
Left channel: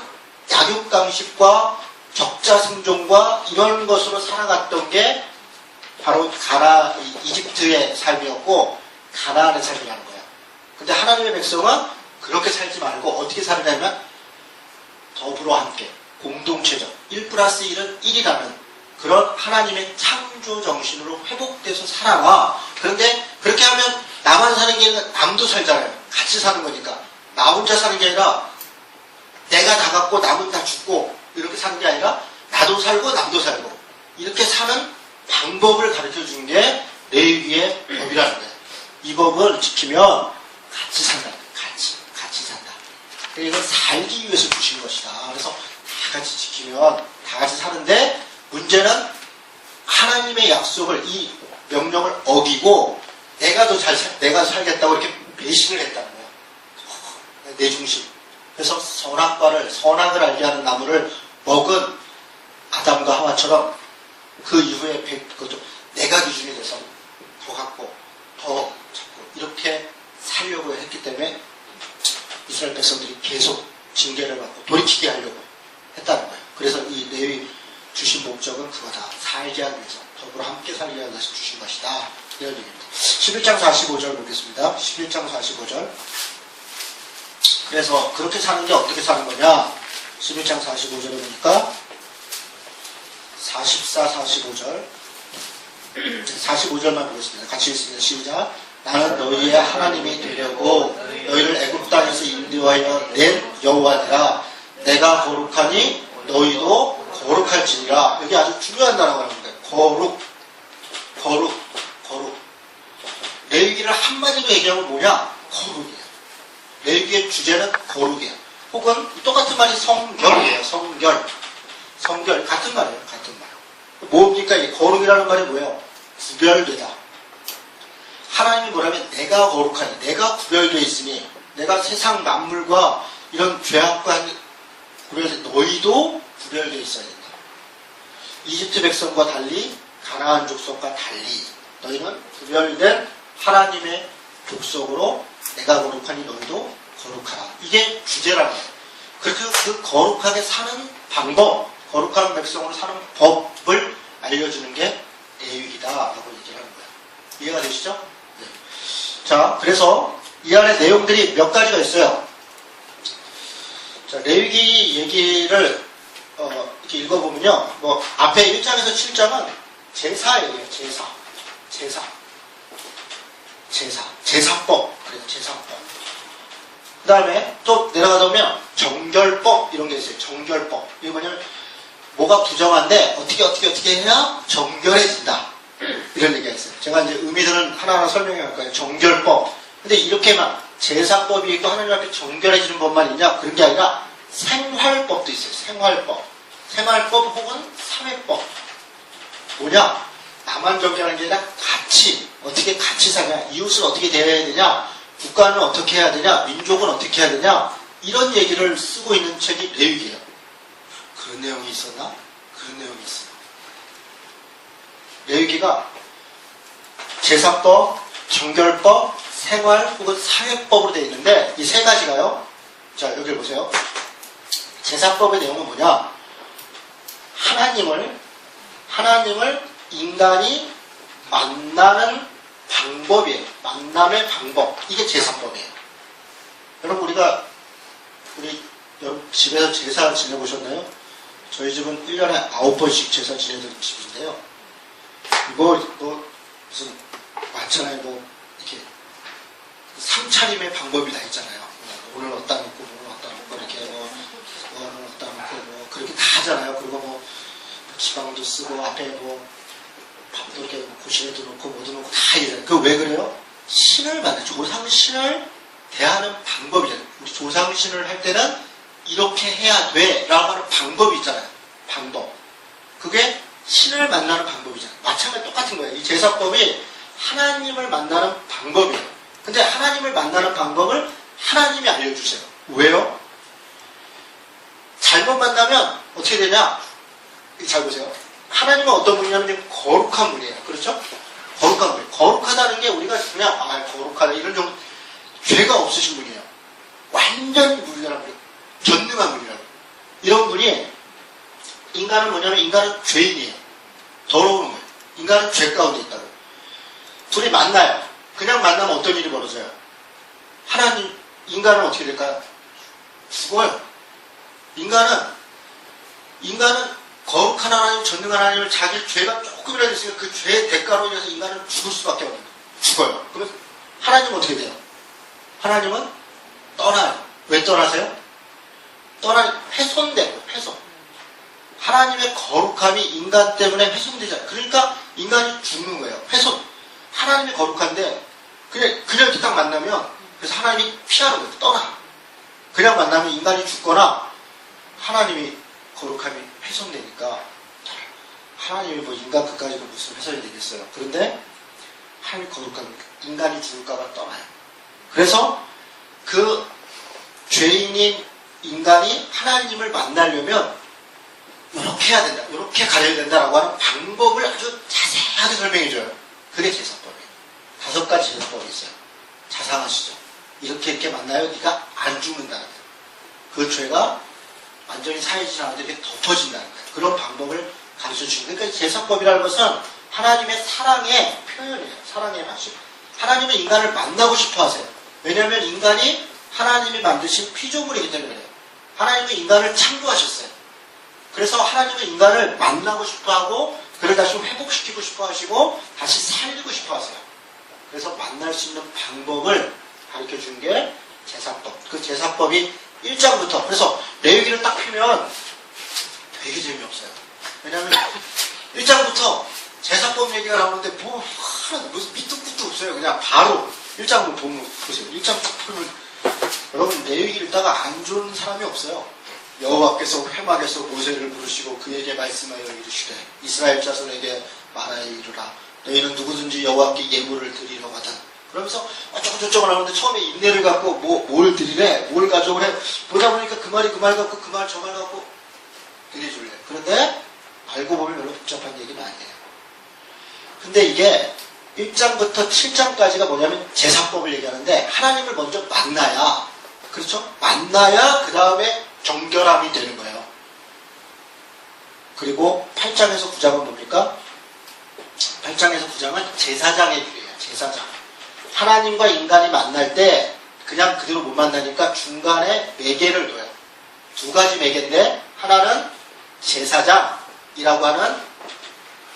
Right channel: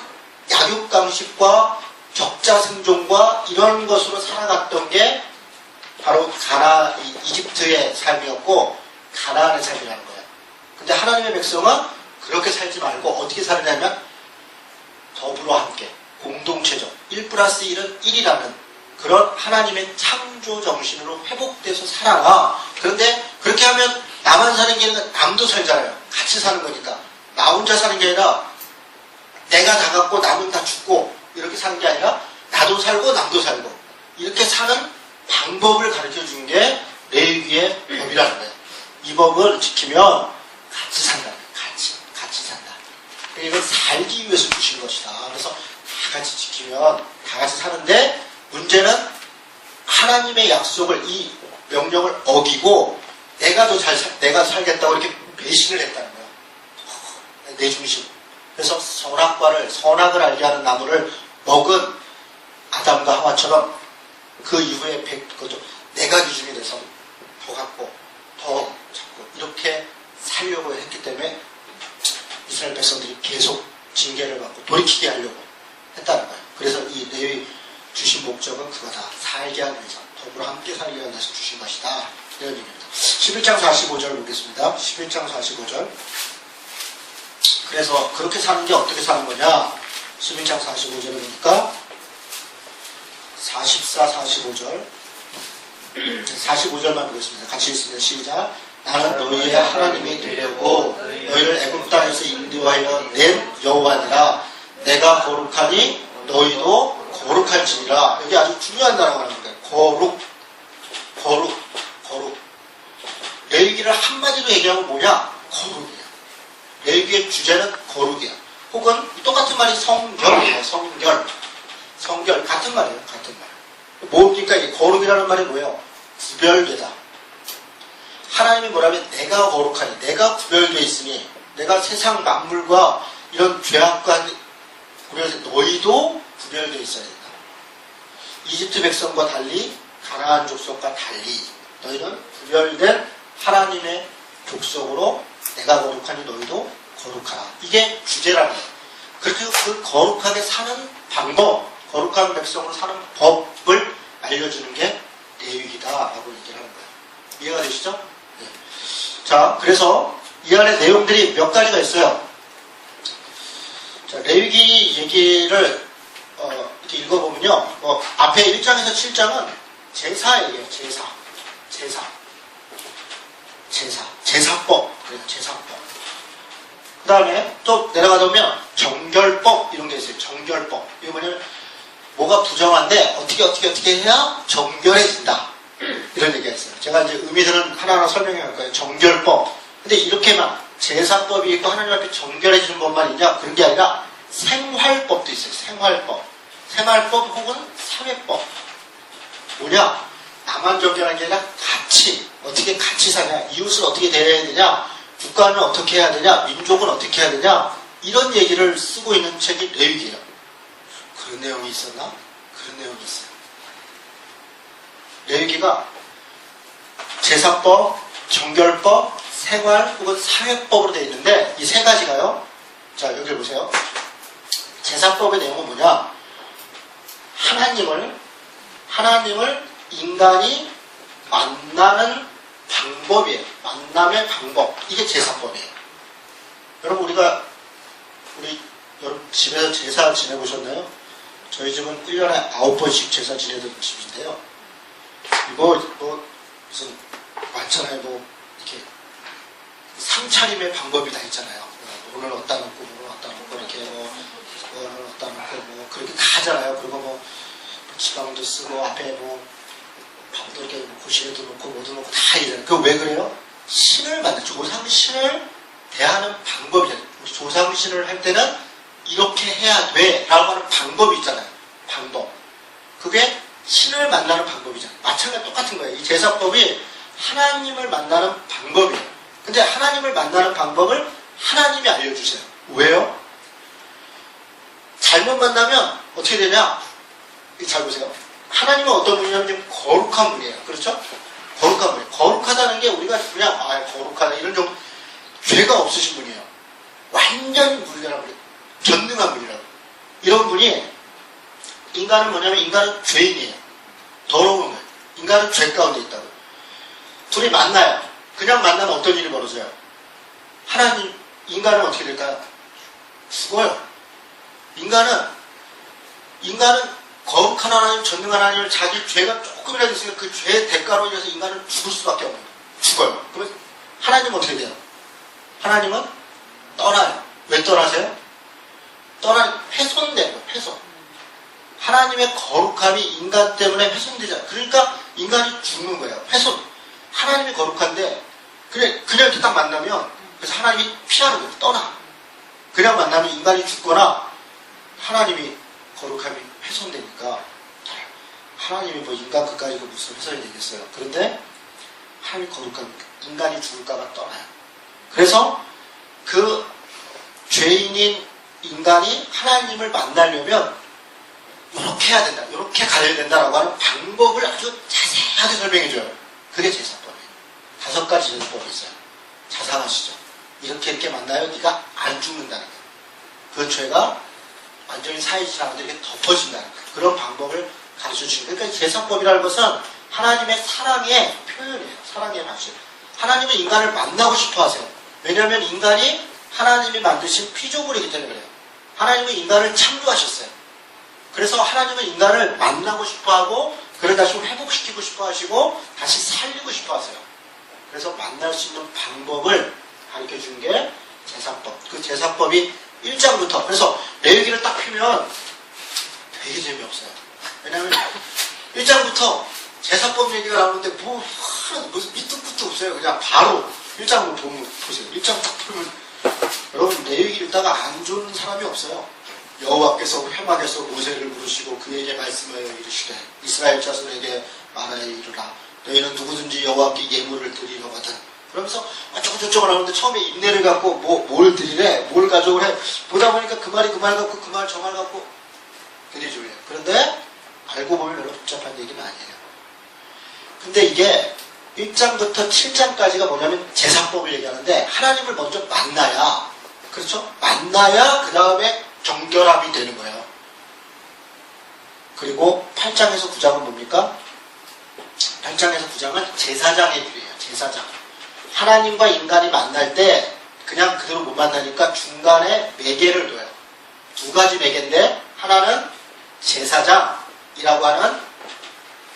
약육강식과 적자생존과 이런 것으로 살아갔던 게 바로 이집트의 삶이었고 가나안의 삶이라는 거예요. 근데 하나님의 백성은 그렇게 살지 말고 어떻게 살냐면 더불어 함께, 공동체적, 1+1은 1이라는 그런 하나님의 창조 정신으로 회복돼서 살아라. 그런데 그렇게 하면 나만 사는 게 아니라 남도 살잖아요. 같이 사는 거니까. 나 혼자 사는 게 아니라 내가 다 갖고 남은 다 죽고 이렇게 사는 게 아니라 나도 살고 남도 살고 이렇게 사는 방법을 가르쳐 주는 게 레위기의 법이라는 거예요. 이 법을 지키면 같이 산다. 같이 산다. 이건 살기 위해서 주신 것이다. 그래서 다 같이 지키면 다 같이 사는데, 문제는 하나님의 약속을, 이 명령을 어기고 내가 내가 살겠다고 이렇게 배신을 했다는 거야. 내 중심. 그래서 선악을 알게 하는 나무를 먹은 아담과 하와처럼 그 이후에 내가 기준이 돼서 더 갖고 더 잡고 이렇게 살려고 했기 때문에 이스라엘 백성들이 계속 징계를 받고 돌이키게 하려고 했다는 거예요. 그래서 이 레위 주신 목적은 그거다. 살게 하기 위해서, 더불어 함께 살게 하기 위해서 주신 것이다. 이런 의미입니다. 11장 45절 보겠습니다. 11장 45절. 그래서 그렇게 사는 게 어떻게 사는 거냐? 11장 45절에 보니까 44, 45절 45절만 보겠습니다. 같이 읽습니다. 시작. 나는 너희의 하나님이 되려고 너희를 애굽 땅에서 인도하여 낸 여호와니라. 내가 거룩하니 너희도 거룩할지니라. 여기 아주 중요한 단어가 나옵니다. 거룩. 레위기를 한마디로 얘기하면 뭐냐? 거룩이에요. 레위기의 주제는 거룩이에요. 혹은 똑같은 말이 성결이에요. 성결. 같은 말이에요. 뭡니까? 이 거룩이라는 말이 뭐예요? 구별되다. 하나님이 뭐라면 내가 거룩하니, 내가 구별되어 있으니, 내가 세상 만물과 이런 죄악과 구별해서 너희도 구별되어 있어야 된다. 이집트 백성과 달리, 가나안 족속과 달리 너희는 구별된 하나님의 족속으로 내가 거룩하니 너희도 거룩하라. 이게 주제라는 거예요. 그렇게 그 거룩하게 사는 방법, 거룩한 백성으로 사는 법을 알려주는 게 레위기다라고 얘기를 하는 거예요. 이해가 되시죠? 네. 자, 그래서 이 안에 내용들이 몇 가지가 있어요. 자, 레위기 얘기를 이렇게 읽어보면요. 뭐 앞에 1장에서 7장은 제사예요. 제사법. 그래서 제사법. 그 다음에 또 내려가다 보면 정결법 이런 게 있어요. 정결법. 이게 뭐냐면 뭐가 부정한데 어떻게 해야 정결해진다. 이런 얘기가 있어요. 제가 이제 의미들은 하나하나 설명해 갈 거예요. 정결법. 근데 이렇게만 제사법이 있고 하나님 앞에 정결해지는 법만 있냐? 그런 게 아니라 생활법도 있어요. 생활법 혹은 사회법. 뭐냐? 나만 정결한 게 아니라 같이 어떻게 같이 사냐? 이웃을 어떻게 대해야 되냐? 국가는 어떻게 해야 되냐? 민족은 어떻게 해야 되냐? 이런 얘기를 쓰고 있는 책이 레위기예요. 그런 내용이 있었나? 그런 내용이 있어요. 레위기가 제사법, 정결법, 생활 혹은 사회법으로 되어 있는데 이 세 가지가요. 자, 여기를 보세요. 제사법의 내용은 뭐냐? 하나님을 인간이 만나는 방법이에요. 만남의 방법. 이게 제사법이에요. 여러분 여러분 집에서 제사 지내보셨나요? 저희 집은 1년에 9번씩 제사 지내던 집인데요. 무슨 많잖아요. 이렇게 상차림의 방법이 다 있잖아요. 오늘 어디다 놓고 오늘 어디다 놓고 이렇게 오늘 어디다 놓고 그렇게 다 하잖아요. 그리고 지방도 쓰고 앞에 밥도 이렇게 고시에도 놓고 뭐도 놓고 다 이래요. 그거 왜 그래요? 신을 만나 조상신을 대하는 방법이잖아요. 우리 조상신을 할 때는 이렇게 해야 돼 라고 하는 방법이 있잖아요. 방법. 그게 신을 만나는 방법이잖아요. 마찬가지 똑같은 거예요. 이 제사법이 하나님을 만나는 방법이에요. 근데 하나님을 만나는 방법을 하나님이 알려주세요. 왜요? 잘못 만나면 어떻게 되냐? 잘 보세요. 하나님은 어떤 분이냐면 거룩한 분이에요. 그렇죠? 거룩한 분. 거룩하다는 게 우리가 그냥 거룩하다 이런 좀 죄가 없으신 분이에요. 완전히 무죄한 분. 전능한 분이라고. 이런 분이 인간은 뭐냐면 인간은 죄인이에요. 더러운 거예요. 인간은 죄 가운데 있다고. 둘이 만나요. 그냥 만나면 어떤 일이 벌어져요? 인간은 어떻게 될까요? 죽어요. 인간은 거룩한 하나님, 전능한 하나님을 자기 죄가 조금이라도 있으면 그 죄의 대가로 인해서 인간은 죽을 수밖에 없는 거예요. 죽어요. 그러면 하나님은 어떻게 돼요? 하나님은 떠나요. 왜 떠나세요? 훼손돼요. 훼손. 하나님의 거룩함이 인간 때문에 훼손되잖아요. 그러니까 인간이 죽는 거예요. 훼손. 하나님이 거룩한데 그냥 이렇게 딱 만나면 그래서 하나님이 피하는 거예요. 떠나. 그냥 만나면 인간이 죽거나 하나님이 거룩함이 훼손되니까 하나님이 인간 그까지 무슨 훼손이 되겠어요. 그런데 하나님이 거룩한 인간이 죽을까봐 떠나요. 그래서 그 죄인인 인간이 하나님을 만나려면 이렇게 해야 된다. 이렇게 가져야 된다라고 하는 방법을 아주 자세하게 설명해줘요. 그게 제사법이에요. 5가지 제사법이 있어요. 자상하시죠? 이렇게 만나요. 네가 안 죽는다는 거예요. 그 죄가 완전히 사해지지 않는데 이렇게 덮어진다는 거예요. 그런 방법을 가르쳐주는 거예요. 그러니까 제사법이라는 것은 하나님의 사랑의 표현이에요. 사랑의 맛이. 하나님은 인간을 만나고 싶어 하세요. 왜냐하면 인간이 하나님이 만드신 피조물이기 때문에 그래요. 하나님은 인간을 창조하셨어요. 그래서 하나님은 인간을 만나고 싶어 하고 그를 다시 회복시키고 싶어 하시고 다시 살리고 싶어 하세요. 그래서 만날 수 있는 방법을 가르쳐 주는 게 제사법. 그 제사법이 1장부터 그래서 레위기를 딱 펴면 되게 재미없어요. 왜냐하면 1장부터 제사법 얘기가 나오는데 무슨 밑도 끝도 없어요. 그냥 바로 1장을 보세요. 1장 딱 펴면 여러분 레위기 읽다가 안 좋은 사람이 없어요. 여호와께서 회막에서 모세를 부르시고 그에게 말씀하여 이르시되 이스라엘 자손에게 말하여 이르라 너희는 누구든지 여호와께 예물을 드리려거든. 그러면서 어쩌고저쩌고 하는데 처음에 인내를 갖고 뭘 드리래? 뭘 가져오래? 보다 보니까 그 말 갖고 그 말 저 말 갖고 굉장히 좋아요. 그런데 알고 보면 별로 복잡한 얘기는 아니에요. 근데 이게 1장부터 7장까지가 뭐냐면 제사법을 얘기하는데 하나님을 먼저 만나야 그렇죠? 만나야 그 다음에 정결함이 되는 거예요. 그리고 8장에서 9장은 뭡니까? 8장에서 9장은 제사장의 일이에요. 제사장. 하나님과 인간이 만날 때 그냥 그대로 못 만나니까 중간에 매개를 둬요. 두 가지 매개인데 하나는 제사장이라고 하는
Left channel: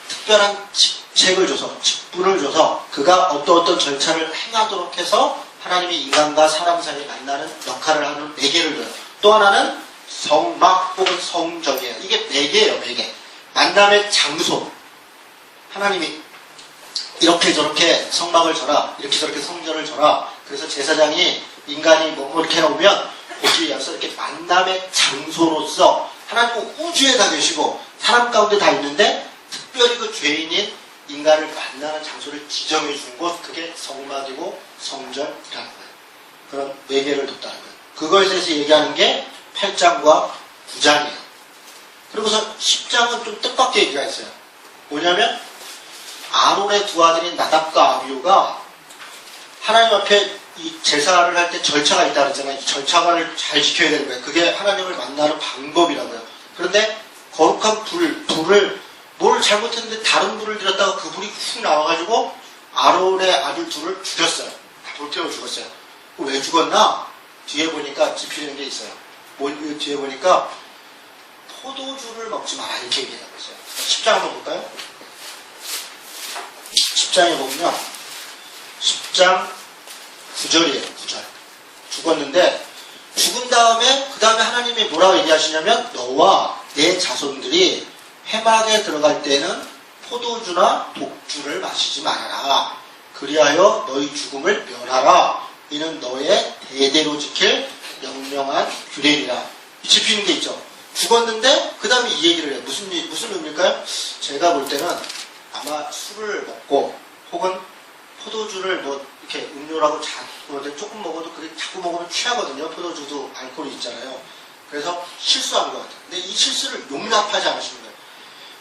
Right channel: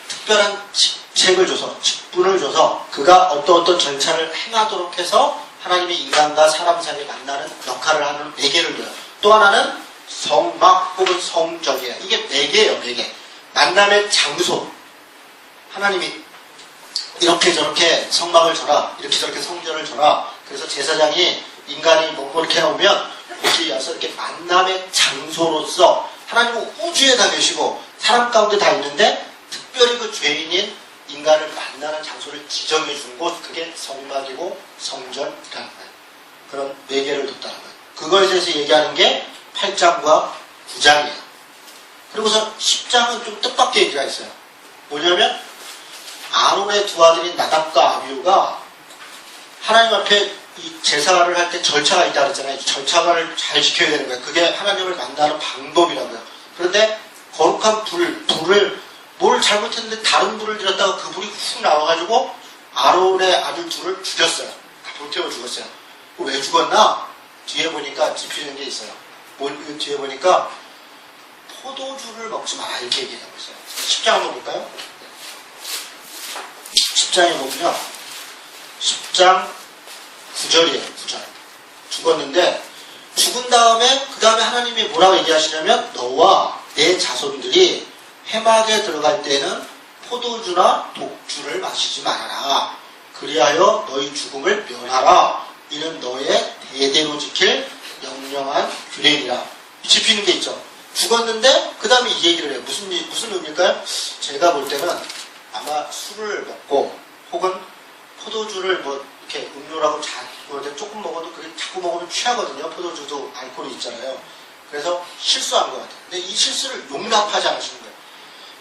특별한 직책을 줘서 직분을 줘서 그가 어떤 절차를 행하도록 해서 하나님이 인간과 사람 사이에 만나는 역할을 하는 매개를 줘요. 또 하나는 성막 혹은 성전이에요. 이게 매개예요. 매개. 만남의 장소. 하나님이 이렇게 저렇게 성막을 져라, 이렇게 저렇게 성전을 져라. 그래서 제사장이 인간이 뭐 이렇게 해놓으면 거기에 와서 이렇게 만남의 장소로서 하나님은 우주에 다 계시고 사람 가운데 다 있는데 특별히 그 죄인인 인간을 만나는 장소를 지정해 준 곳, 그게 성막이고 성전이라는 거예요. 그런 매개를 뒀다는 거예요. 그거에 대해서 얘기하는 게 8장과 9장이에요. 그리고서 10장은 좀 뜻밖의 얘기가 있어요. 뭐냐면 아론의 두 아들인 나답과 아비후가 하나님 앞에 이 제사를 할 때 절차가 있다고 했잖아요. 절차를 잘 지켜야 되는 거예요. 그게 하나님을 만나는 방법이라고요. 그런데 거룩한 불을 뭘 잘못했는데 다른 불을 들였다가 그 불이 훅 나와가지고 아론의 아들 둘을 죽였어요. 불태워 죽었어요. 왜 죽었나? 뒤에 보니까 짚히는 게 있어요. 뒤에 보니까 포도주를 먹지 마라 이렇게 얘기하고 있어요. 10장 한번 볼까요? 10장에 보면요. 10장 9절이에요. 9절. 죽었는데 죽은 다음에 그 다음에 하나님이 뭐라고 얘기하시냐면 너와 내 자손들이 회막에 들어갈 때는 포도주나 독주를 마시지 말아라. 그리하여 너희 죽음을 면하라. 이는 너의 대대로 지킬 명령한 규례이라. 짚히는 게 있죠. 죽었는데 그 다음에 이 얘기를 해요. 무슨 의미일까요? 제가 볼 때는 아마 술을 먹고 혹은 포도주를 뭐 이렇게 음료라고 조금 먹어도 그게 자꾸 먹으면 취하거든요. 포도주도 알코올이 있잖아요. 그래서 실수한 것 같아요. 근데 이 실수를 용납하지 않으시는 거예요.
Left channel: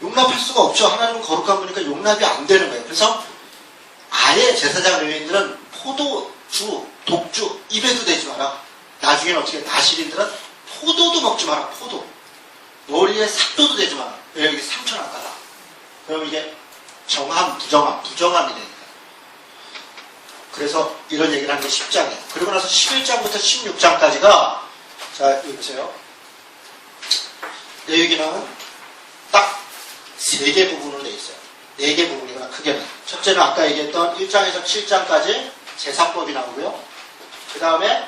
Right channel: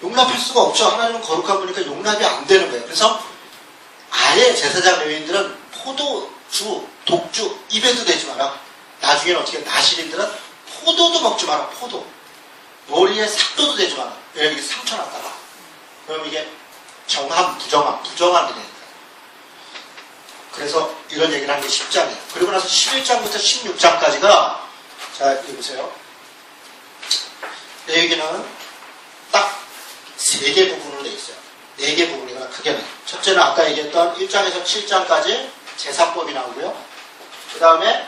용납할 수가 없죠. 하나님은 거룩한 분이니까 용납이 안 되는 거예요. 그래서 아예 제사장 레위인들은 포도주, 독주 입에도 대지 마라. 나중에는 어떻게 나시린들은 포도도 먹지 마라. 포도. 머리에 삭도도 대지 마라. 여기 상처 났다가. 그럼 이게 정함, 부정함이 되니까. 그래서 이런 얘기를 하는 게 10장이에요. 그리고 나서 11장부터 16장까지가 자, 여기 보세요. 내 얘기는 딱 3개 부분으로 되어 있어요. 4개 부분이구나, 크게는. 첫째는 아까 얘기했던 1장에서 7장까지 제사법이 나오고요. 그 다음에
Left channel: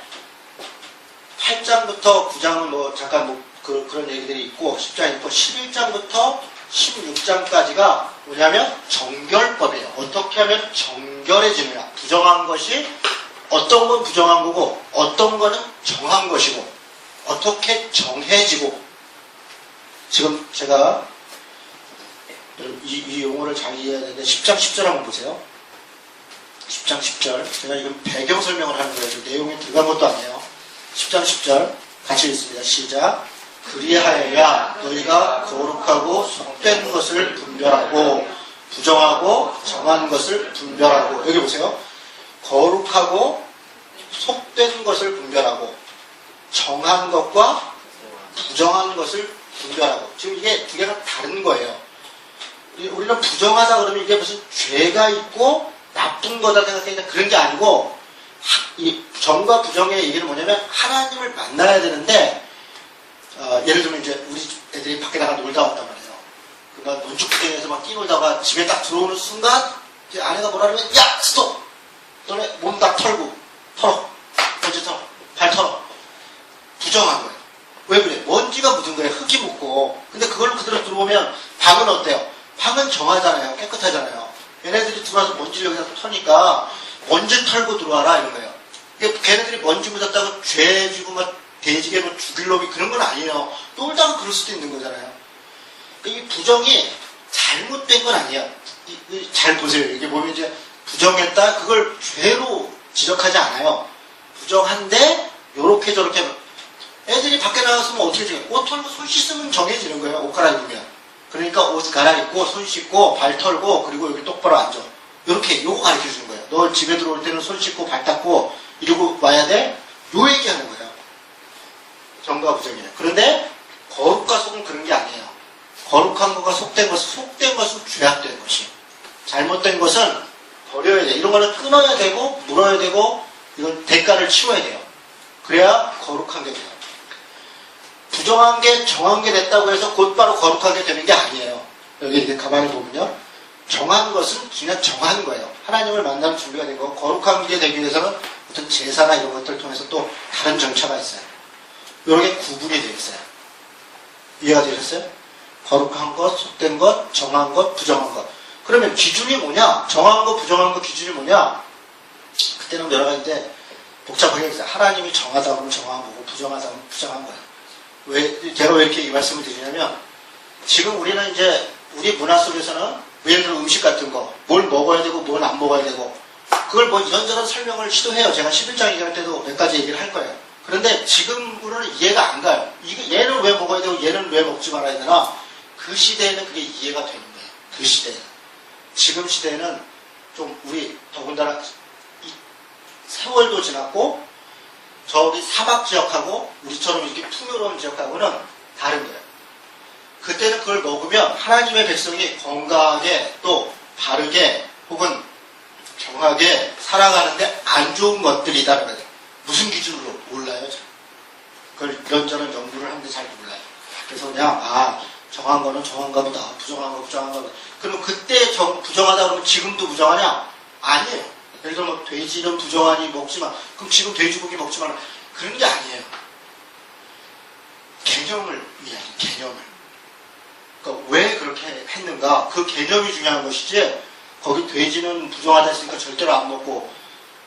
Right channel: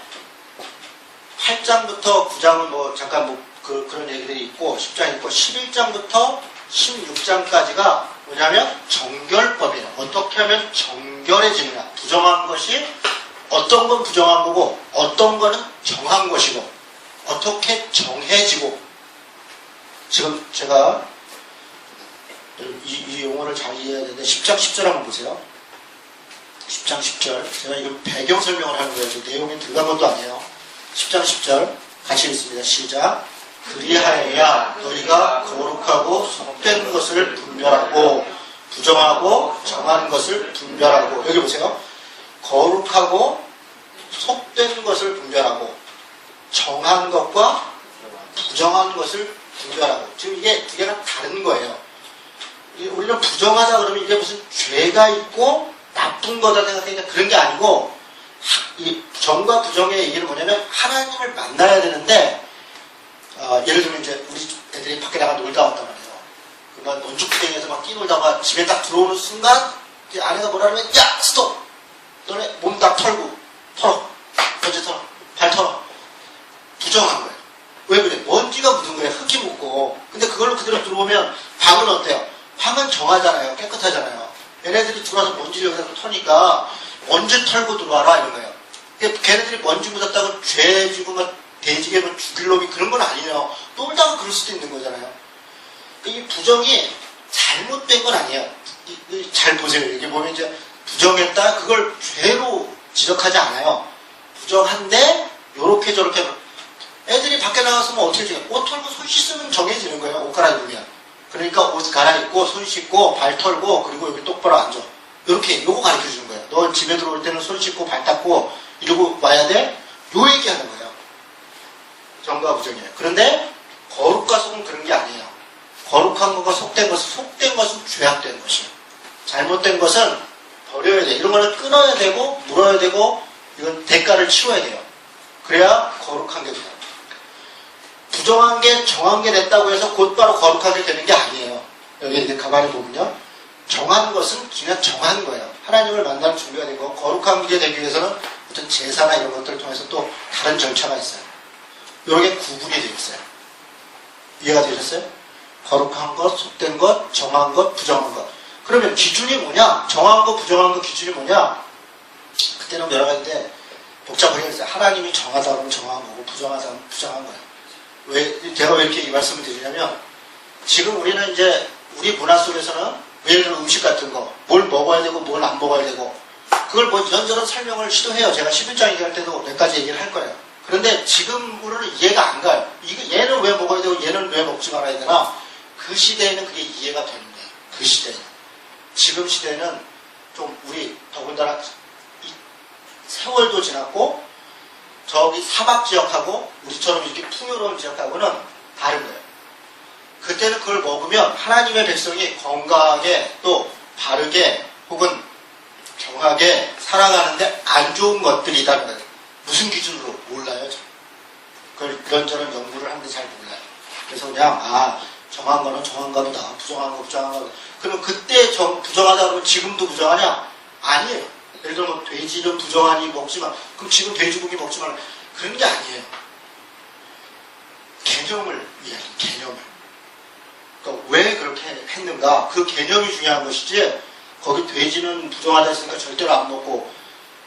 8장부터 9장은 뭐 잠깐 그런 얘기들이 있고 10장이 있고 11장부터 16장까지가 뭐냐면 정결법이에요. 어떻게 하면 정결해지느냐. 부정한 것이 어떤 건 부정한 거고 어떤 거는 정한 것이고 어떻게 정해지고. 지금 제가 이 용어를 잘 이해해야 되는데 10장 10절 한번 보세요. 10장 10절. 제가 지금 배경 설명을 하는 거예요. 내용이 들어간 것도 아니에요. 10장 10절 같이 읽습니다. 시작. 그리하여야 너희가 거룩하고 속된 것을 분별하고 부정하고 정한 것을 분별하고. 여기 보세요. 거룩하고 속된 것을 분별하고 정한 것과 부정한 것을 분별하고. 지금 이게 두 개는 다른 거예요. 우리는 부정하다 그러면 이게 무슨 죄가 있고 나쁜 거다 생각하니까 그런 게 아니고, 이 정과 부정의 얘기는 뭐냐면 하나님을 만나야 되는데 예를 들면 이제 우리 애들이 밖에 나가 놀다 왔단 말이에요. 그러니까 논축구장에서 막 뛰놀다가 집에 딱 들어오는 순간 이제 아내가 뭐라 그러면 야 스톱! 너네 몸 다 털고 털어. 먼지 털어. 발 털어. 부정한 거예요. 왜 그래? 먼지가 묻은 거예요. 흙이 묻고. 근데 그걸로 그대로 들어오면 방은 어때요? 방은 정하잖아요. 깨끗하잖아요. 얘네들이 들어와서 먼지를 여기다 터니까 먼지 털고 들어와라 이런 거예요. 걔네들이 먼지 묻었다고 죄 지고 막 돼지개 뭐 죽일 놈이 그런 건 아니에요. 놀다가 그럴 수도 있는 거잖아요. 이 부정이 잘못된 건 아니에요. 잘 보세요. 이렇게 보면 이제 부정했다 그걸 죄로 지적하지 않아요. 부정한데 요렇게 저렇게 애들이 밖에 나가서 뭐 어떻게 해요? 옷 털고 손 씻으면 정해지는 거예요. 옷 갈아입으면. 그러니까 옷 갈아입고 손 씻고 발 털고 그리고 여기 똑바로 앉아. 요렇게 요거 가르쳐 주는 거예요. 너 집에 들어올 때는 손 씻고 발 닦고 이러고 와야 돼. 요 얘기하는 거예요. 정과 부정이에요. 그런데 거룩과 속은 그런 게 아니에요. 거룩한 것과 속된 것은 죄악된 것이에요. 잘못된 것은 버려야 돼요. 이런 거는 끊어야 되고 물어야 되고 이건 대가를 치워야 돼요. 그래야 거룩한 게 돼요. 부정한 게 정한 게 됐다고 해서 곧바로 거룩하게 되는 게 아니에요. 여기 이제 가만히 보면요. 정한 것은 그냥 정한 거예요. 하나님을 만나는 준비가 되고 거룩한 게 되기 위해서는 어떤 제사나 이런 것들을 통해서 또 다른 절차가 있어요. 이렇게 구분이 되어 있어요. 이해가 되셨어요? 거룩한 것, 속된 것, 정한 것, 부정한 것. 그러면 기준이 뭐냐? 정한 것, 부정한 것 기준이 뭐냐? 그때는 여러 가지인데 복잡하게 했어요. 하나님이 정하다 보면 정한 거고 부정하다 보면 부정한 거예요. 왜 제가 왜 이렇게 이 말씀을 드리냐면 지금 우리는 이제 우리 문화 속에서는 예를 들어 음식 같은 거, 뭘 먹어야 되고 뭘 안 먹어야 되고 그걸 뭐 이런저런 설명을 시도해요. 제가 11장 얘기할 때도 몇 가지 얘기를 할 거예요. 그런데 지금으로는 이해가 안 가요. 얘는 왜 먹어야 되고 얘는 왜 먹지 말아야 되나? 그 시대에는 그게 이해가 되는 거예요. 그 시대에. 지금 시대에는 좀 우리 더군다나 세월도 지났고 저기 사막 지역하고 우리처럼 이렇게 풍요로운 지역하고는 다른 거예요. 그때는 그걸 먹으면 하나님의 백성이 건강하게 또 바르게 혹은 정하게 살아가는데 안 좋은 것들이다는 거예요. 무슨 기준으로? 몰라요. 그걸 이런저런 연구를 하는데 잘 몰라요. 그래서 그냥 정한 거는 정한가 보다. 부정한 거 부정한 거. 그럼 그때 부정하다 그러면 지금도 부정하냐? 아니에요. 예를 들어 뭐 돼지는 부정하니 먹지 마. 그럼 지금 돼지고기 먹지 말라. 그런 게 아니에요. 개념을 위한 개념을. 그러니까 왜 그렇게 했는가? 그 개념이 중요한 것이지. 거기 돼지는 부정하다 했으니까 절대로 안 먹고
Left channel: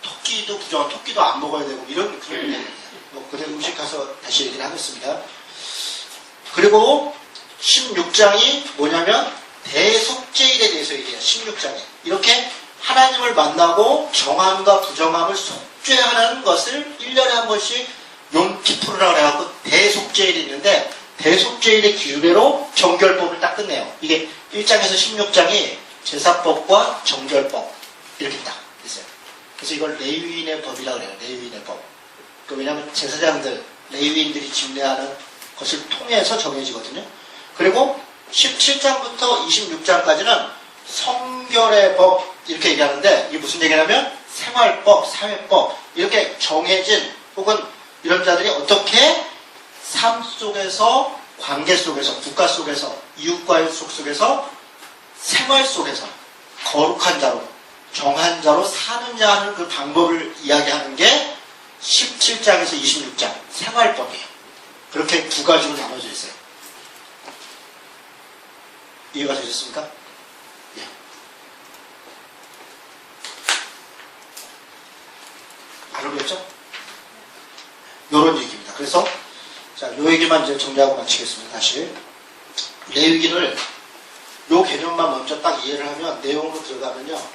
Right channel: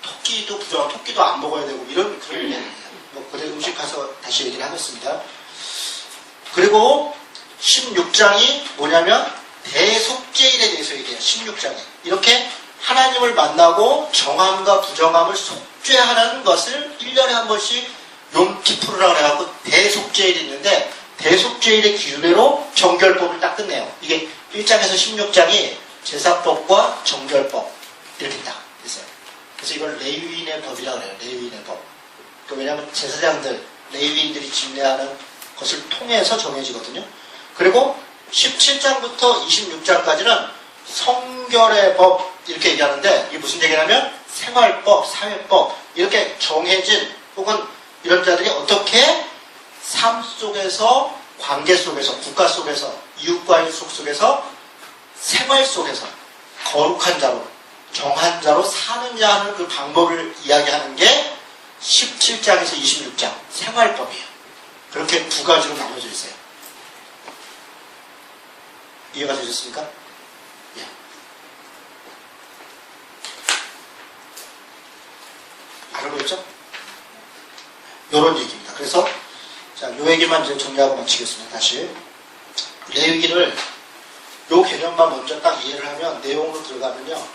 토끼도 부정한 토끼도 안 먹어야 되고 이런 그런 얘기예요. 뭐 그래 음식 가서 다시 얘기를 하겠습니다. 그리고 16장이 뭐냐면 대속죄일에 대해서 얘기해요. 16장이 이렇게 하나님을 만나고 정함과 부정함을 속죄하는 것을 1년에 한 번씩 용키푸르라고 해갖고 대속죄일이 있는데 대속죄일의 기준으로 정결법을 딱 끝내요. 이게 1장에서 16장이 제사법과 정결법 이렇게 딱 있어요. 그래서 이걸 레위인의 법이라고 해요. 레위인의 법. 왜냐하면 제사장들, 레위인들이 집례하는 것을 통해서 정해지거든요. 그리고 17장부터 26장까지는 성결의 법 이렇게 얘기하는데 이게 무슨 얘기냐면 생활법, 사회법 이렇게 정해진 혹은 이런 자들이 어떻게 삶 속에서 관계 속에서 국가 속에서 이웃과의 속에서 생활 속에서 거룩한 자로 정한 자로 사느냐 하는 그 방법을 이야기하는 게 17장에서 26장 생활법이에요. 그렇게 두 가지로 나눠져 있어요. 이해가 되셨습니까? 예. 알고 있죠? 요런 얘기입니다. 그래서 자, 요 얘기만 이제 정리하고 마치겠습니다. 다시 레위기를 요 개념만 먼저 딱 이해를 하면 내용으로 들어가면요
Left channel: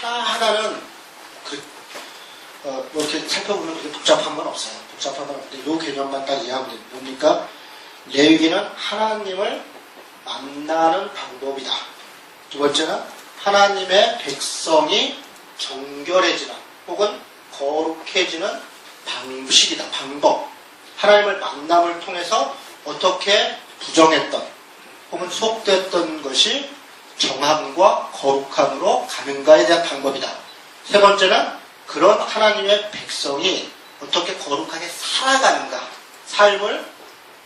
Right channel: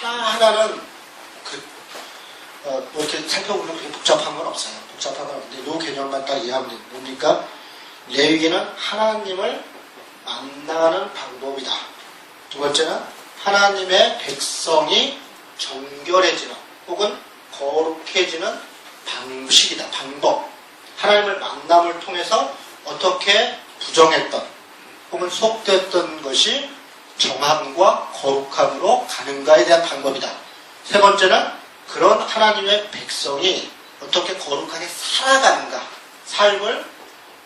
하나하나는 뭐 이렇게 살펴보면 그렇게 복잡한 건 없어요. 복잡한 건 없는데 요 개념만 딱 이해하면 됩니다. 뭡니까? 레위기는 하나님을 만나는 방법이다. 두 번째는 하나님의 백성이 정결해지는 혹은 거룩해지는 방식이다. 방법. 하나님을 만남을 통해서 어떻게 부정했던 혹은 속됐던 것이 정함과 거룩함으로 가는가에 대한 방법이다. 세 번째는 그런 하나님의 백성이 어떻게 거룩하게 살아가는가.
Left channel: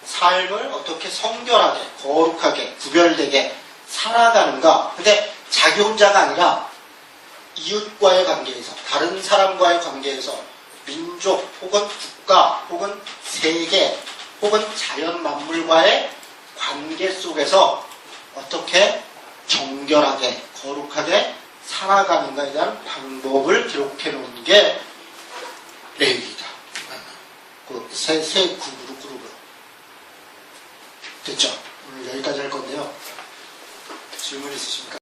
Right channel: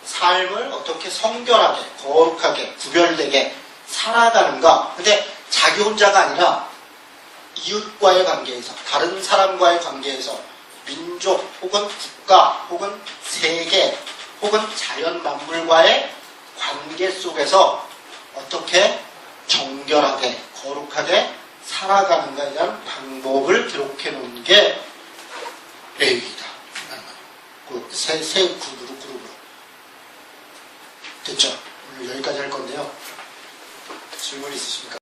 삶을 어떻게 성결하게, 거룩하게, 구별되게 살아가는가. 근데 자기 혼자가 아니라 이웃과의 관계에서, 다른 사람과의 관계에서, 민족 혹은 국가 혹은 세계 혹은 자연 만물과의 관계 속에서 어떻게 정결하게, 거룩하게 살아가는가에 대한 방법을 기록해 놓은 게 레위기다. 그 세 그룹으로. 됐죠? 여기까지 할 건데요. 질문 있으십니까?